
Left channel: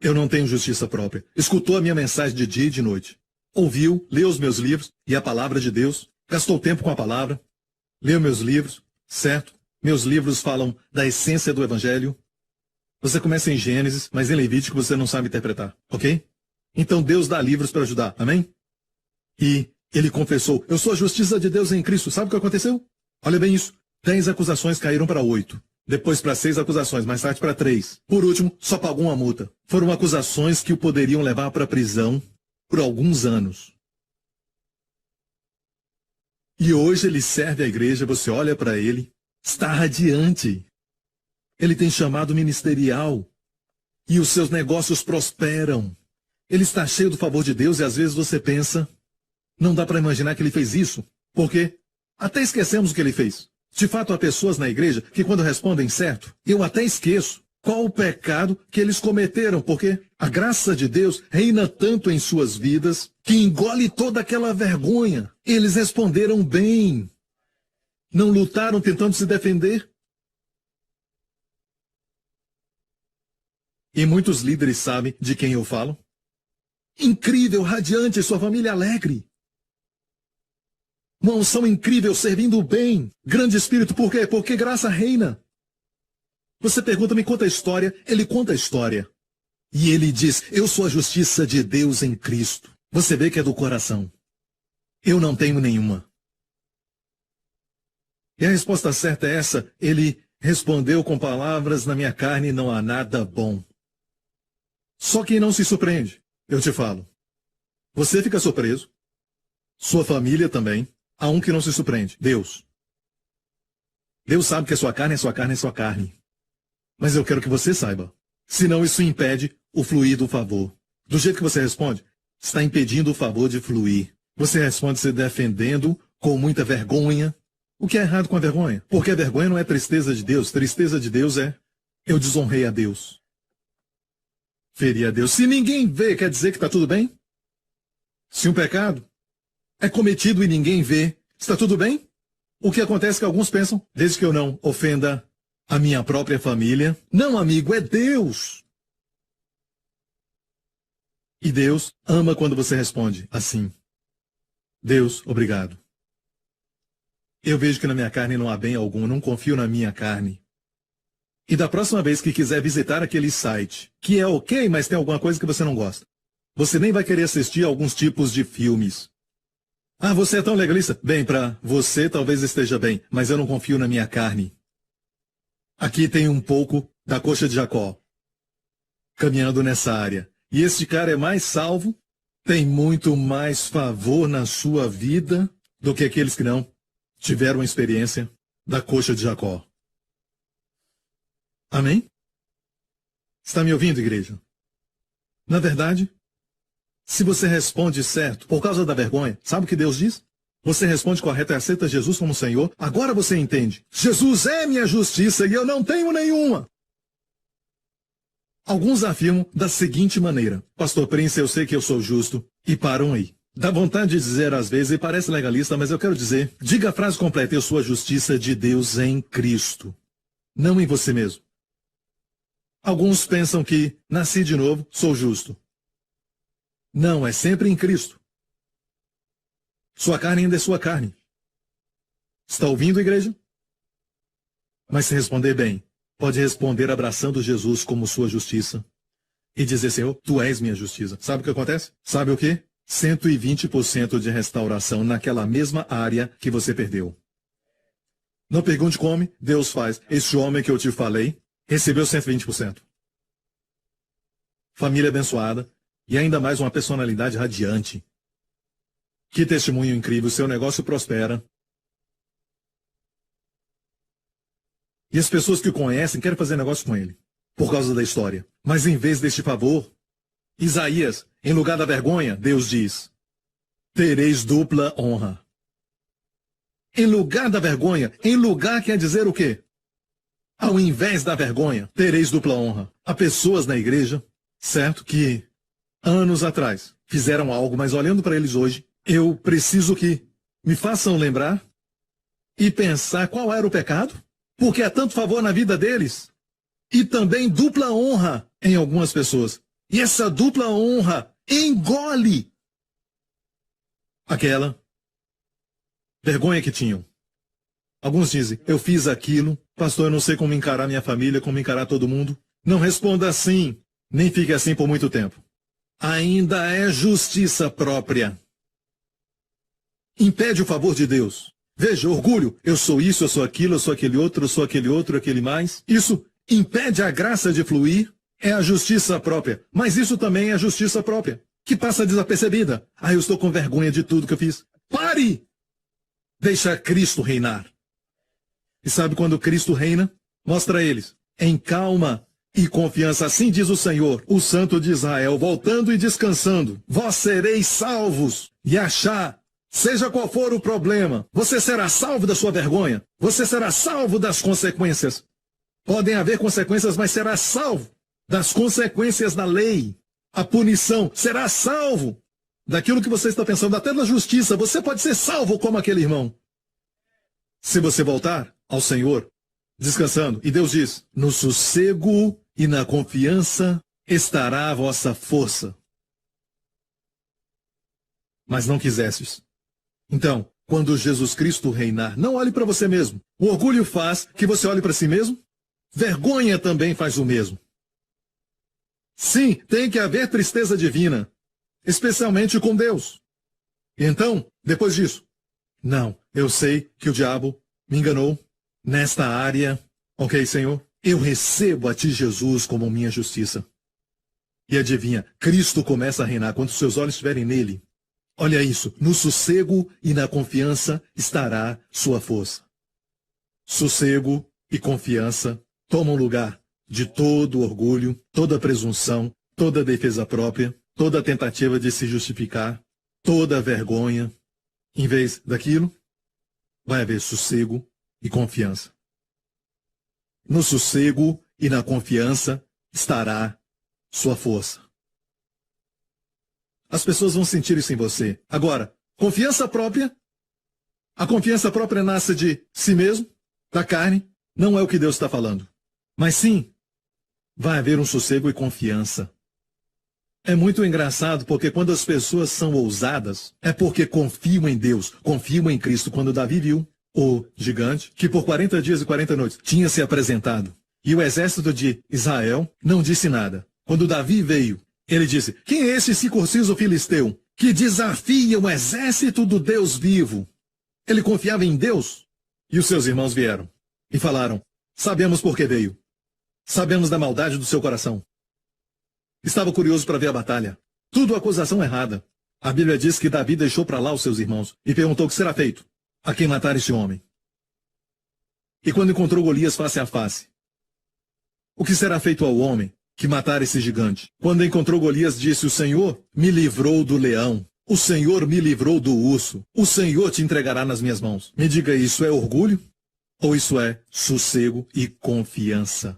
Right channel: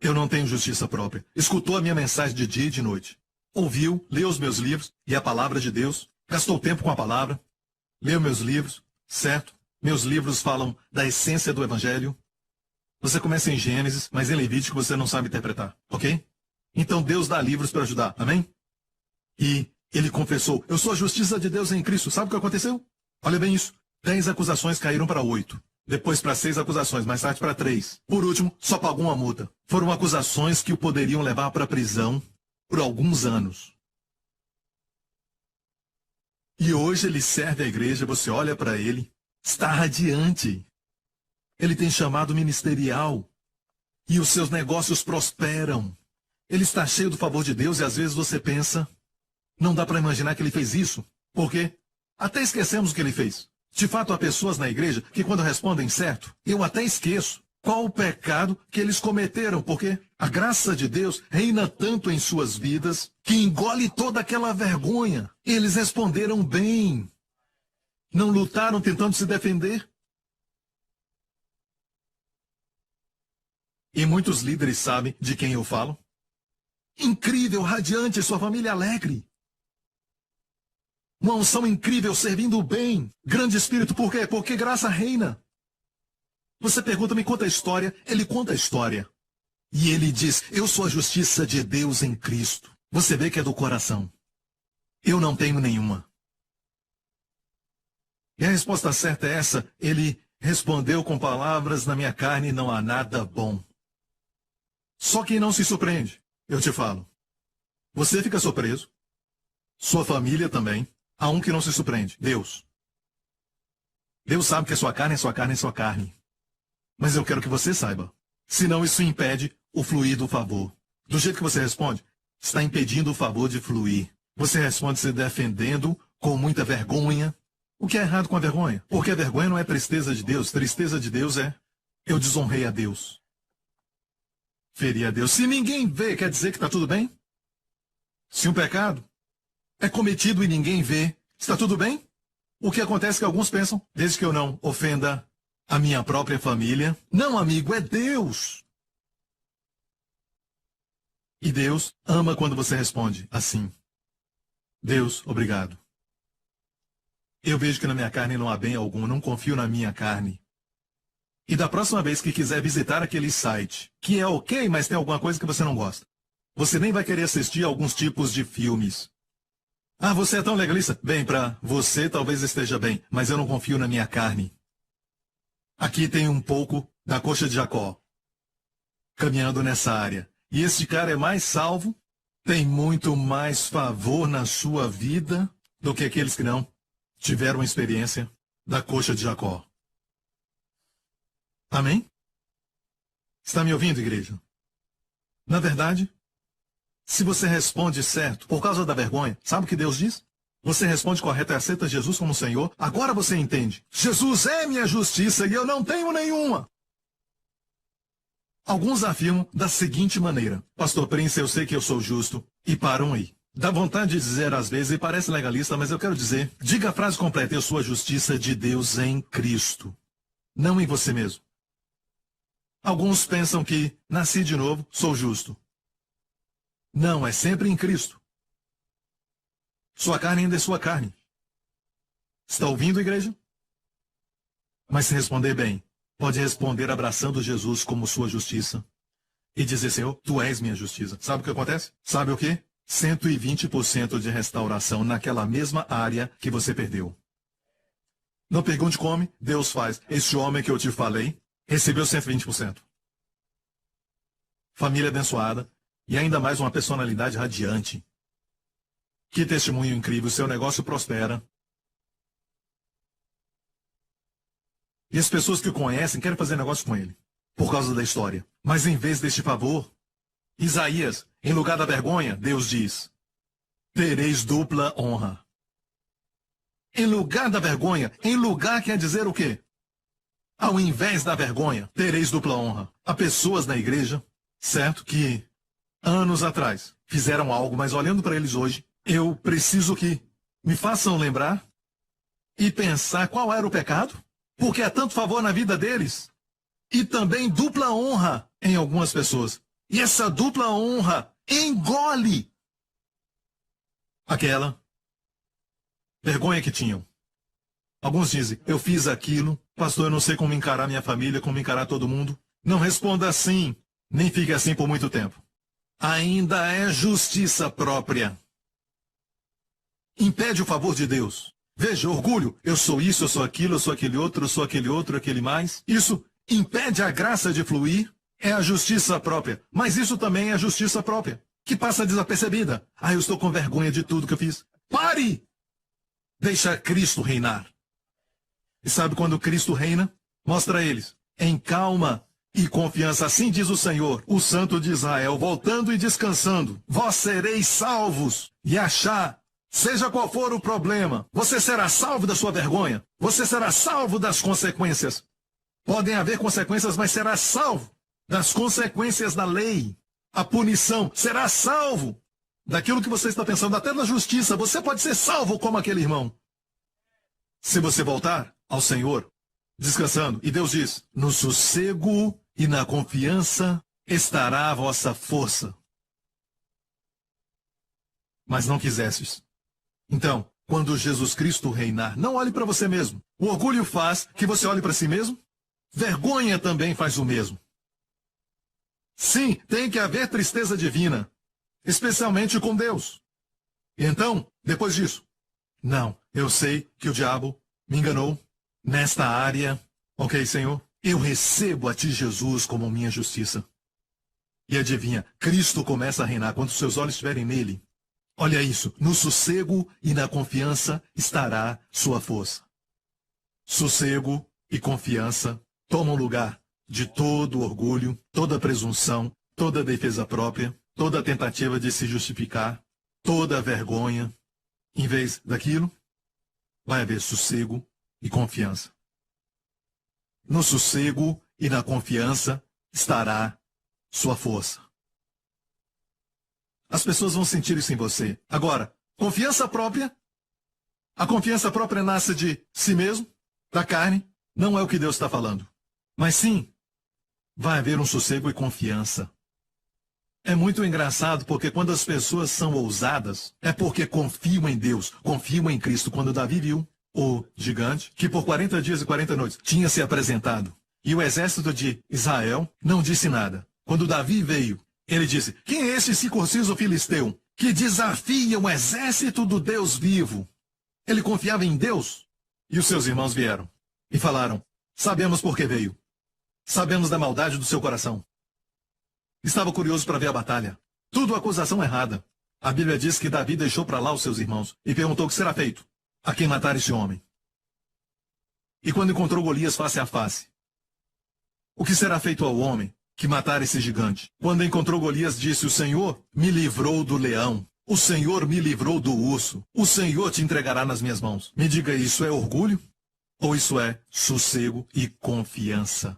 Eu não tenho justiça própria. Escutou a minha mensagem de dia e de noite. Ouviu, leu os meus livros e a palavra de Deus. Gastou tempo com a palavra. Leu meus livros, certo? Meus livros falam da essência do Evangelho. Você começa em Gênesis, mas em Levítico você não sabe interpretar, ok? Então Deus dá livros para ajudar, amém? E ele confessou, eu sou a justiça de Deus em Cristo. Sabe o que aconteceu? Olha bem isso. 10 acusações caíram para 8. Depois para 6 acusações, mais tarde para 3. Por último, só pagou uma multa. Foram acusações que o poderiam levar para a prisão por alguns anos. E hoje ele serve a igreja, você olha para ele, está radiante. Ele tem chamado ministerial. E os seus negócios prosperam. Ele está cheio do favor de Deus e às vezes você pensa, não dá para imaginar que ele fez isso. Por quê? Até esquecemos o que ele fez. De fato, há pessoas na igreja que quando respondem certo, eu até esqueço qual o pecado que eles cometeram, porque a graça de Deus reina tanto em suas vidas que engole toda aquela vergonha. Eles responderam bem. Não lutaram tentando se defender. E muitos líderes sabem de quem eu falo. Incrível, radiante, sua família alegre. Uma unção incrível, servindo bem. Grande espírito, por quê? Porque graça reina. Você pergunta, me conta a história. Ele conta a história. E ele diz, eu sou a justiça de Deus em Cristo. Você vê que é do coração. Eu não tenho nenhuma. E a resposta certa é essa. Ele respondeu com palavras, na minha carne não há nada bom. Só que não se surpreende. Eu te falo. Você fica surpreso. Sua família também. Há um que não se surpreende. Deus. Deus sabe que a sua carne é sua carne é sua carne. Mas eu quero que você saiba. Senão isso impede o fluir do favor. Do jeito que você responde, está impedindo o favor de fluir. Você responde se defendendo com muita vergonha. O que é errado com a vergonha? Porque a vergonha não é tristeza de Deus. Tristeza de Deus é, eu desonrei a Deus. Feri a Deus. Se ninguém vê, quer dizer que está tudo bem? Se um pecado é cometido e ninguém vê, está tudo bem? O que acontece é que alguns pensam, desde que eu não ofenda a minha própria família. Não, amigo, é Deus. E Deus ama quando você responde assim. Deus, obrigado. Eu vejo que na minha carne não há bem algum, eu não confio na minha carne. E da próxima vez que quiser visitar aquele site, que é ok, mas tem alguma coisa que você não gosta, você nem vai querer assistir a alguns tipos de filmes. Ah, você é tão legalista? Bem, para você talvez esteja bem, mas eu não confio na minha carne. Aqui tem um pouco da coxa de Jacó, caminhando nessa área. E este cara é mais salvo, tem muito mais favor na sua vida do que aqueles que não tiveram a experiência da coxa de Jacó. Amém? Está me ouvindo, igreja? Na verdade, se você responde certo por causa da vergonha, sabe o que Deus diz? Você responde correto e aceita Jesus como Senhor. Agora você entende. Jesus é minha justiça e eu não tenho nenhuma. Alguns afirmam da seguinte maneira. Pastor Prince, eu sei que eu sou justo. E param aí. Dá vontade de dizer às vezes, e parece legalista, mas eu quero dizer, diga a frase completa, eu sou a justiça de Deus em Cristo. Não em você mesmo. Alguns pensam que nasci de novo, sou justo. Não, é sempre em Cristo. Sua carne ainda é sua carne. Está ouvindo, igreja? Mas se responder bem, pode responder abraçando Jesus como sua justiça. E dizer, Senhor, tu és minha justiça. Sabe o que acontece? Sabe o quê? 120% de restauração naquela mesma área que você perdeu. Não pergunte como, Deus faz. Este homem que eu te falei recebeu 120%. Família abençoada. E ainda mais uma personalidade radiante. Que testemunho incrível, seu negócio prospera. E as pessoas que o conhecem querem fazer negócio com ele, por causa da história. Mas em vez deste favor, Isaías, em lugar da vergonha, Deus diz, tereis dupla honra. Em lugar da vergonha, em lugar quer dizer o quê? Ao invés da vergonha, tereis dupla honra. Há pessoas na igreja, certo, que anos atrás fizeram algo, mas olhando para eles hoje, eu preciso que me façam lembrar e pensar qual era o pecado, porque há tanto favor na vida deles e também dupla honra em algumas pessoas. E essa dupla honra engole aquela vergonha que tinham. Alguns dizem, eu fiz aquilo, pastor, eu não sei como encarar minha família, como encarar todo mundo. Não responda assim, nem fique assim por muito tempo. Ainda é justiça própria. Impede o favor de Deus. Veja, orgulho, eu sou isso, eu sou aquilo, eu sou aquele outro, eu sou aquele outro, aquele mais. Isso impede a graça de fluir, é a justiça própria. Mas isso também é a justiça própria, que passa desapercebida. Ah, eu estou com vergonha de tudo que eu fiz. Pare! Deixa Cristo reinar. E sabe quando Cristo reina? Mostra a eles, em calma e confiança. Assim diz o Senhor, o Santo de Israel, voltando e descansando. Vós sereis salvos. E achar, seja qual for o problema, você será salvo da sua vergonha. Você será salvo das consequências. Podem haver consequências, mas será salvo das consequências da lei. A punição, será salvo daquilo que você está pensando, até na justiça. Você pode ser salvo como aquele irmão. Se você voltar ao Senhor, descansando, e Deus diz, no sossego e na confiança estará a vossa força. Mas não quisestes. Então, quando Jesus Cristo reinar, não olhe para você mesmo. O orgulho faz que você olhe para si mesmo. Vergonha também faz o mesmo. Sim, tem que haver tristeza divina, especialmente com Deus. E então, depois disso, não, eu sei que o diabo me enganou nesta área. Ok, Senhor, eu recebo a ti, Jesus, como minha justiça. E adivinha, Cristo começa a reinar quando seus olhos estiverem nele. Olha isso, no sossego e na confiança estará sua força. Sossego e confiança tomam lugar de todo orgulho, toda presunção, toda defesa própria, toda tentativa de se justificar, toda vergonha. Em vez daquilo, vai haver sossego e confiança. No sossego e na confiança estará sua força. As pessoas vão sentir isso em você. Agora, confiança própria. A confiança própria nasce de si mesmo, da carne. Não é o que Deus está falando. Mas sim, vai haver um sossego e confiança. É muito engraçado porque quando as pessoas são ousadas, é porque confiam em Deus, confiam em Cristo. Quando Davi viu o gigante, que por 40 dias e 40 noites tinha se apresentado, e o exército de Israel não disse nada. Quando Davi veio, ele disse, quem é esse circunciso filisteu que desafia o exército do Deus vivo? Ele confiava em Deus. E os seus irmãos vieram e falaram, sabemos por que veio. Sabemos da maldade do seu coração. Estava curioso para ver a batalha. Tudo acusação errada. A Bíblia diz que Davi deixou para lá os seus irmãos e perguntou o que será feito a quem matar este homem. E quando encontrou Golias face a face, o que será feito ao homem que matar esse gigante? Quando encontrou Golias, disse, o Senhor me livrou do leão. O Senhor me livrou do urso. O Senhor te entregará nas minhas mãos. Me diga, isso é orgulho? Ou isso é sossego e confiança?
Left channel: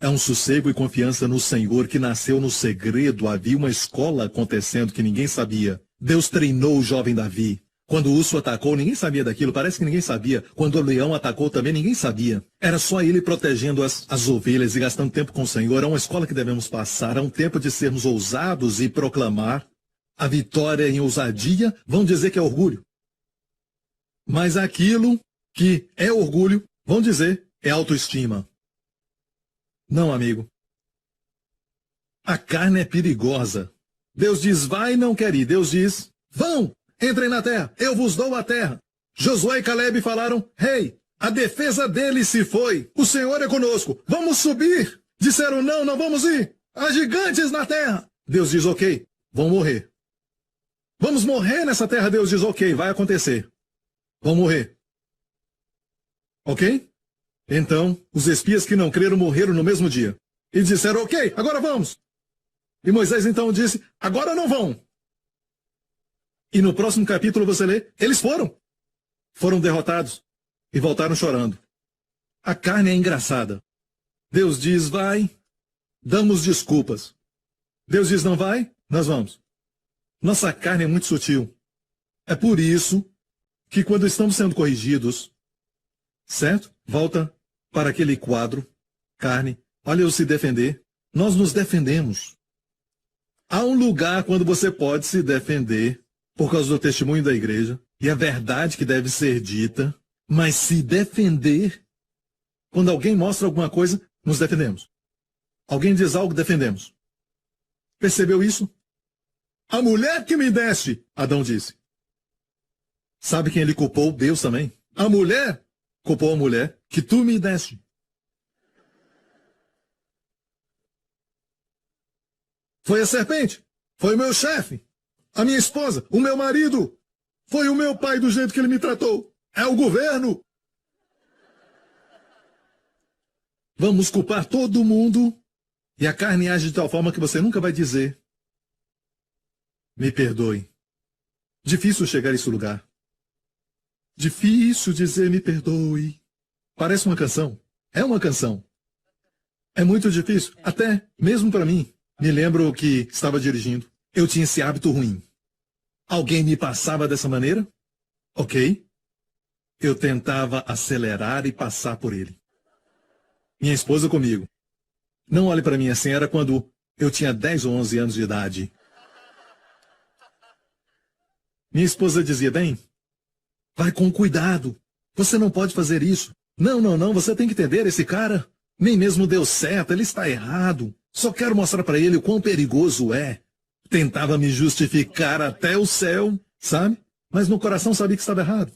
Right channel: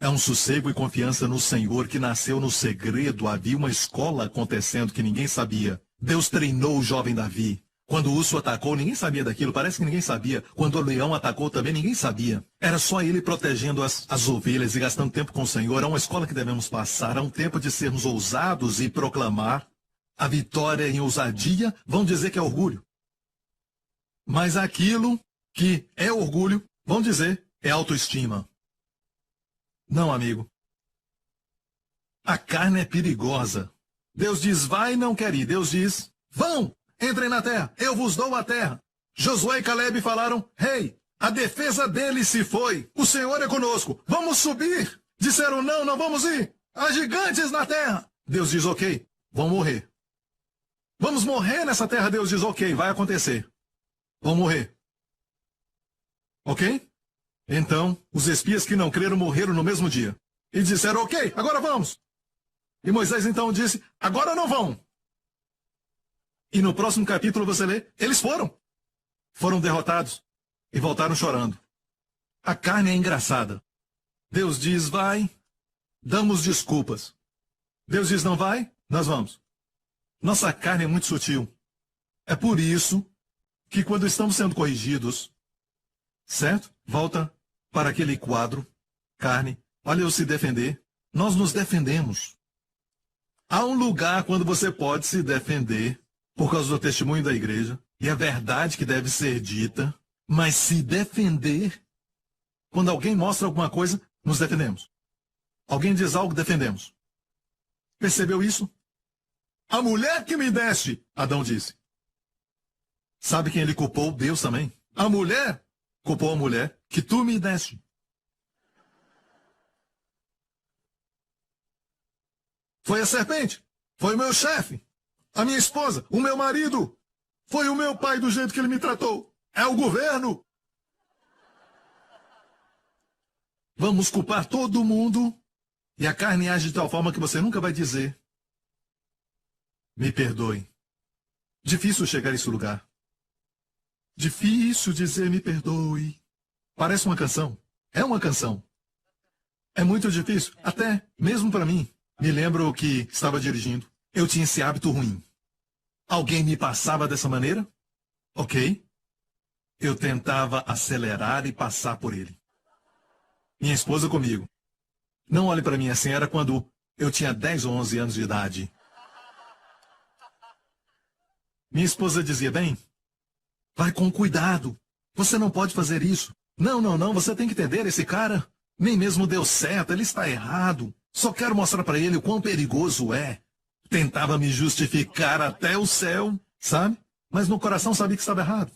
É um sossego e confiança no Senhor que nasceu no segredo. Havia uma escola acontecendo que ninguém sabia. Deus treinou o jovem Davi. Quando o urso atacou, ninguém sabia daquilo. Parece que ninguém sabia. Quando o leão atacou também, ninguém sabia. Era só ele protegendo as ovelhas e gastando tempo com o Senhor. É uma escola que devemos passar. É um tempo de sermos ousados e proclamar a vitória em ousadia. Vão dizer que é orgulho. Mas aquilo que é orgulho, vão dizer, é autoestima. Não, amigo. A carne é perigosa. Deus diz, vai e não quer ir. Deus diz, vão, entrem na terra, eu vos dou a terra. Josué e Caleb falaram, rei, a defesa dele se foi. O Senhor é conosco, vamos subir. Disseram, não, não vamos ir. Há gigantes na terra. Deus diz, ok, vão morrer. Vamos morrer nessa terra. Deus diz, ok, vai acontecer. Vão morrer. Ok? Então, os espias que não creram morreram no mesmo dia. E disseram, ok, agora vamos. E Moisés então disse, agora não vão. E no próximo capítulo você lê, eles foram. Foram derrotados e voltaram chorando. A carne é engraçada. Deus diz, vai, damos desculpas. Deus diz, não vai, nós vamos. Nossa carne é muito sutil. É por isso que quando estamos sendo corrigidos, certo? Volta para aquele quadro, carne, olha eu se defender. Nós nos defendemos. Há um lugar quando você pode se defender por causa do testemunho da igreja e a verdade que deve ser dita, mas se defender, quando alguém mostra alguma coisa, nos defendemos. Alguém diz algo, defendemos. Percebeu isso? A mulher que me deste, Adão disse. Sabe quem ele culpou? Deus também. A mulher culpou a mulher que tu me deste. Foi a serpente. Foi o meu chefe. A minha esposa. O meu marido. Foi o meu pai do jeito que ele me tratou. É o governo. Vamos culpar todo mundo. E a carne age de tal forma que você nunca vai dizer: me perdoe. Difícil chegar a esse lugar. Difícil dizer me perdoe. Parece uma canção. É uma canção. É muito difícil, até mesmo para mim. Me lembro que estava dirigindo. Eu tinha esse hábito ruim. Alguém me passava dessa maneira? Ok. Eu tentava acelerar e passar por ele. Minha esposa comigo. Não olhe para mim assim, era quando eu tinha 10 ou 11 anos de idade. Minha esposa dizia: bem, vai com cuidado. Você não pode fazer isso. Não, você tem que entender, esse cara nem mesmo deu certo, ele está errado. Só quero mostrar para ele o quão perigoso é. Tentava me justificar até o céu, sabe? Mas no coração sabia que estava errado.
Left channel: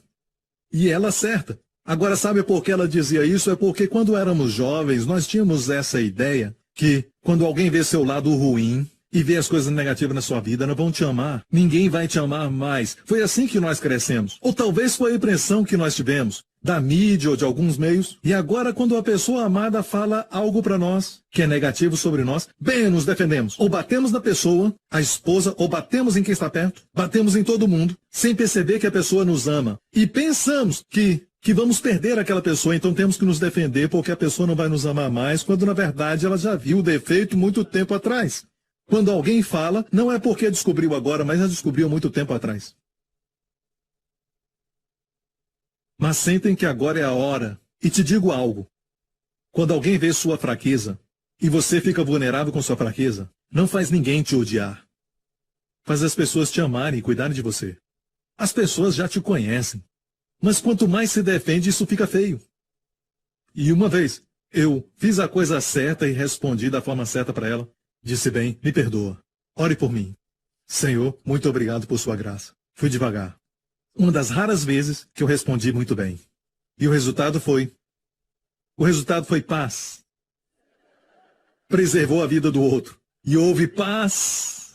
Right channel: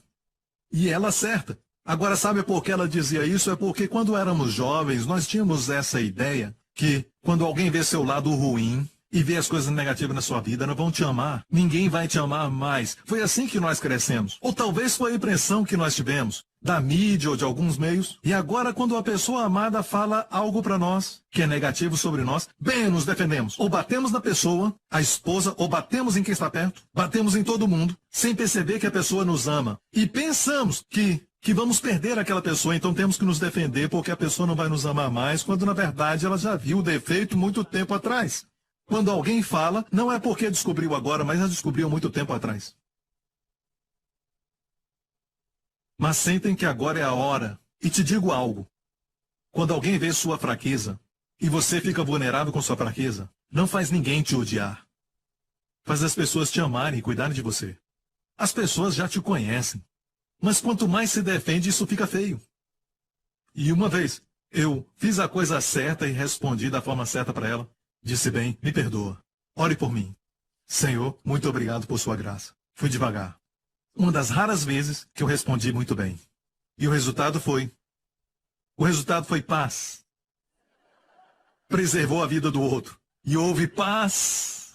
E ela certa. Agora, sabe por que ela dizia isso? É porque quando éramos jovens, nós tínhamos essa ideia que quando alguém vê seu lado ruim e vê as coisas negativas na sua vida, não vão te amar. Ninguém vai te amar mais. Foi assim que nós crescemos. Ou talvez foi a impressão que nós tivemos da mídia ou de alguns meios. E agora, quando a pessoa amada fala algo para nós que é negativo sobre nós, bem, nos defendemos. Ou batemos na pessoa, a esposa, ou batemos em quem está perto, batemos em todo mundo, sem perceber que a pessoa nos ama. E pensamos que vamos perder aquela pessoa, então temos que nos defender porque a pessoa não vai nos amar mais, quando na verdade ela já viu o defeito muito tempo atrás. Quando alguém fala, não é porque descobriu agora, mas já descobriu muito tempo atrás. Mas sentem que agora é a hora. E te digo algo. Quando alguém vê sua fraqueza, e você fica vulnerável com sua fraqueza, não faz ninguém te odiar. Faz as pessoas te amarem e cuidarem de você. As pessoas já te conhecem. Mas quanto mais se defende, isso fica feio. E uma vez, eu fiz a coisa certa e respondi da forma certa para ela. Disse: bem, me perdoa. Ore por mim. Senhor, muito obrigado por sua graça. Fui devagar. Uma das raras vezes que eu respondi muito bem. E o resultado foi paz. Preservou a vida do outro. E houve paz.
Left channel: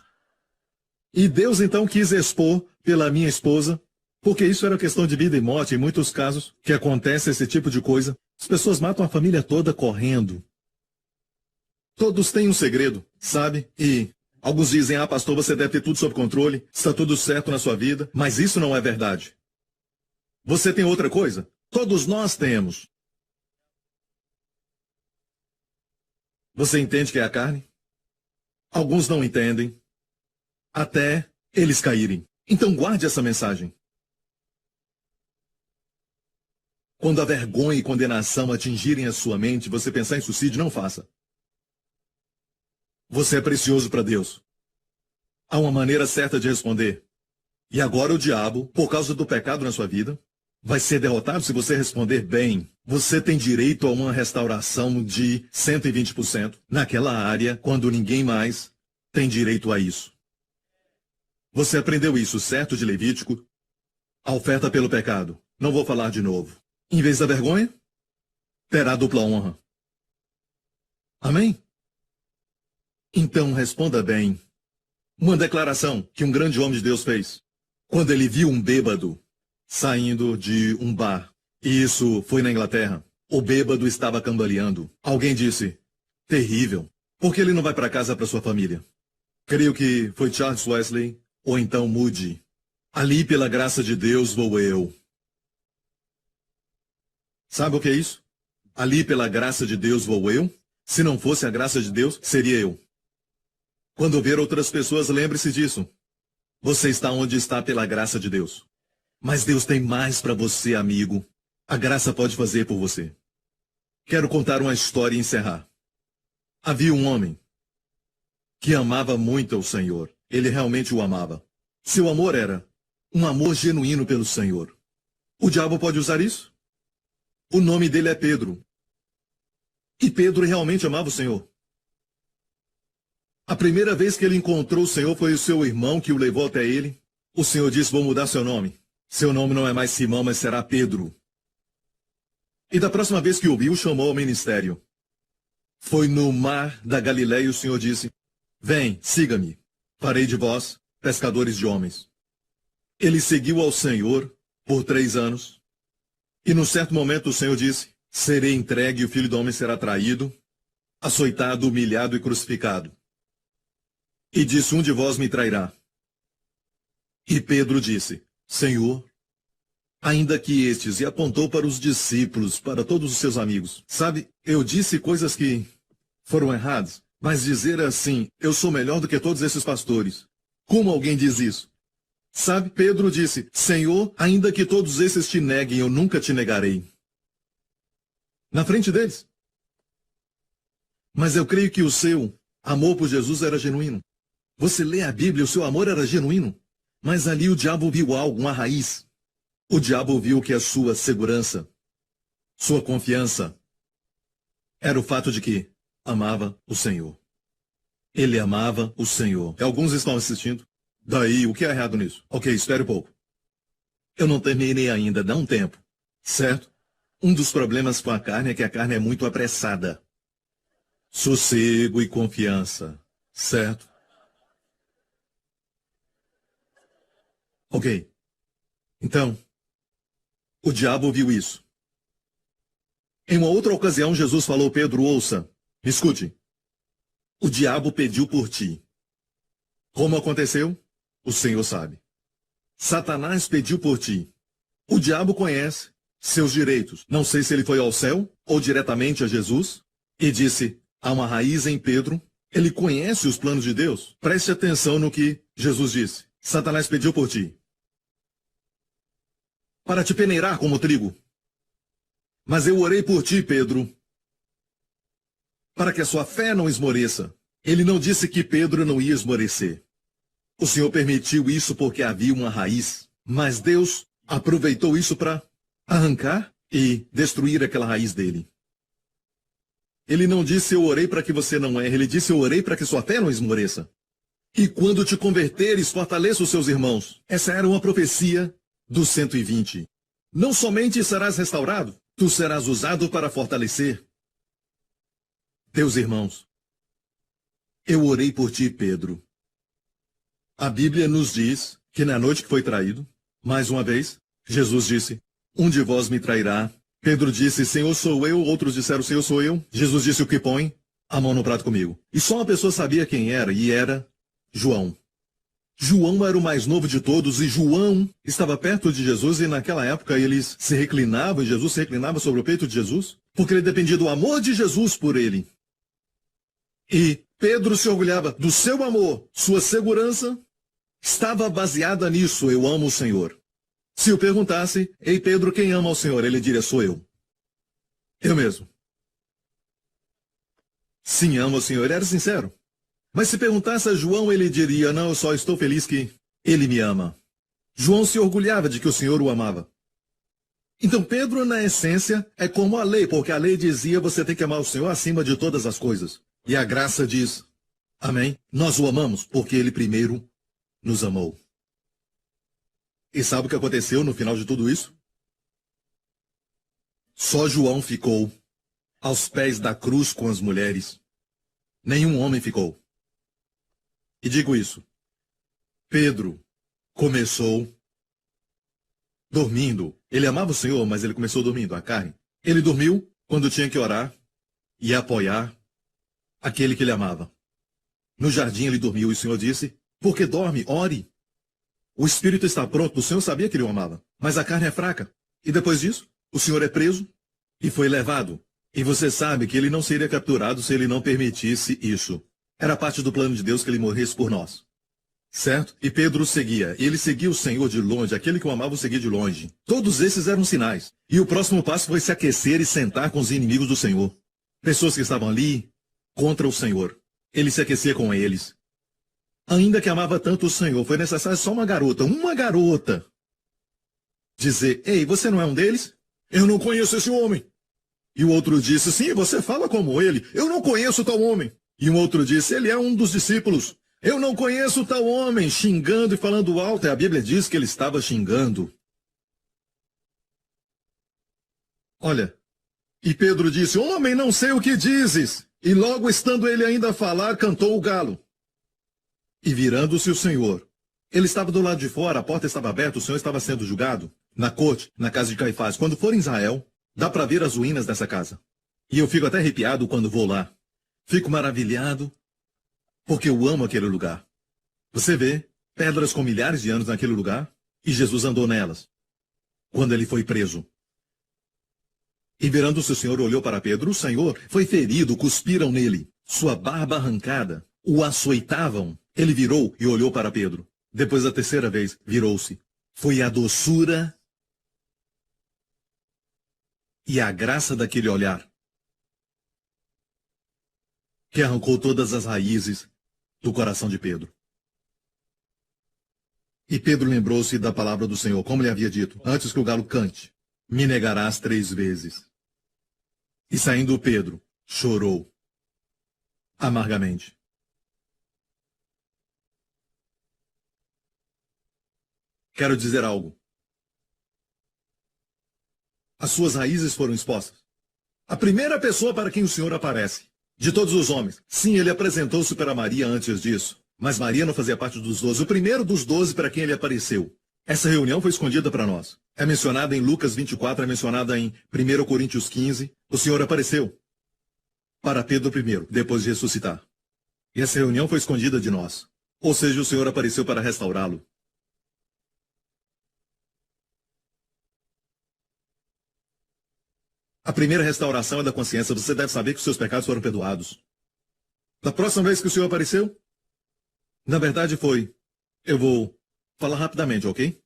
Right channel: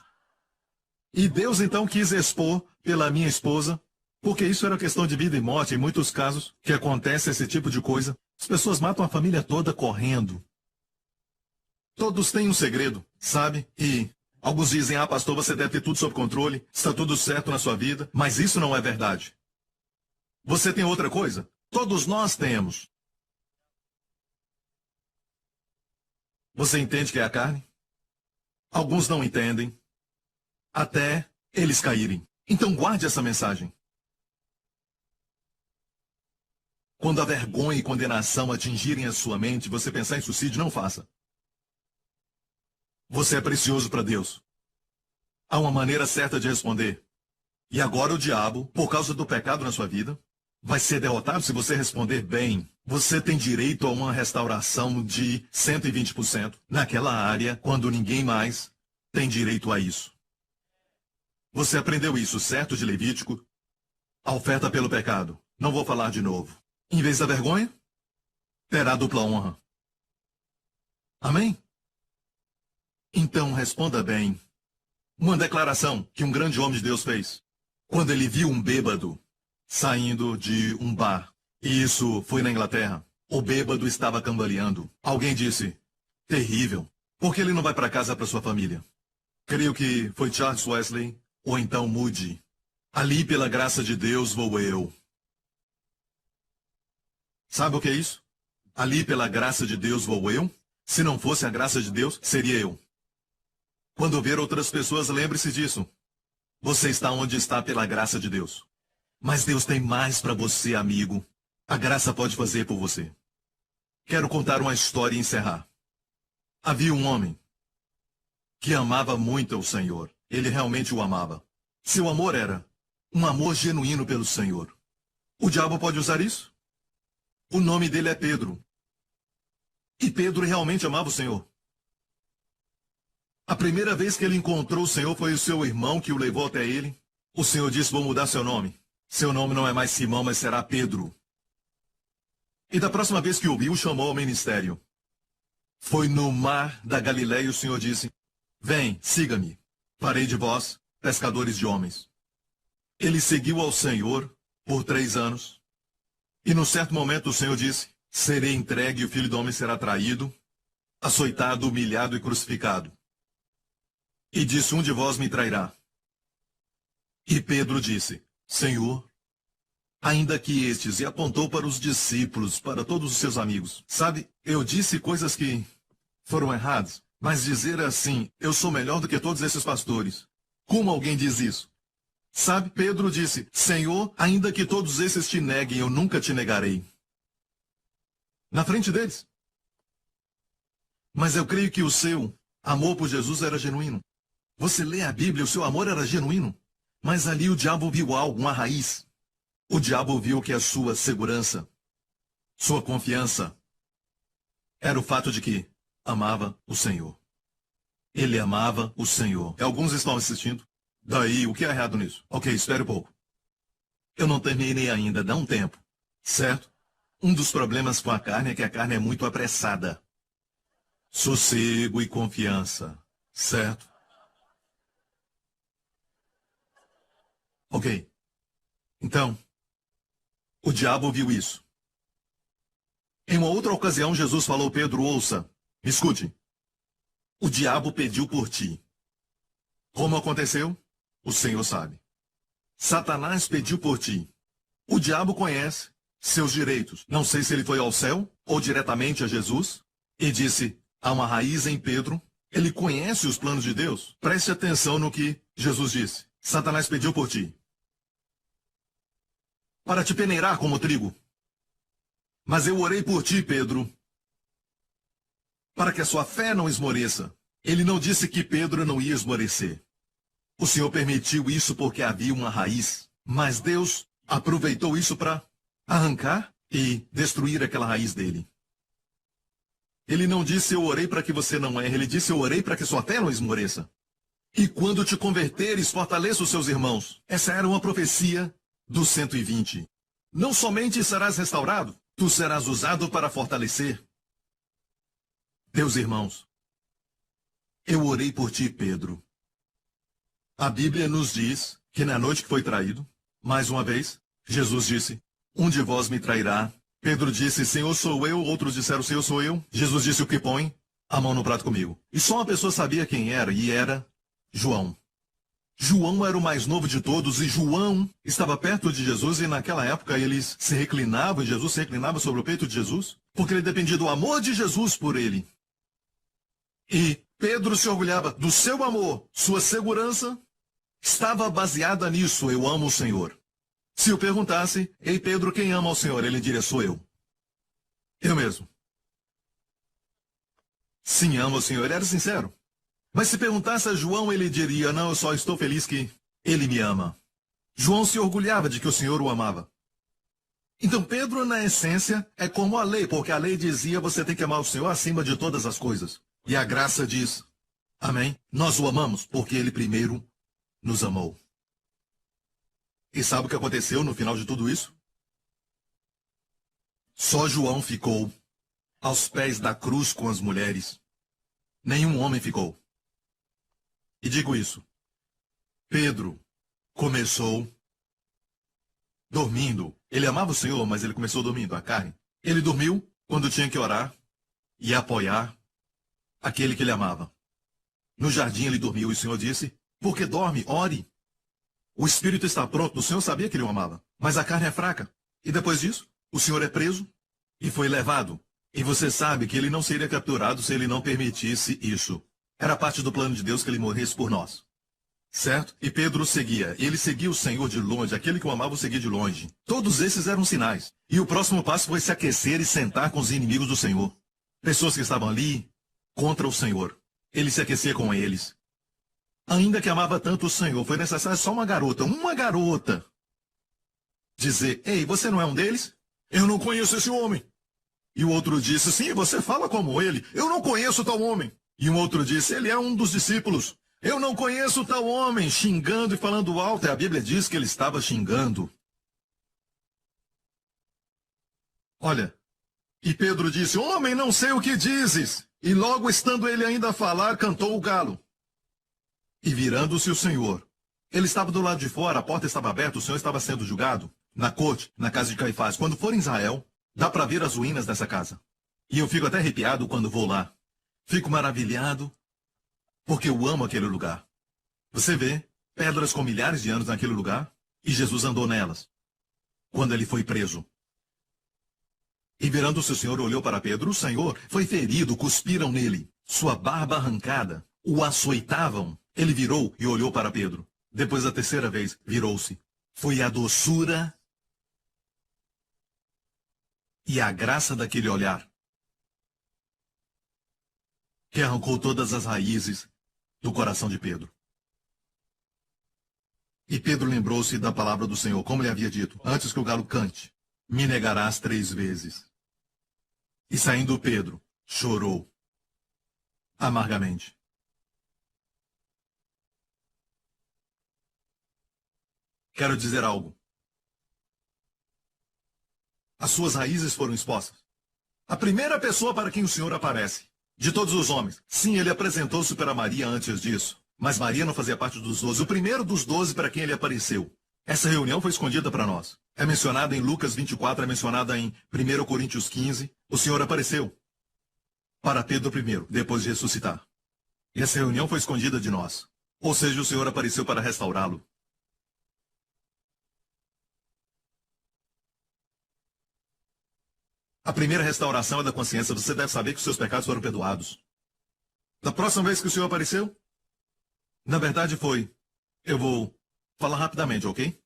E Deus então quis expor pela minha esposa, porque isso era questão de vida e morte, em muitos casos que acontece esse tipo de coisa. As pessoas matam a família toda correndo. Todos têm um segredo, sabe? E alguns dizem: ah, pastor, você deve ter tudo sob controle, está tudo certo na sua vida, mas isso não é verdade. Você tem outra coisa? Todos nós temos. Você entende que é a carne? Alguns não entendem, até eles caírem. Então guarde essa mensagem. Quando a vergonha e condenação atingirem a sua mente, você pensar em suicídio, não faça. Você é precioso para Deus. Há uma maneira certa de responder. E agora o diabo, por causa do pecado na sua vida, vai ser derrotado se você responder bem. Você tem direito a uma restauração de 120% naquela área, quando ninguém mais tem direito a isso. Você aprendeu isso, certo, de Levítico? A oferta pelo pecado. Não vou falar de novo. Em vez da vergonha, terá dupla honra. Amém? Então responda bem. Uma declaração que um grande homem de Deus fez. Quando ele viu um bêbado saindo de um bar. E isso foi na Inglaterra. O bêbado estava cambaleando. Alguém disse: terrível. Por que ele não vai para casa para sua família? Creio que foi Charles Wesley ou então Moody. Ali pela graça de Deus vou eu. Sabe o que é isso? Ali pela graça de Deus vou eu? Se não fosse a graça de Deus, seria eu. Quando ver outras pessoas, lembre-se disso. Você está onde está pela graça de Deus. Mas Deus tem mais para você, amigo. A graça pode fazer por você. Quero contar uma história e encerrar. Havia um homem que amava muito ao Senhor. Ele realmente o amava. Seu amor era um amor genuíno pelo Senhor. O diabo pode usar isso? O nome dele é Pedro. E Pedro realmente amava o Senhor. A primeira vez que ele encontrou o Senhor foi o seu irmão que o levou até ele. O Senhor disse, vou mudar seu nome. Seu nome não é mais Simão, mas será Pedro. E da próxima vez que o viu, chamou ao ministério. Foi no mar da Galileia e o Senhor disse, vem, siga-me. Farei de vós pescadores de homens. Ele seguiu ao Senhor por 3 anos. E num certo momento o Senhor disse, serei entregue e o Filho do Homem será traído, açoitado, humilhado e crucificado. E disse, um de vós me trairá. E Pedro disse, Senhor, ainda que estes, e apontou para os discípulos, para todos os seus amigos. Sabe, eu disse coisas que foram erradas, mas dizer assim, eu sou melhor do que todos esses pastores. Como alguém diz isso? Sabe, Pedro disse, Senhor, ainda que todos esses te neguem, eu nunca te negarei. Na frente deles. Mas eu creio que o seu amor por Jesus era genuíno. Você lê a Bíblia, o seu amor era genuíno. Mas ali o diabo viu algo, uma raiz. O diabo viu que a sua segurança, sua confiança, era o fato de que amava o Senhor. Ele amava o Senhor. E alguns estão assistindo. Daí, o que é errado nisso? Ok, espere um pouco. Eu não terminei ainda, dá um tempo. Certo? Um dos problemas com a carne é que a carne é muito apressada. Sossego e confiança. Certo? Ok. Então, o diabo viu isso. Em uma outra ocasião, Jesus falou, Pedro, ouça, me escute. O diabo pediu por ti. Como aconteceu? O Senhor sabe. Satanás pediu por ti. O diabo conhece seus direitos. Não sei se ele foi ao céu ou diretamente a Jesus e disse, há uma raiz em Pedro. Ele conhece os planos de Deus. Preste atenção no que Jesus disse. Satanás pediu por ti. Para te peneirar como trigo. Mas eu orei por ti, Pedro, para que a sua fé não esmoreça. Ele não disse que Pedro não ia esmorecer. O Senhor permitiu isso porque havia uma raiz. Mas Deus aproveitou isso para arrancar e destruir aquela raiz dele. Ele não disse, eu orei para que você não erre. Ele disse, eu orei para que sua fé não esmoreça. E quando te converteres, fortaleça os seus irmãos. Essa era uma profecia do 120. Não somente serás restaurado, tu serás usado para fortalecer teus irmãos. Eu orei por ti, Pedro. A Bíblia nos diz que na noite que foi traído, mais uma vez, Jesus disse, um de vós me trairá. Pedro disse, Senhor, sou eu. Outros disseram, Senhor, sou eu. Jesus disse, o que põe a mão no prato comigo. E só uma pessoa sabia quem era, e era João. João era o mais novo de todos, e João estava perto de Jesus, e naquela época eles se reclinavam, e Jesus se reclinava sobre o peito de Jesus, porque ele dependia do amor de Jesus por ele. E Pedro se orgulhava do seu amor, sua segurança estava baseada nisso, eu amo o Senhor. Se eu perguntasse, ei Pedro, quem ama o Senhor? Ele diria, sou eu. Eu mesmo. Sim, amo o Senhor, ele era sincero. Mas se perguntasse a João, ele diria, não, eu só estou feliz que ele me ama. João se orgulhava de que o Senhor o amava. Então Pedro, na essência, é como a lei, porque a lei dizia, você tem que amar o Senhor acima de todas as coisas. E a graça diz, amém? Nós o amamos porque ele primeiro nos amou. E sabe o que aconteceu no final de tudo isso? Só João ficou aos pés da cruz com as mulheres. Nenhum homem ficou. E digo isso. Pedro começou dormindo. Ele amava o Senhor, mas ele começou dormindo, a carne. Ele dormiu quando tinha que orar e apoiar aquele que ele amava. No jardim ele dormiu e o Senhor disse, porque dorme, ore. O espírito está pronto, o Senhor sabia que ele o amava, mas a carne é fraca. E depois disso, o Senhor é preso e foi levado. E você sabe que ele não seria capturado se ele não permitisse isso. Era parte do plano de Deus que ele morresse por nós. Certo? E Pedro seguia. E ele seguia o Senhor de longe. Aquele que o amava o seguia de longe. Todos esses eram sinais. E o próximo passo foi se aquecer e sentar com os inimigos do Senhor. Pessoas que estavam ali contra o Senhor. Ele se aquecia com eles. Ainda que amava tanto o Senhor, foi necessário só uma garota, dizer: ei, você não é um deles? Eu não conheço esse homem. E o outro disse: sim, você fala como ele. Eu não conheço tal homem. E um outro disse: ele é um dos discípulos. Eu não conheço tal homem, xingando e falando alto. E a Bíblia diz que ele estava xingando. Olha, e Pedro disse: homem, não sei o que dizes. E logo estando ele ainda a falar, cantou o galo. E virando-se o Senhor, ele estava do lado de fora, a porta estava aberta, o Senhor estava sendo julgado, na corte, na casa de Caifás. Quando for em Israel, dá para ver as ruínas dessa casa. E eu fico até arrepiado quando vou lá. Fico maravilhado, porque eu amo aquele lugar. Você vê pedras com milhares de anos naquele lugar, e Jesus andou nelas, quando ele foi preso. E virando-se o Senhor, olhou para Pedro. O Senhor foi ferido, cuspiram nele. Sua barba arrancada, o açoitavam. Ele virou e olhou para Pedro. Depois, a terceira vez, virou-se. Foi a doçura e a graça daquele olhar que arrancou todas as raízes do coração de Pedro. E Pedro lembrou-se da palavra do Senhor, como ele havia dito: antes que o galo cante, me negarás 3 vezes. E saindo Pedro, chorou amargamente. Quero dizer algo. As suas raízes foram expostas. A primeira pessoa para quem o Senhor aparece, de todos os homens. Sim, ele apresentou-se para Maria antes disso, mas Maria não fazia parte dos 12. O primeiro dos 12 para quem ele apareceu. Essa reunião foi escondida para nós. É mencionada em Lucas 24, é mencionada em 1 Coríntios 15. O Senhor apareceu para Pedro primeiro, depois de ressuscitar. Essa reunião foi escondida de nós. Ou seja, o Senhor apareceu para restaurá-lo. A primeira restauração é da consciência. Você deve saber que os seus pecados foram perdoados. Da próxima vez que o Senhor apareceu, na verdade foi... Eu vou falar rapidamente, ok?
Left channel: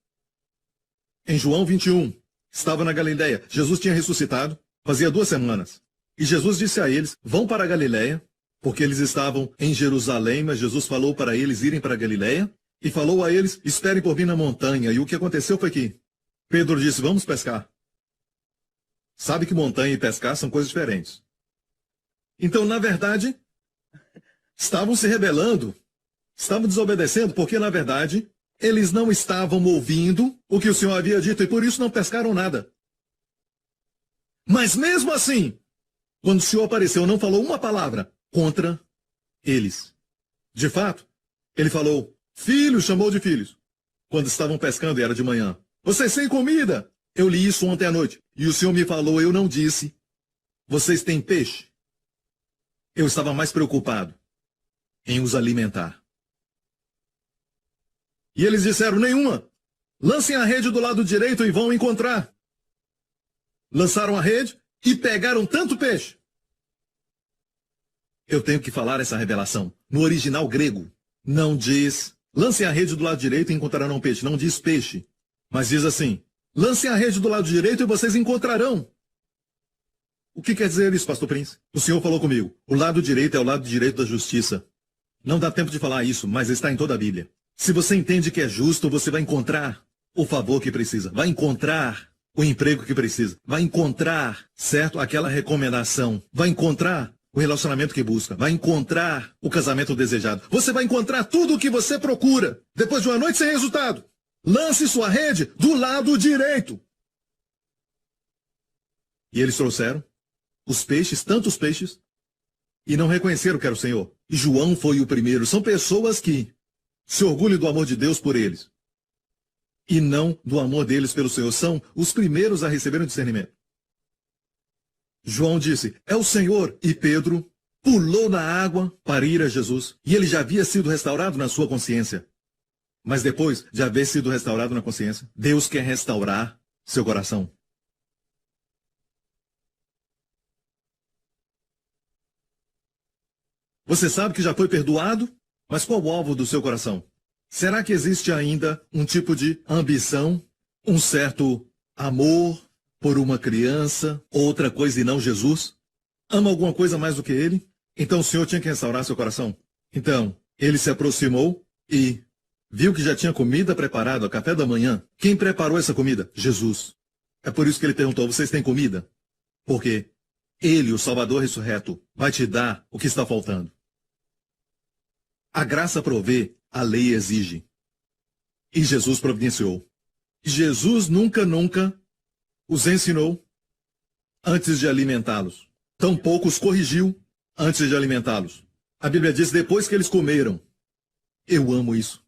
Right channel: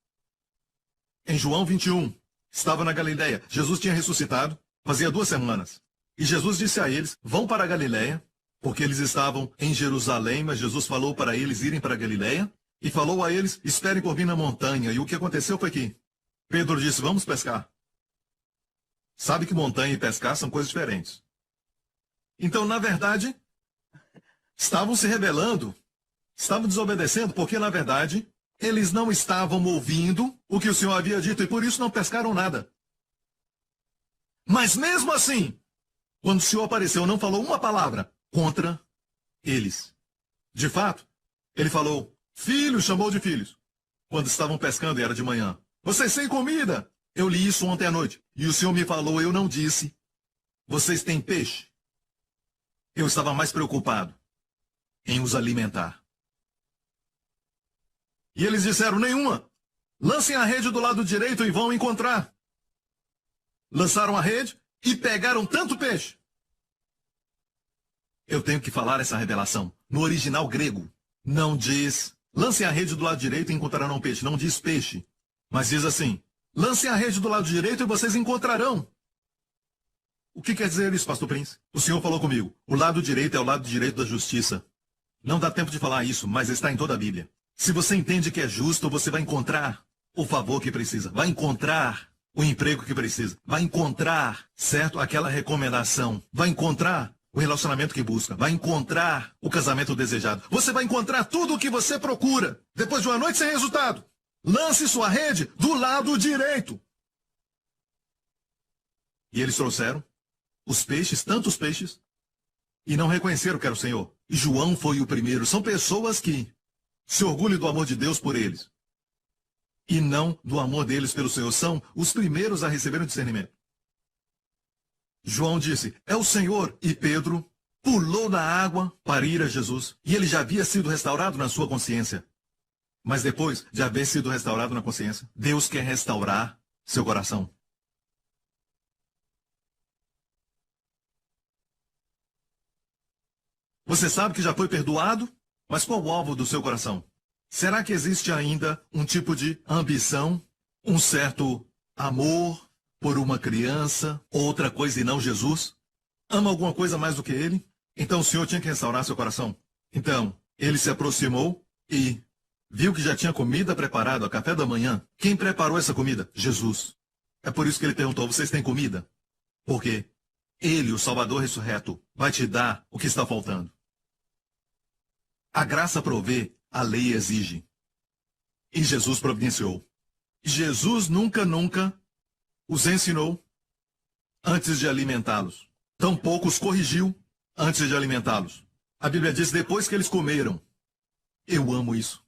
Em João 21, estava na Galileia. Jesus tinha ressuscitado, fazia 2 semanas. E Jesus disse a eles: vão para a Galileia, porque eles estavam em Jerusalém, mas Jesus falou para eles irem para a Galileia, e falou a eles: esperem por mim na montanha. E o que aconteceu foi que Pedro disse: vamos pescar. Sabe que montanha e pescar são coisas diferentes. Então, na verdade, estavam se rebelando, estavam desobedecendo, porque, na verdade, eles não estavam ouvindo o que o Senhor havia dito, e por isso não pescaram nada. Mas mesmo assim, quando o Senhor apareceu, não falou uma palavra contra eles. De fato, ele falou: filhos, chamou de filhos, quando estavam pescando e era de manhã. Vocês têm comida? Eu li isso ontem à noite. E o Senhor me falou, eu não disse: vocês têm peixe? Eu estava mais preocupado em os alimentar. E eles disseram: nenhuma. Lancem a rede do lado direito e vão encontrar. Lançaram a rede e pegaram tanto peixe. Eu tenho que falar essa revelação. No original grego, não diz: lancem a rede do lado direito e encontrarão peixe. Não diz peixe, mas diz assim: lancem a rede do lado direito e vocês encontrarão. O que quer dizer isso, pastor Prince? O Senhor falou comigo: o lado direito é o lado direito da justiça. Não dá tempo de falar isso, mas está em toda a Bíblia. Se você entende que é justo, você vai encontrar o favor que precisa. Vai encontrar o emprego que precisa. Vai encontrar, certo, aquela recomendação. Vai encontrar o relacionamento que busca. Vai encontrar o casamento desejado. Você vai encontrar tudo o que você procura. Depois de uma noite sem resultado, lance sua rede do lado direito. E eles trouxeram os peixes, tantos peixes, e não reconheceram que era o Senhor. João foi o primeiro. São pessoas que se orgulham do amor de Deus por eles e não do amor deles pelo Senhor. São os primeiros a receber o discernimento. João disse: é o Senhor. E Pedro pulou na água para ir a Jesus. E ele já havia sido restaurado na sua consciência. Mas depois de haver sido restaurado na consciência, Deus quer restaurar seu coração. Você sabe que já foi perdoado, mas qual o alvo do seu coração? Será que existe ainda um tipo de ambição, um certo amor por uma criança, outra coisa e não Jesus? Ama alguma coisa mais do que ele? Então o Senhor tinha que restaurar seu coração. Então, ele se aproximou e viu que já tinha comida preparada, café da manhã. Quem preparou essa comida? Jesus. É por isso que ele perguntou, vocês têm comida? Porque ele, o Salvador ressurreto, vai te dar o que está faltando. A graça provê, a lei exige. E Jesus providenciou. Jesus nunca os ensinou antes de alimentá-los. Tampouco os corrigiu antes de alimentá-los. A Bíblia diz, depois que eles comeram. Eu amo isso.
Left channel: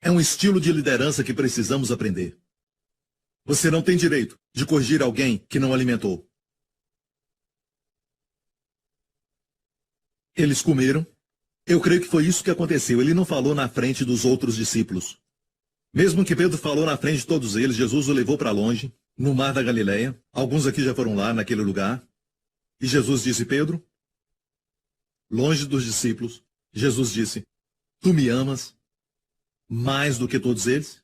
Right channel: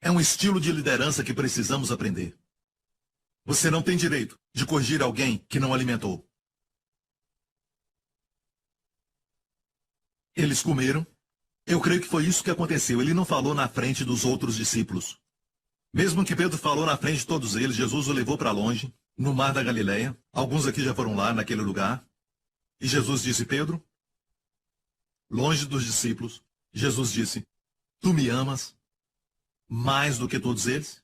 É um estilo de liderança que precisamos aprender. Você não tem direito de corrigir alguém que não alimentou. Eles comeram. Eu creio que foi isso que aconteceu. Ele não falou na frente dos outros discípulos. Mesmo que Pedro falou na frente de todos eles, Jesus o levou para longe, no mar da Galileia. Alguns aqui já foram lá, naquele lugar. E Jesus disse, Pedro, longe dos discípulos, Jesus disse, tu me amas mais do que todos eles?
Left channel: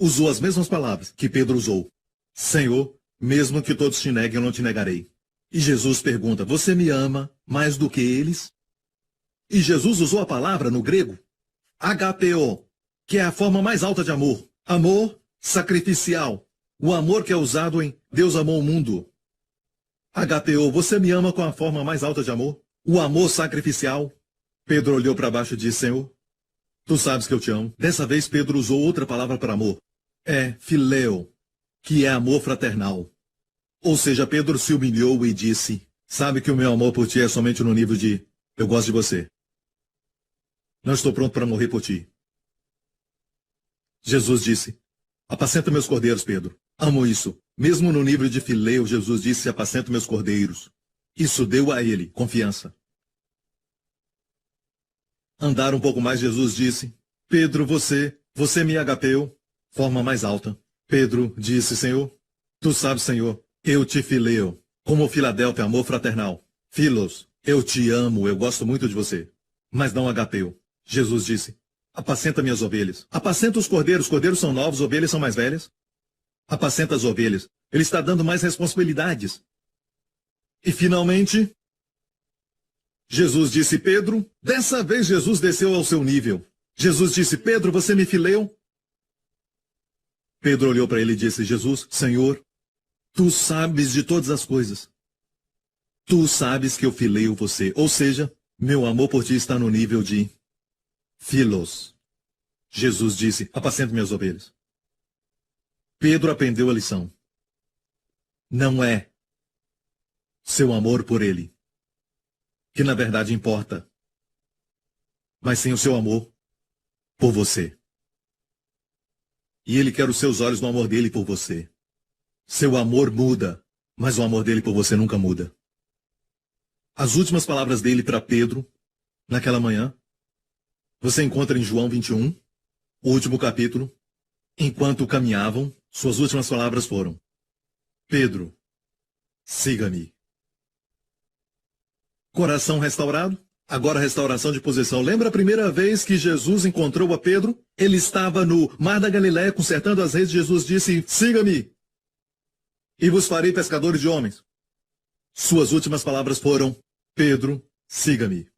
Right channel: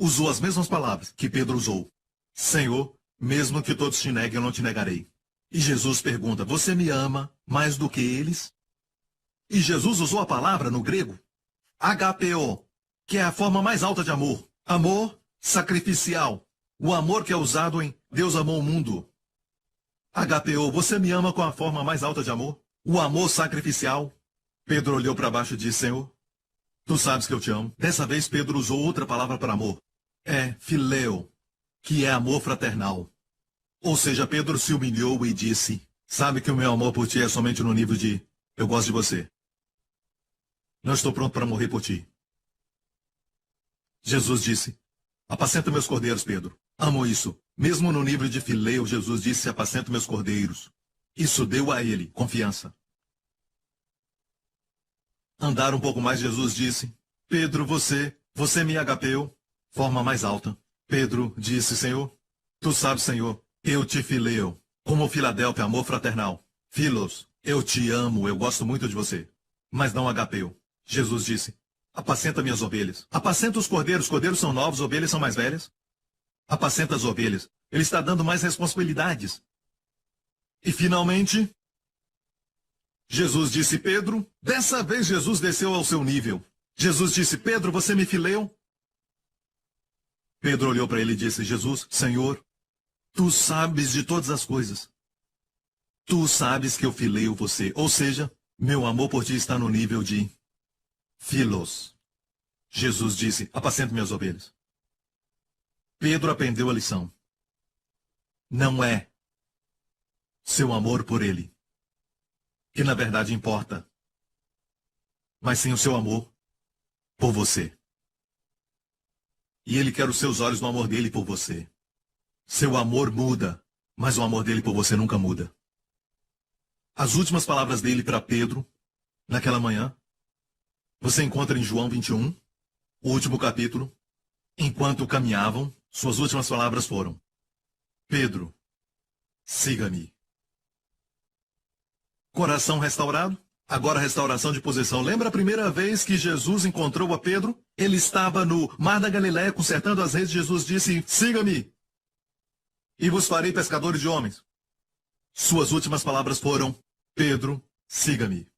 Usou as mesmas palavras que Pedro usou. Senhor, mesmo que todos te neguem, eu não te negarei. E Jesus pergunta, você me ama mais do que eles? E Jesus usou a palavra no grego, HPO, que é a forma mais alta de amor. Amor sacrificial. O amor que é usado em Deus amou o mundo. HPO, você me ama com a forma mais alta de amor? O amor sacrificial. Pedro olhou para baixo e disse, Senhor, tu sabes que eu te amo. Dessa vez Pedro usou outra palavra para amor. É filéu, que é amor fraternal. Ou seja, Pedro se humilhou e disse, sabe que o meu amor por ti é somente no nível de eu gosto de você. Não estou pronto para morrer por ti. Jesus disse, apacenta meus cordeiros, Pedro. Amo isso. Mesmo no nível de filéu, Jesus disse, apacenta meus cordeiros. Isso deu a ele confiança. Andar um pouco mais, Jesus disse, Pedro, você me agapeou, forma mais alta. Pedro disse, Senhor, tu sabes, Senhor, eu te fileo, como Filadélfia, amor fraternal. Filos, eu te amo, eu gosto muito de você. Mas não agapeu. Jesus disse, apacenta minhas ovelhas. Apacenta os cordeiros. Cordeiros são novos, ovelhas são mais velhas. Apacenta as ovelhas. Ele está dando mais responsabilidades. E finalmente, Jesus disse, Pedro, dessa vez Jesus desceu ao seu nível. Jesus disse, Pedro, você me fileou? Pedro olhou para ele e disse, Jesus, Senhor, tu sabes de todas as coisas. Tu sabes que eu fileio você. Ou seja, meu amor por ti está no nível de filos. Jesus disse, apacenta minhas ovelhas. Pedro aprendeu a lição. Não é seu amor por ele que na verdade importa, mas sim o seu amor por você. E ele quer os seus olhos no amor dele por você. Seu amor muda, mas o amor dele por você nunca muda. As últimas palavras dele para Pedro, naquela manhã, você encontra em João 21, o último capítulo. Enquanto caminhavam, suas últimas palavras foram, Pedro, siga-me. Coração restaurado, agora restauração de posição. Lembra a primeira vez que Jesus encontrou a Pedro? Ele estava no mar da Galileia consertando as redes. Jesus disse, siga-me, e vos farei pescadores de homens. Suas últimas palavras foram, Pedro, siga-me.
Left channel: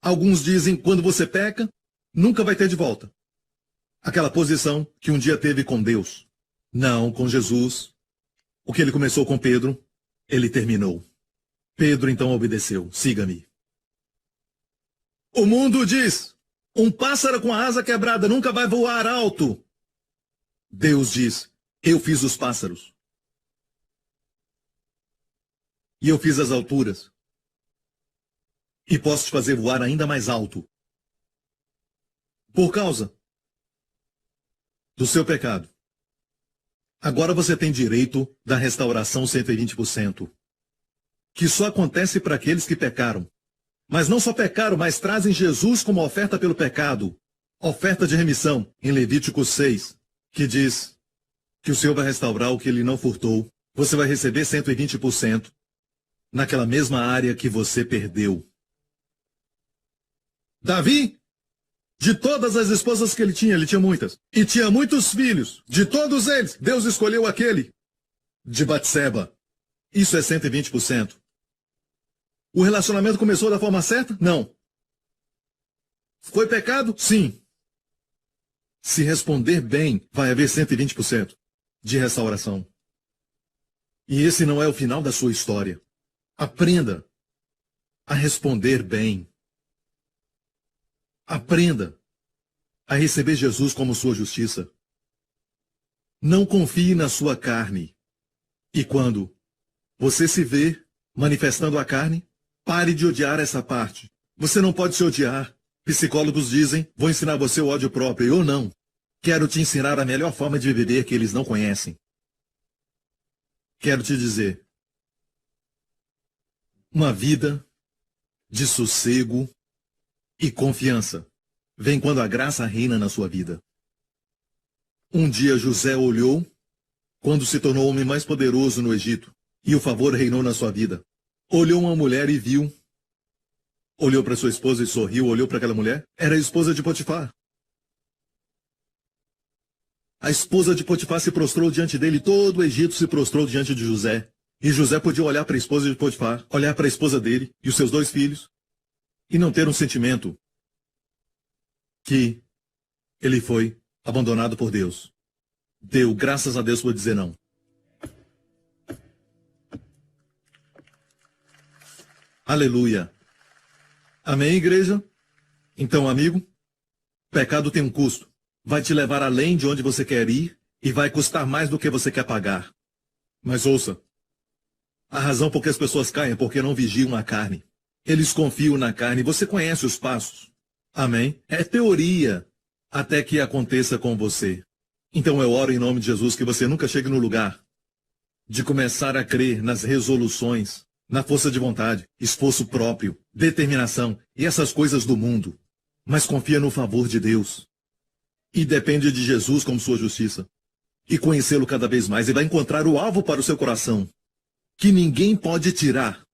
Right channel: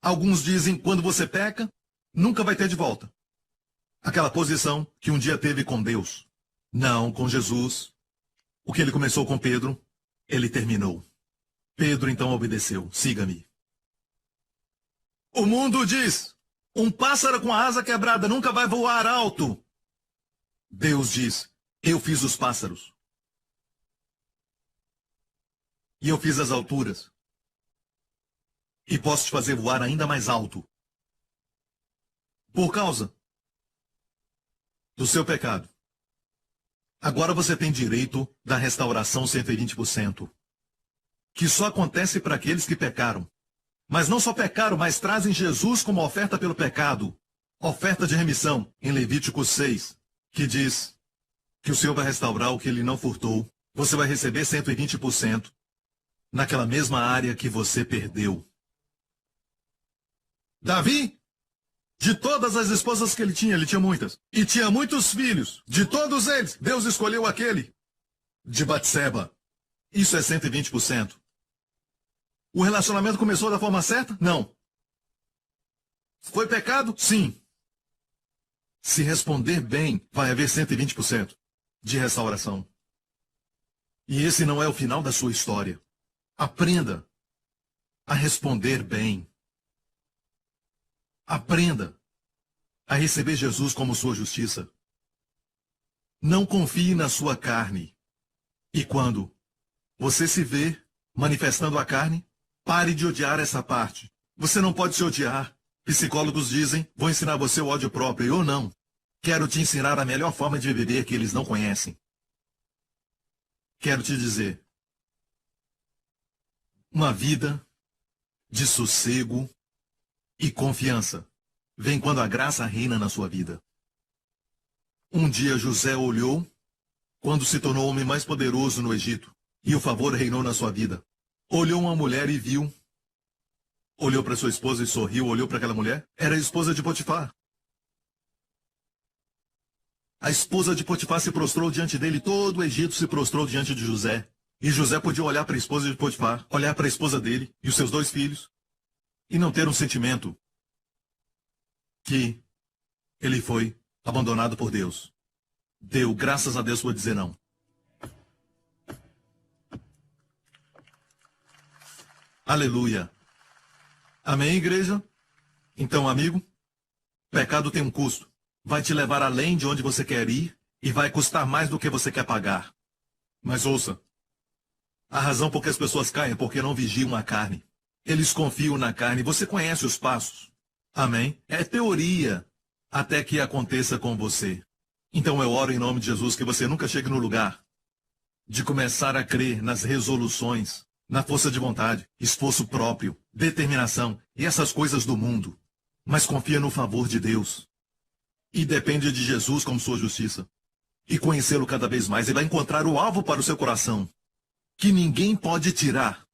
Alguns dizem, quando você peca, nunca vai ter de volta aquela posição que um dia teve com Deus. Não, com Jesus. O que ele começou com Pedro, ele terminou. Pedro então obedeceu, siga-me. O mundo diz, um pássaro com a asa quebrada nunca vai voar alto. Deus diz, eu fiz os pássaros. E eu fiz as alturas. E posso te fazer voar ainda mais alto. Por causa do seu pecado. Agora você tem direito da restauração 120%. Que só acontece para aqueles que pecaram. Mas não só pecaram, mas trazem Jesus como oferta pelo pecado. Oferta de remissão, em Levítico 6, que diz que o Senhor vai restaurar o que ele não furtou. Você vai receber 120% naquela mesma área que você perdeu. Davi, de todas as esposas que ele tinha muitas. E tinha muitos filhos. De todos eles, Deus escolheu aquele de Batseba. Isso é 120%. O relacionamento começou da forma certa? Não. Foi pecado? Sim. Se responder bem, vai haver 120% de restauração. E esse não é o final da sua história. Aprenda a responder bem. Aprenda a receber Jesus como sua justiça. Não confie na sua carne. E quando você se vê manifestando a carne, pare de odiar essa parte. Você não pode se odiar. Psicólogos dizem, vou ensinar você o ódio próprio. Eu não. Quero te ensinar a melhor forma de viver que eles não conhecem. Quero te dizer, uma vida de sossego e confiança vem quando a graça reina na sua vida. Um dia José olhou quando se tornou o homem mais poderoso no Egito e o favor reinou na sua vida. Olhou uma mulher e viu. Olhou para sua esposa e sorriu, olhou para aquela mulher. Era a esposa de Potifar. A esposa de Potifar se prostrou diante dele, todo o Egito se prostrou diante de José. E José podia olhar para a esposa de Potifar, olhar para a esposa dele e os seus 2 filhos, e não ter um sentimento que ele foi abandonado por Deus. Deu graças a Deus por dizer não. Aleluia. Amém, igreja? Então, amigo, pecado tem um custo. Vai te levar além de onde você quer ir e vai custar mais do que você quer pagar. Mas ouça, a razão por que as pessoas caem é porque não vigiam a carne. Eles confiam na carne. Você conhece os passos. Amém? É teoria até que aconteça com você. Então eu oro em nome de Jesus que você nunca chegue no lugar de começar a crer nas resoluções, na força de vontade, esforço próprio, determinação e essas coisas do mundo. Mas confia no favor de Deus. E depende de Jesus como sua justiça. E conhecê-lo cada vez mais. E vai encontrar o alvo para o seu coração, que ninguém pode tirar.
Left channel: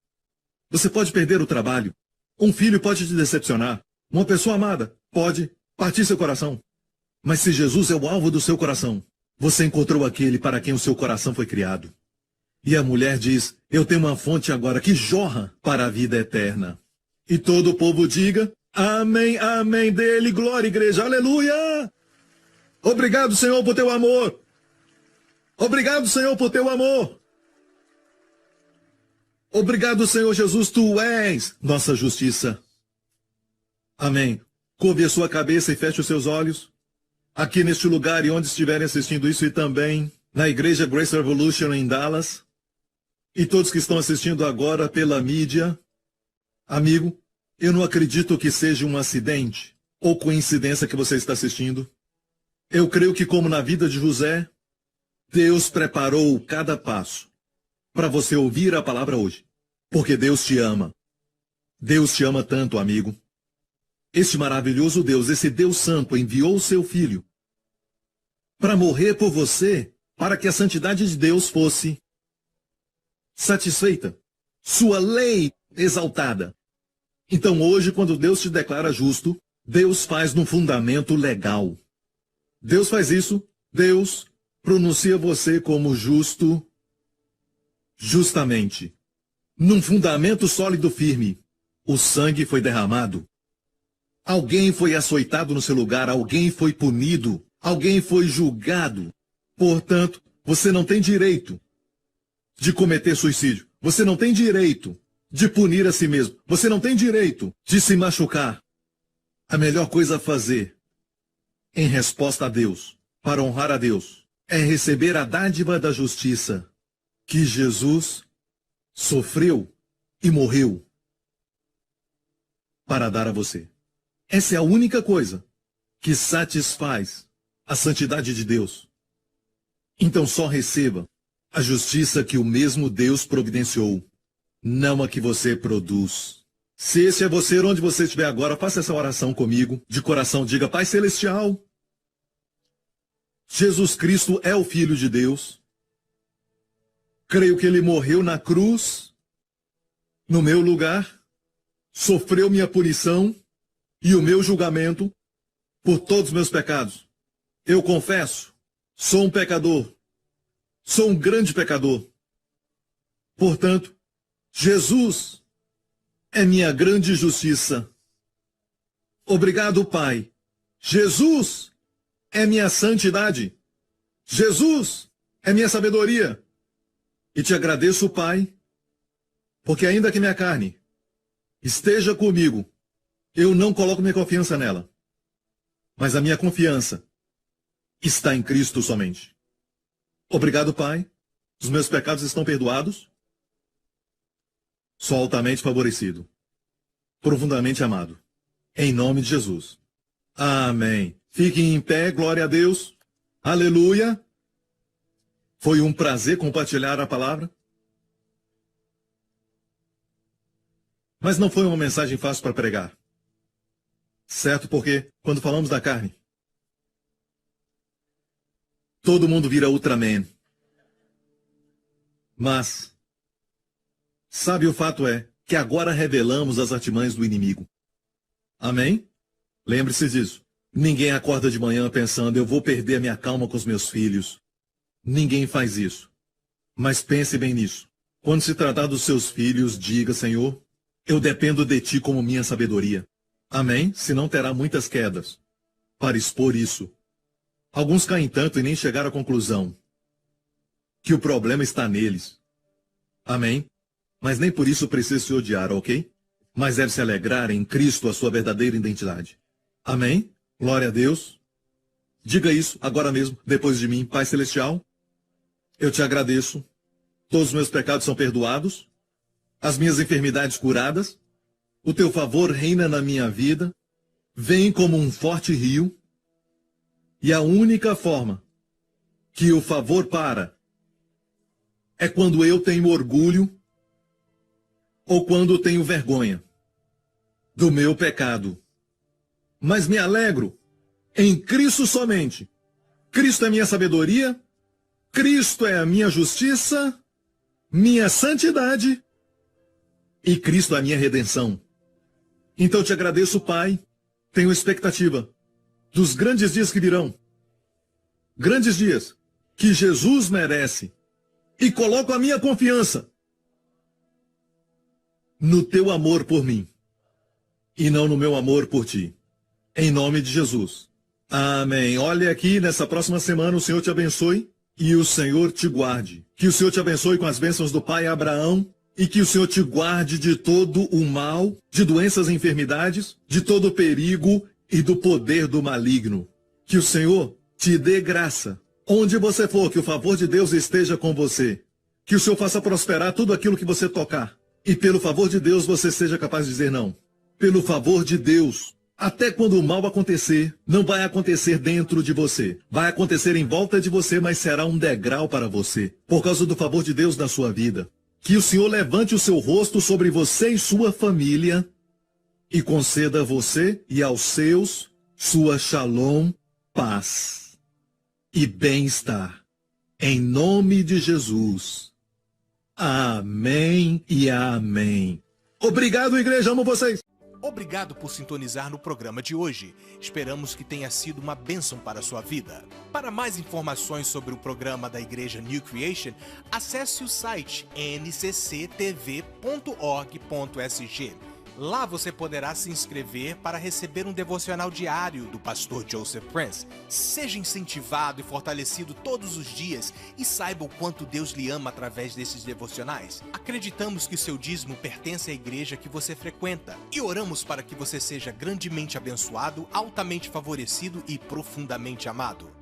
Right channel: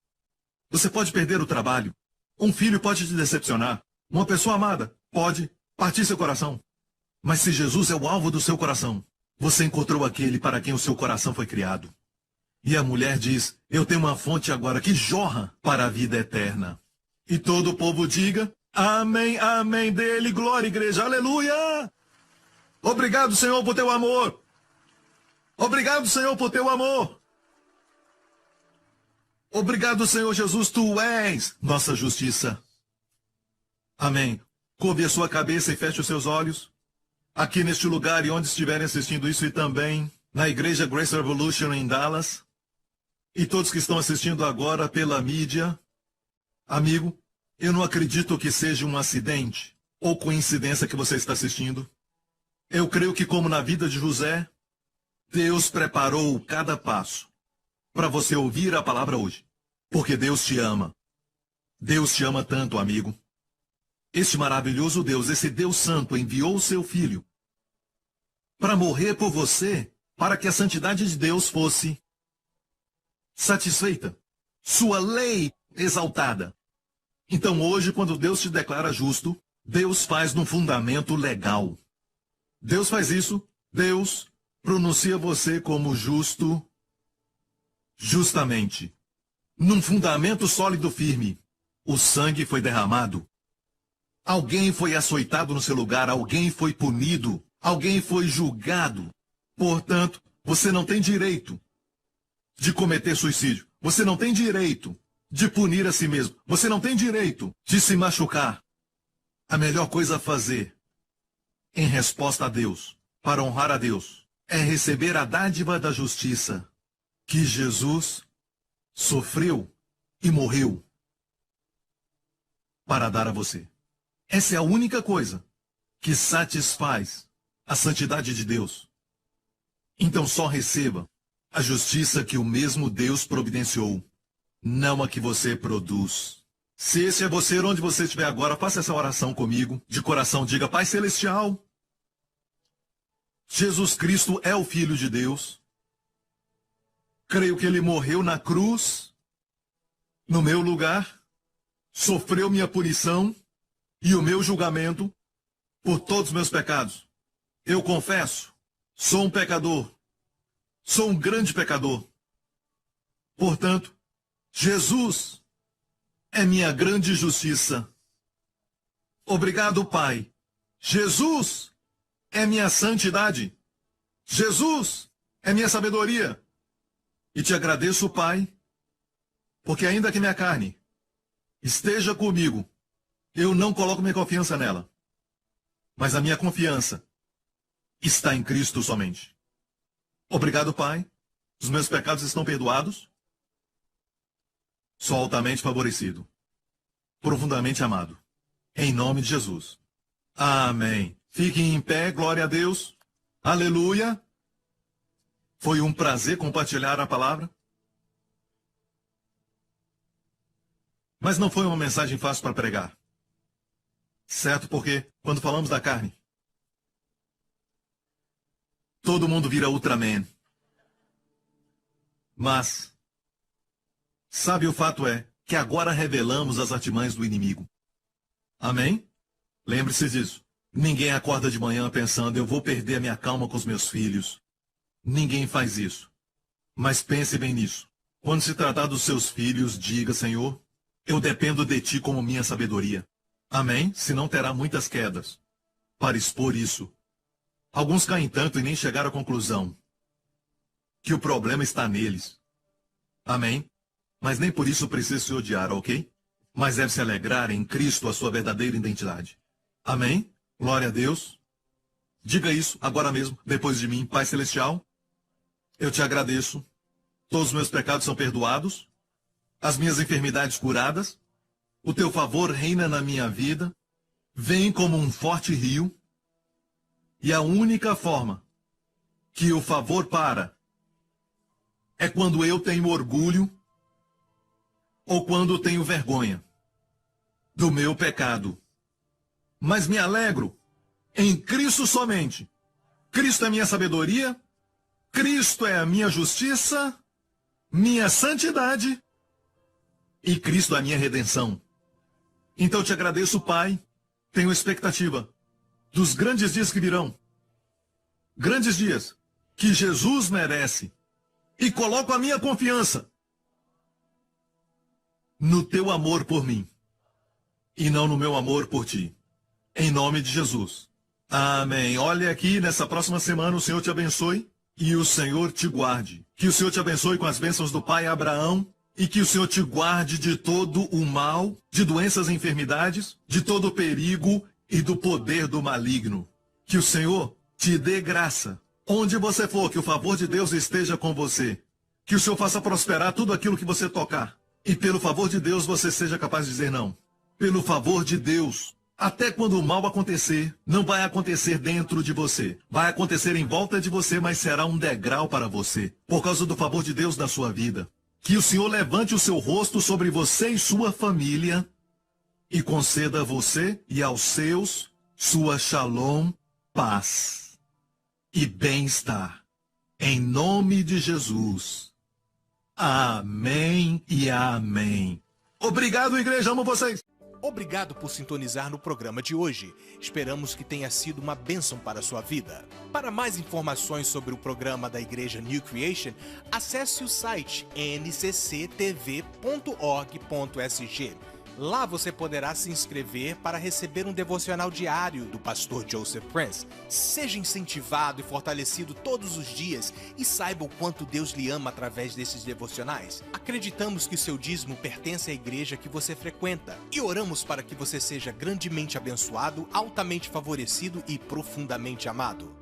Você pode perder o trabalho. Um filho pode te decepcionar. Uma pessoa amada pode partir seu coração. Mas se Jesus é o alvo do seu coração, você encontrou aquele para quem o seu coração foi criado. E a mulher diz, eu tenho uma fonte agora que jorra para a vida eterna. E todo o povo diga, amém, amém, dele, glória, igreja, aleluia! Obrigado, Senhor, por teu amor. Obrigado, Senhor, por teu amor. Obrigado, Senhor Jesus, tu és nossa justiça. Amém. Curve a sua cabeça e feche os seus olhos. Aqui neste lugar e onde estiverem assistindo isso e também na Igreja Grace Revolution em Dallas. E todos que estão assistindo agora pela mídia. Amigo, eu não acredito que seja um acidente ou coincidência que você está assistindo. Eu creio que, como na vida de José, Deus preparou cada passo para você ouvir a palavra hoje. Porque Deus te ama. Deus te ama tanto, amigo. Este maravilhoso Deus, esse Deus Santo, enviou o seu Filho para morrer por você, para que a santidade de Deus fosse satisfeita, sua lei exaltada. Então hoje, quando Deus te declara justo, Deus faz num fundamento legal. Deus faz isso, Deus pronuncia você como justo, justamente. Num fundamento sólido firme, o sangue foi derramado. Alguém foi açoitado no seu lugar, alguém foi punido, alguém foi julgado. Portanto, você não tem direito de cometer suicídio. Você não tem direito de punir a si mesmo. Você não tem direito de se machucar. A melhor coisa a fazer, em resposta a Deus, para honrar a Deus, é receber a dádiva da justiça que Jesus sofreu e morreu para dar a você. Essa é a única coisa que satisfaz a santidade de Deus. Então só receba a justiça que o mesmo Deus providenciou, não a que você produz. Se esse é você, onde você estiver agora, faça essa oração comigo, de coração, diga, Pai Celestial, Jesus Cristo é o Filho de Deus. Creio que Ele morreu na cruz, no meu lugar, sofreu minha punição e o meu julgamento por todos os meus pecados. Eu confesso, sou um pecador, sou um grande pecador. Portanto, Jesus é minha grande justiça. Obrigado, Pai. Jesus é minha santidade. Jesus é minha sabedoria. E te agradeço, Pai, porque ainda que minha carne esteja comigo, eu não coloco minha confiança nela, mas a minha confiança está em Cristo somente. Obrigado, Pai. Os meus pecados estão perdoados. Sou altamente favorecido, profundamente amado. Em nome de Jesus. Amém. Fiquem em pé, glória a Deus. Aleluia. Foi um prazer compartilhar a palavra. Mas não foi uma mensagem fácil para pregar. Certo? Porque quando falamos da carne, todo mundo vira Ultraman. Mas, sabe, o fato é que agora revelamos as artimanhas do inimigo. Amém? Lembre-se disso. Ninguém acorda de manhã pensando, eu vou perder a minha calma com os meus filhos. Ninguém faz isso. Mas pense bem nisso. Quando se tratar dos seus filhos, diga, Senhor, eu dependo de Ti como minha sabedoria. Amém? Senão terá muitas quedas para expor isso. Alguns caem tanto e nem chegaram à conclusão que o problema está neles. Amém? Mas nem por isso precisa se odiar, ok? Mas deve se alegrar em Cristo, a sua verdadeira identidade. Amém? Glória a Deus. Diga isso agora mesmo, depois de mim. Pai Celestial, eu te agradeço. Todos os meus pecados são perdoados. As minhas enfermidades curadas. O teu favor reina na minha vida. Vem como um forte rio. E a única forma que o favor para é quando eu tenho orgulho ou quando tenho vergonha do meu pecado. Mas me alegro em Cristo somente. Cristo é minha sabedoria, Cristo é a minha justiça, minha santidade e Cristo é a minha redenção. Então te agradeço, Pai. Tenho expectativa dos grandes dias que virão. Grandes dias que Jesus merece. E coloco a minha confiança no teu amor por mim e não no meu amor por ti. Em nome de Jesus. Amém. Olha aqui, nessa próxima semana o Senhor te abençoe e o Senhor te guarde. Que o Senhor te abençoe com as bênçãos do Pai Abraão e que o Senhor te guarde de todo o mal, de doenças e enfermidades, de todo o perigo e do poder do maligno. Que o Senhor te dê graça. Onde você for, que o favor de Deus esteja com você. Que o Senhor faça prosperar tudo aquilo que você tocar. E pelo favor de Deus você seja capaz de dizer não. Pelo favor de Deus. Até quando o mal acontecer, não vai acontecer dentro de você. Vai acontecer em volta de você, mas será um degrau para você. Por causa do favor de Deus na sua vida. Que o Senhor levante o seu rosto sobre você e sua família. E conceda a você e aos seus sua shalom, paz e bem-estar. Em nome de Jesus. Amém e amém. Obrigado, igreja. Amo vocês. Obrigado por sintonizar no programa de hoje. Esperamos que tenha sido uma bênção para a sua vida. Para mais informações sobre o programa da Igreja New Creation, acesse o site ncctv.org.sg. Lá você poderá se inscrever para receber um devocional diário do pastor Joseph Prince. Seja incentivado e fortalecido todos os dias e saiba o quanto Deus lhe ama através desses devocionais. Acreditamos que o seu dízimo pertence à igreja que você frequenta e oramos para que você seja grandemente abençoado, altamente favorecido e profundamente amado.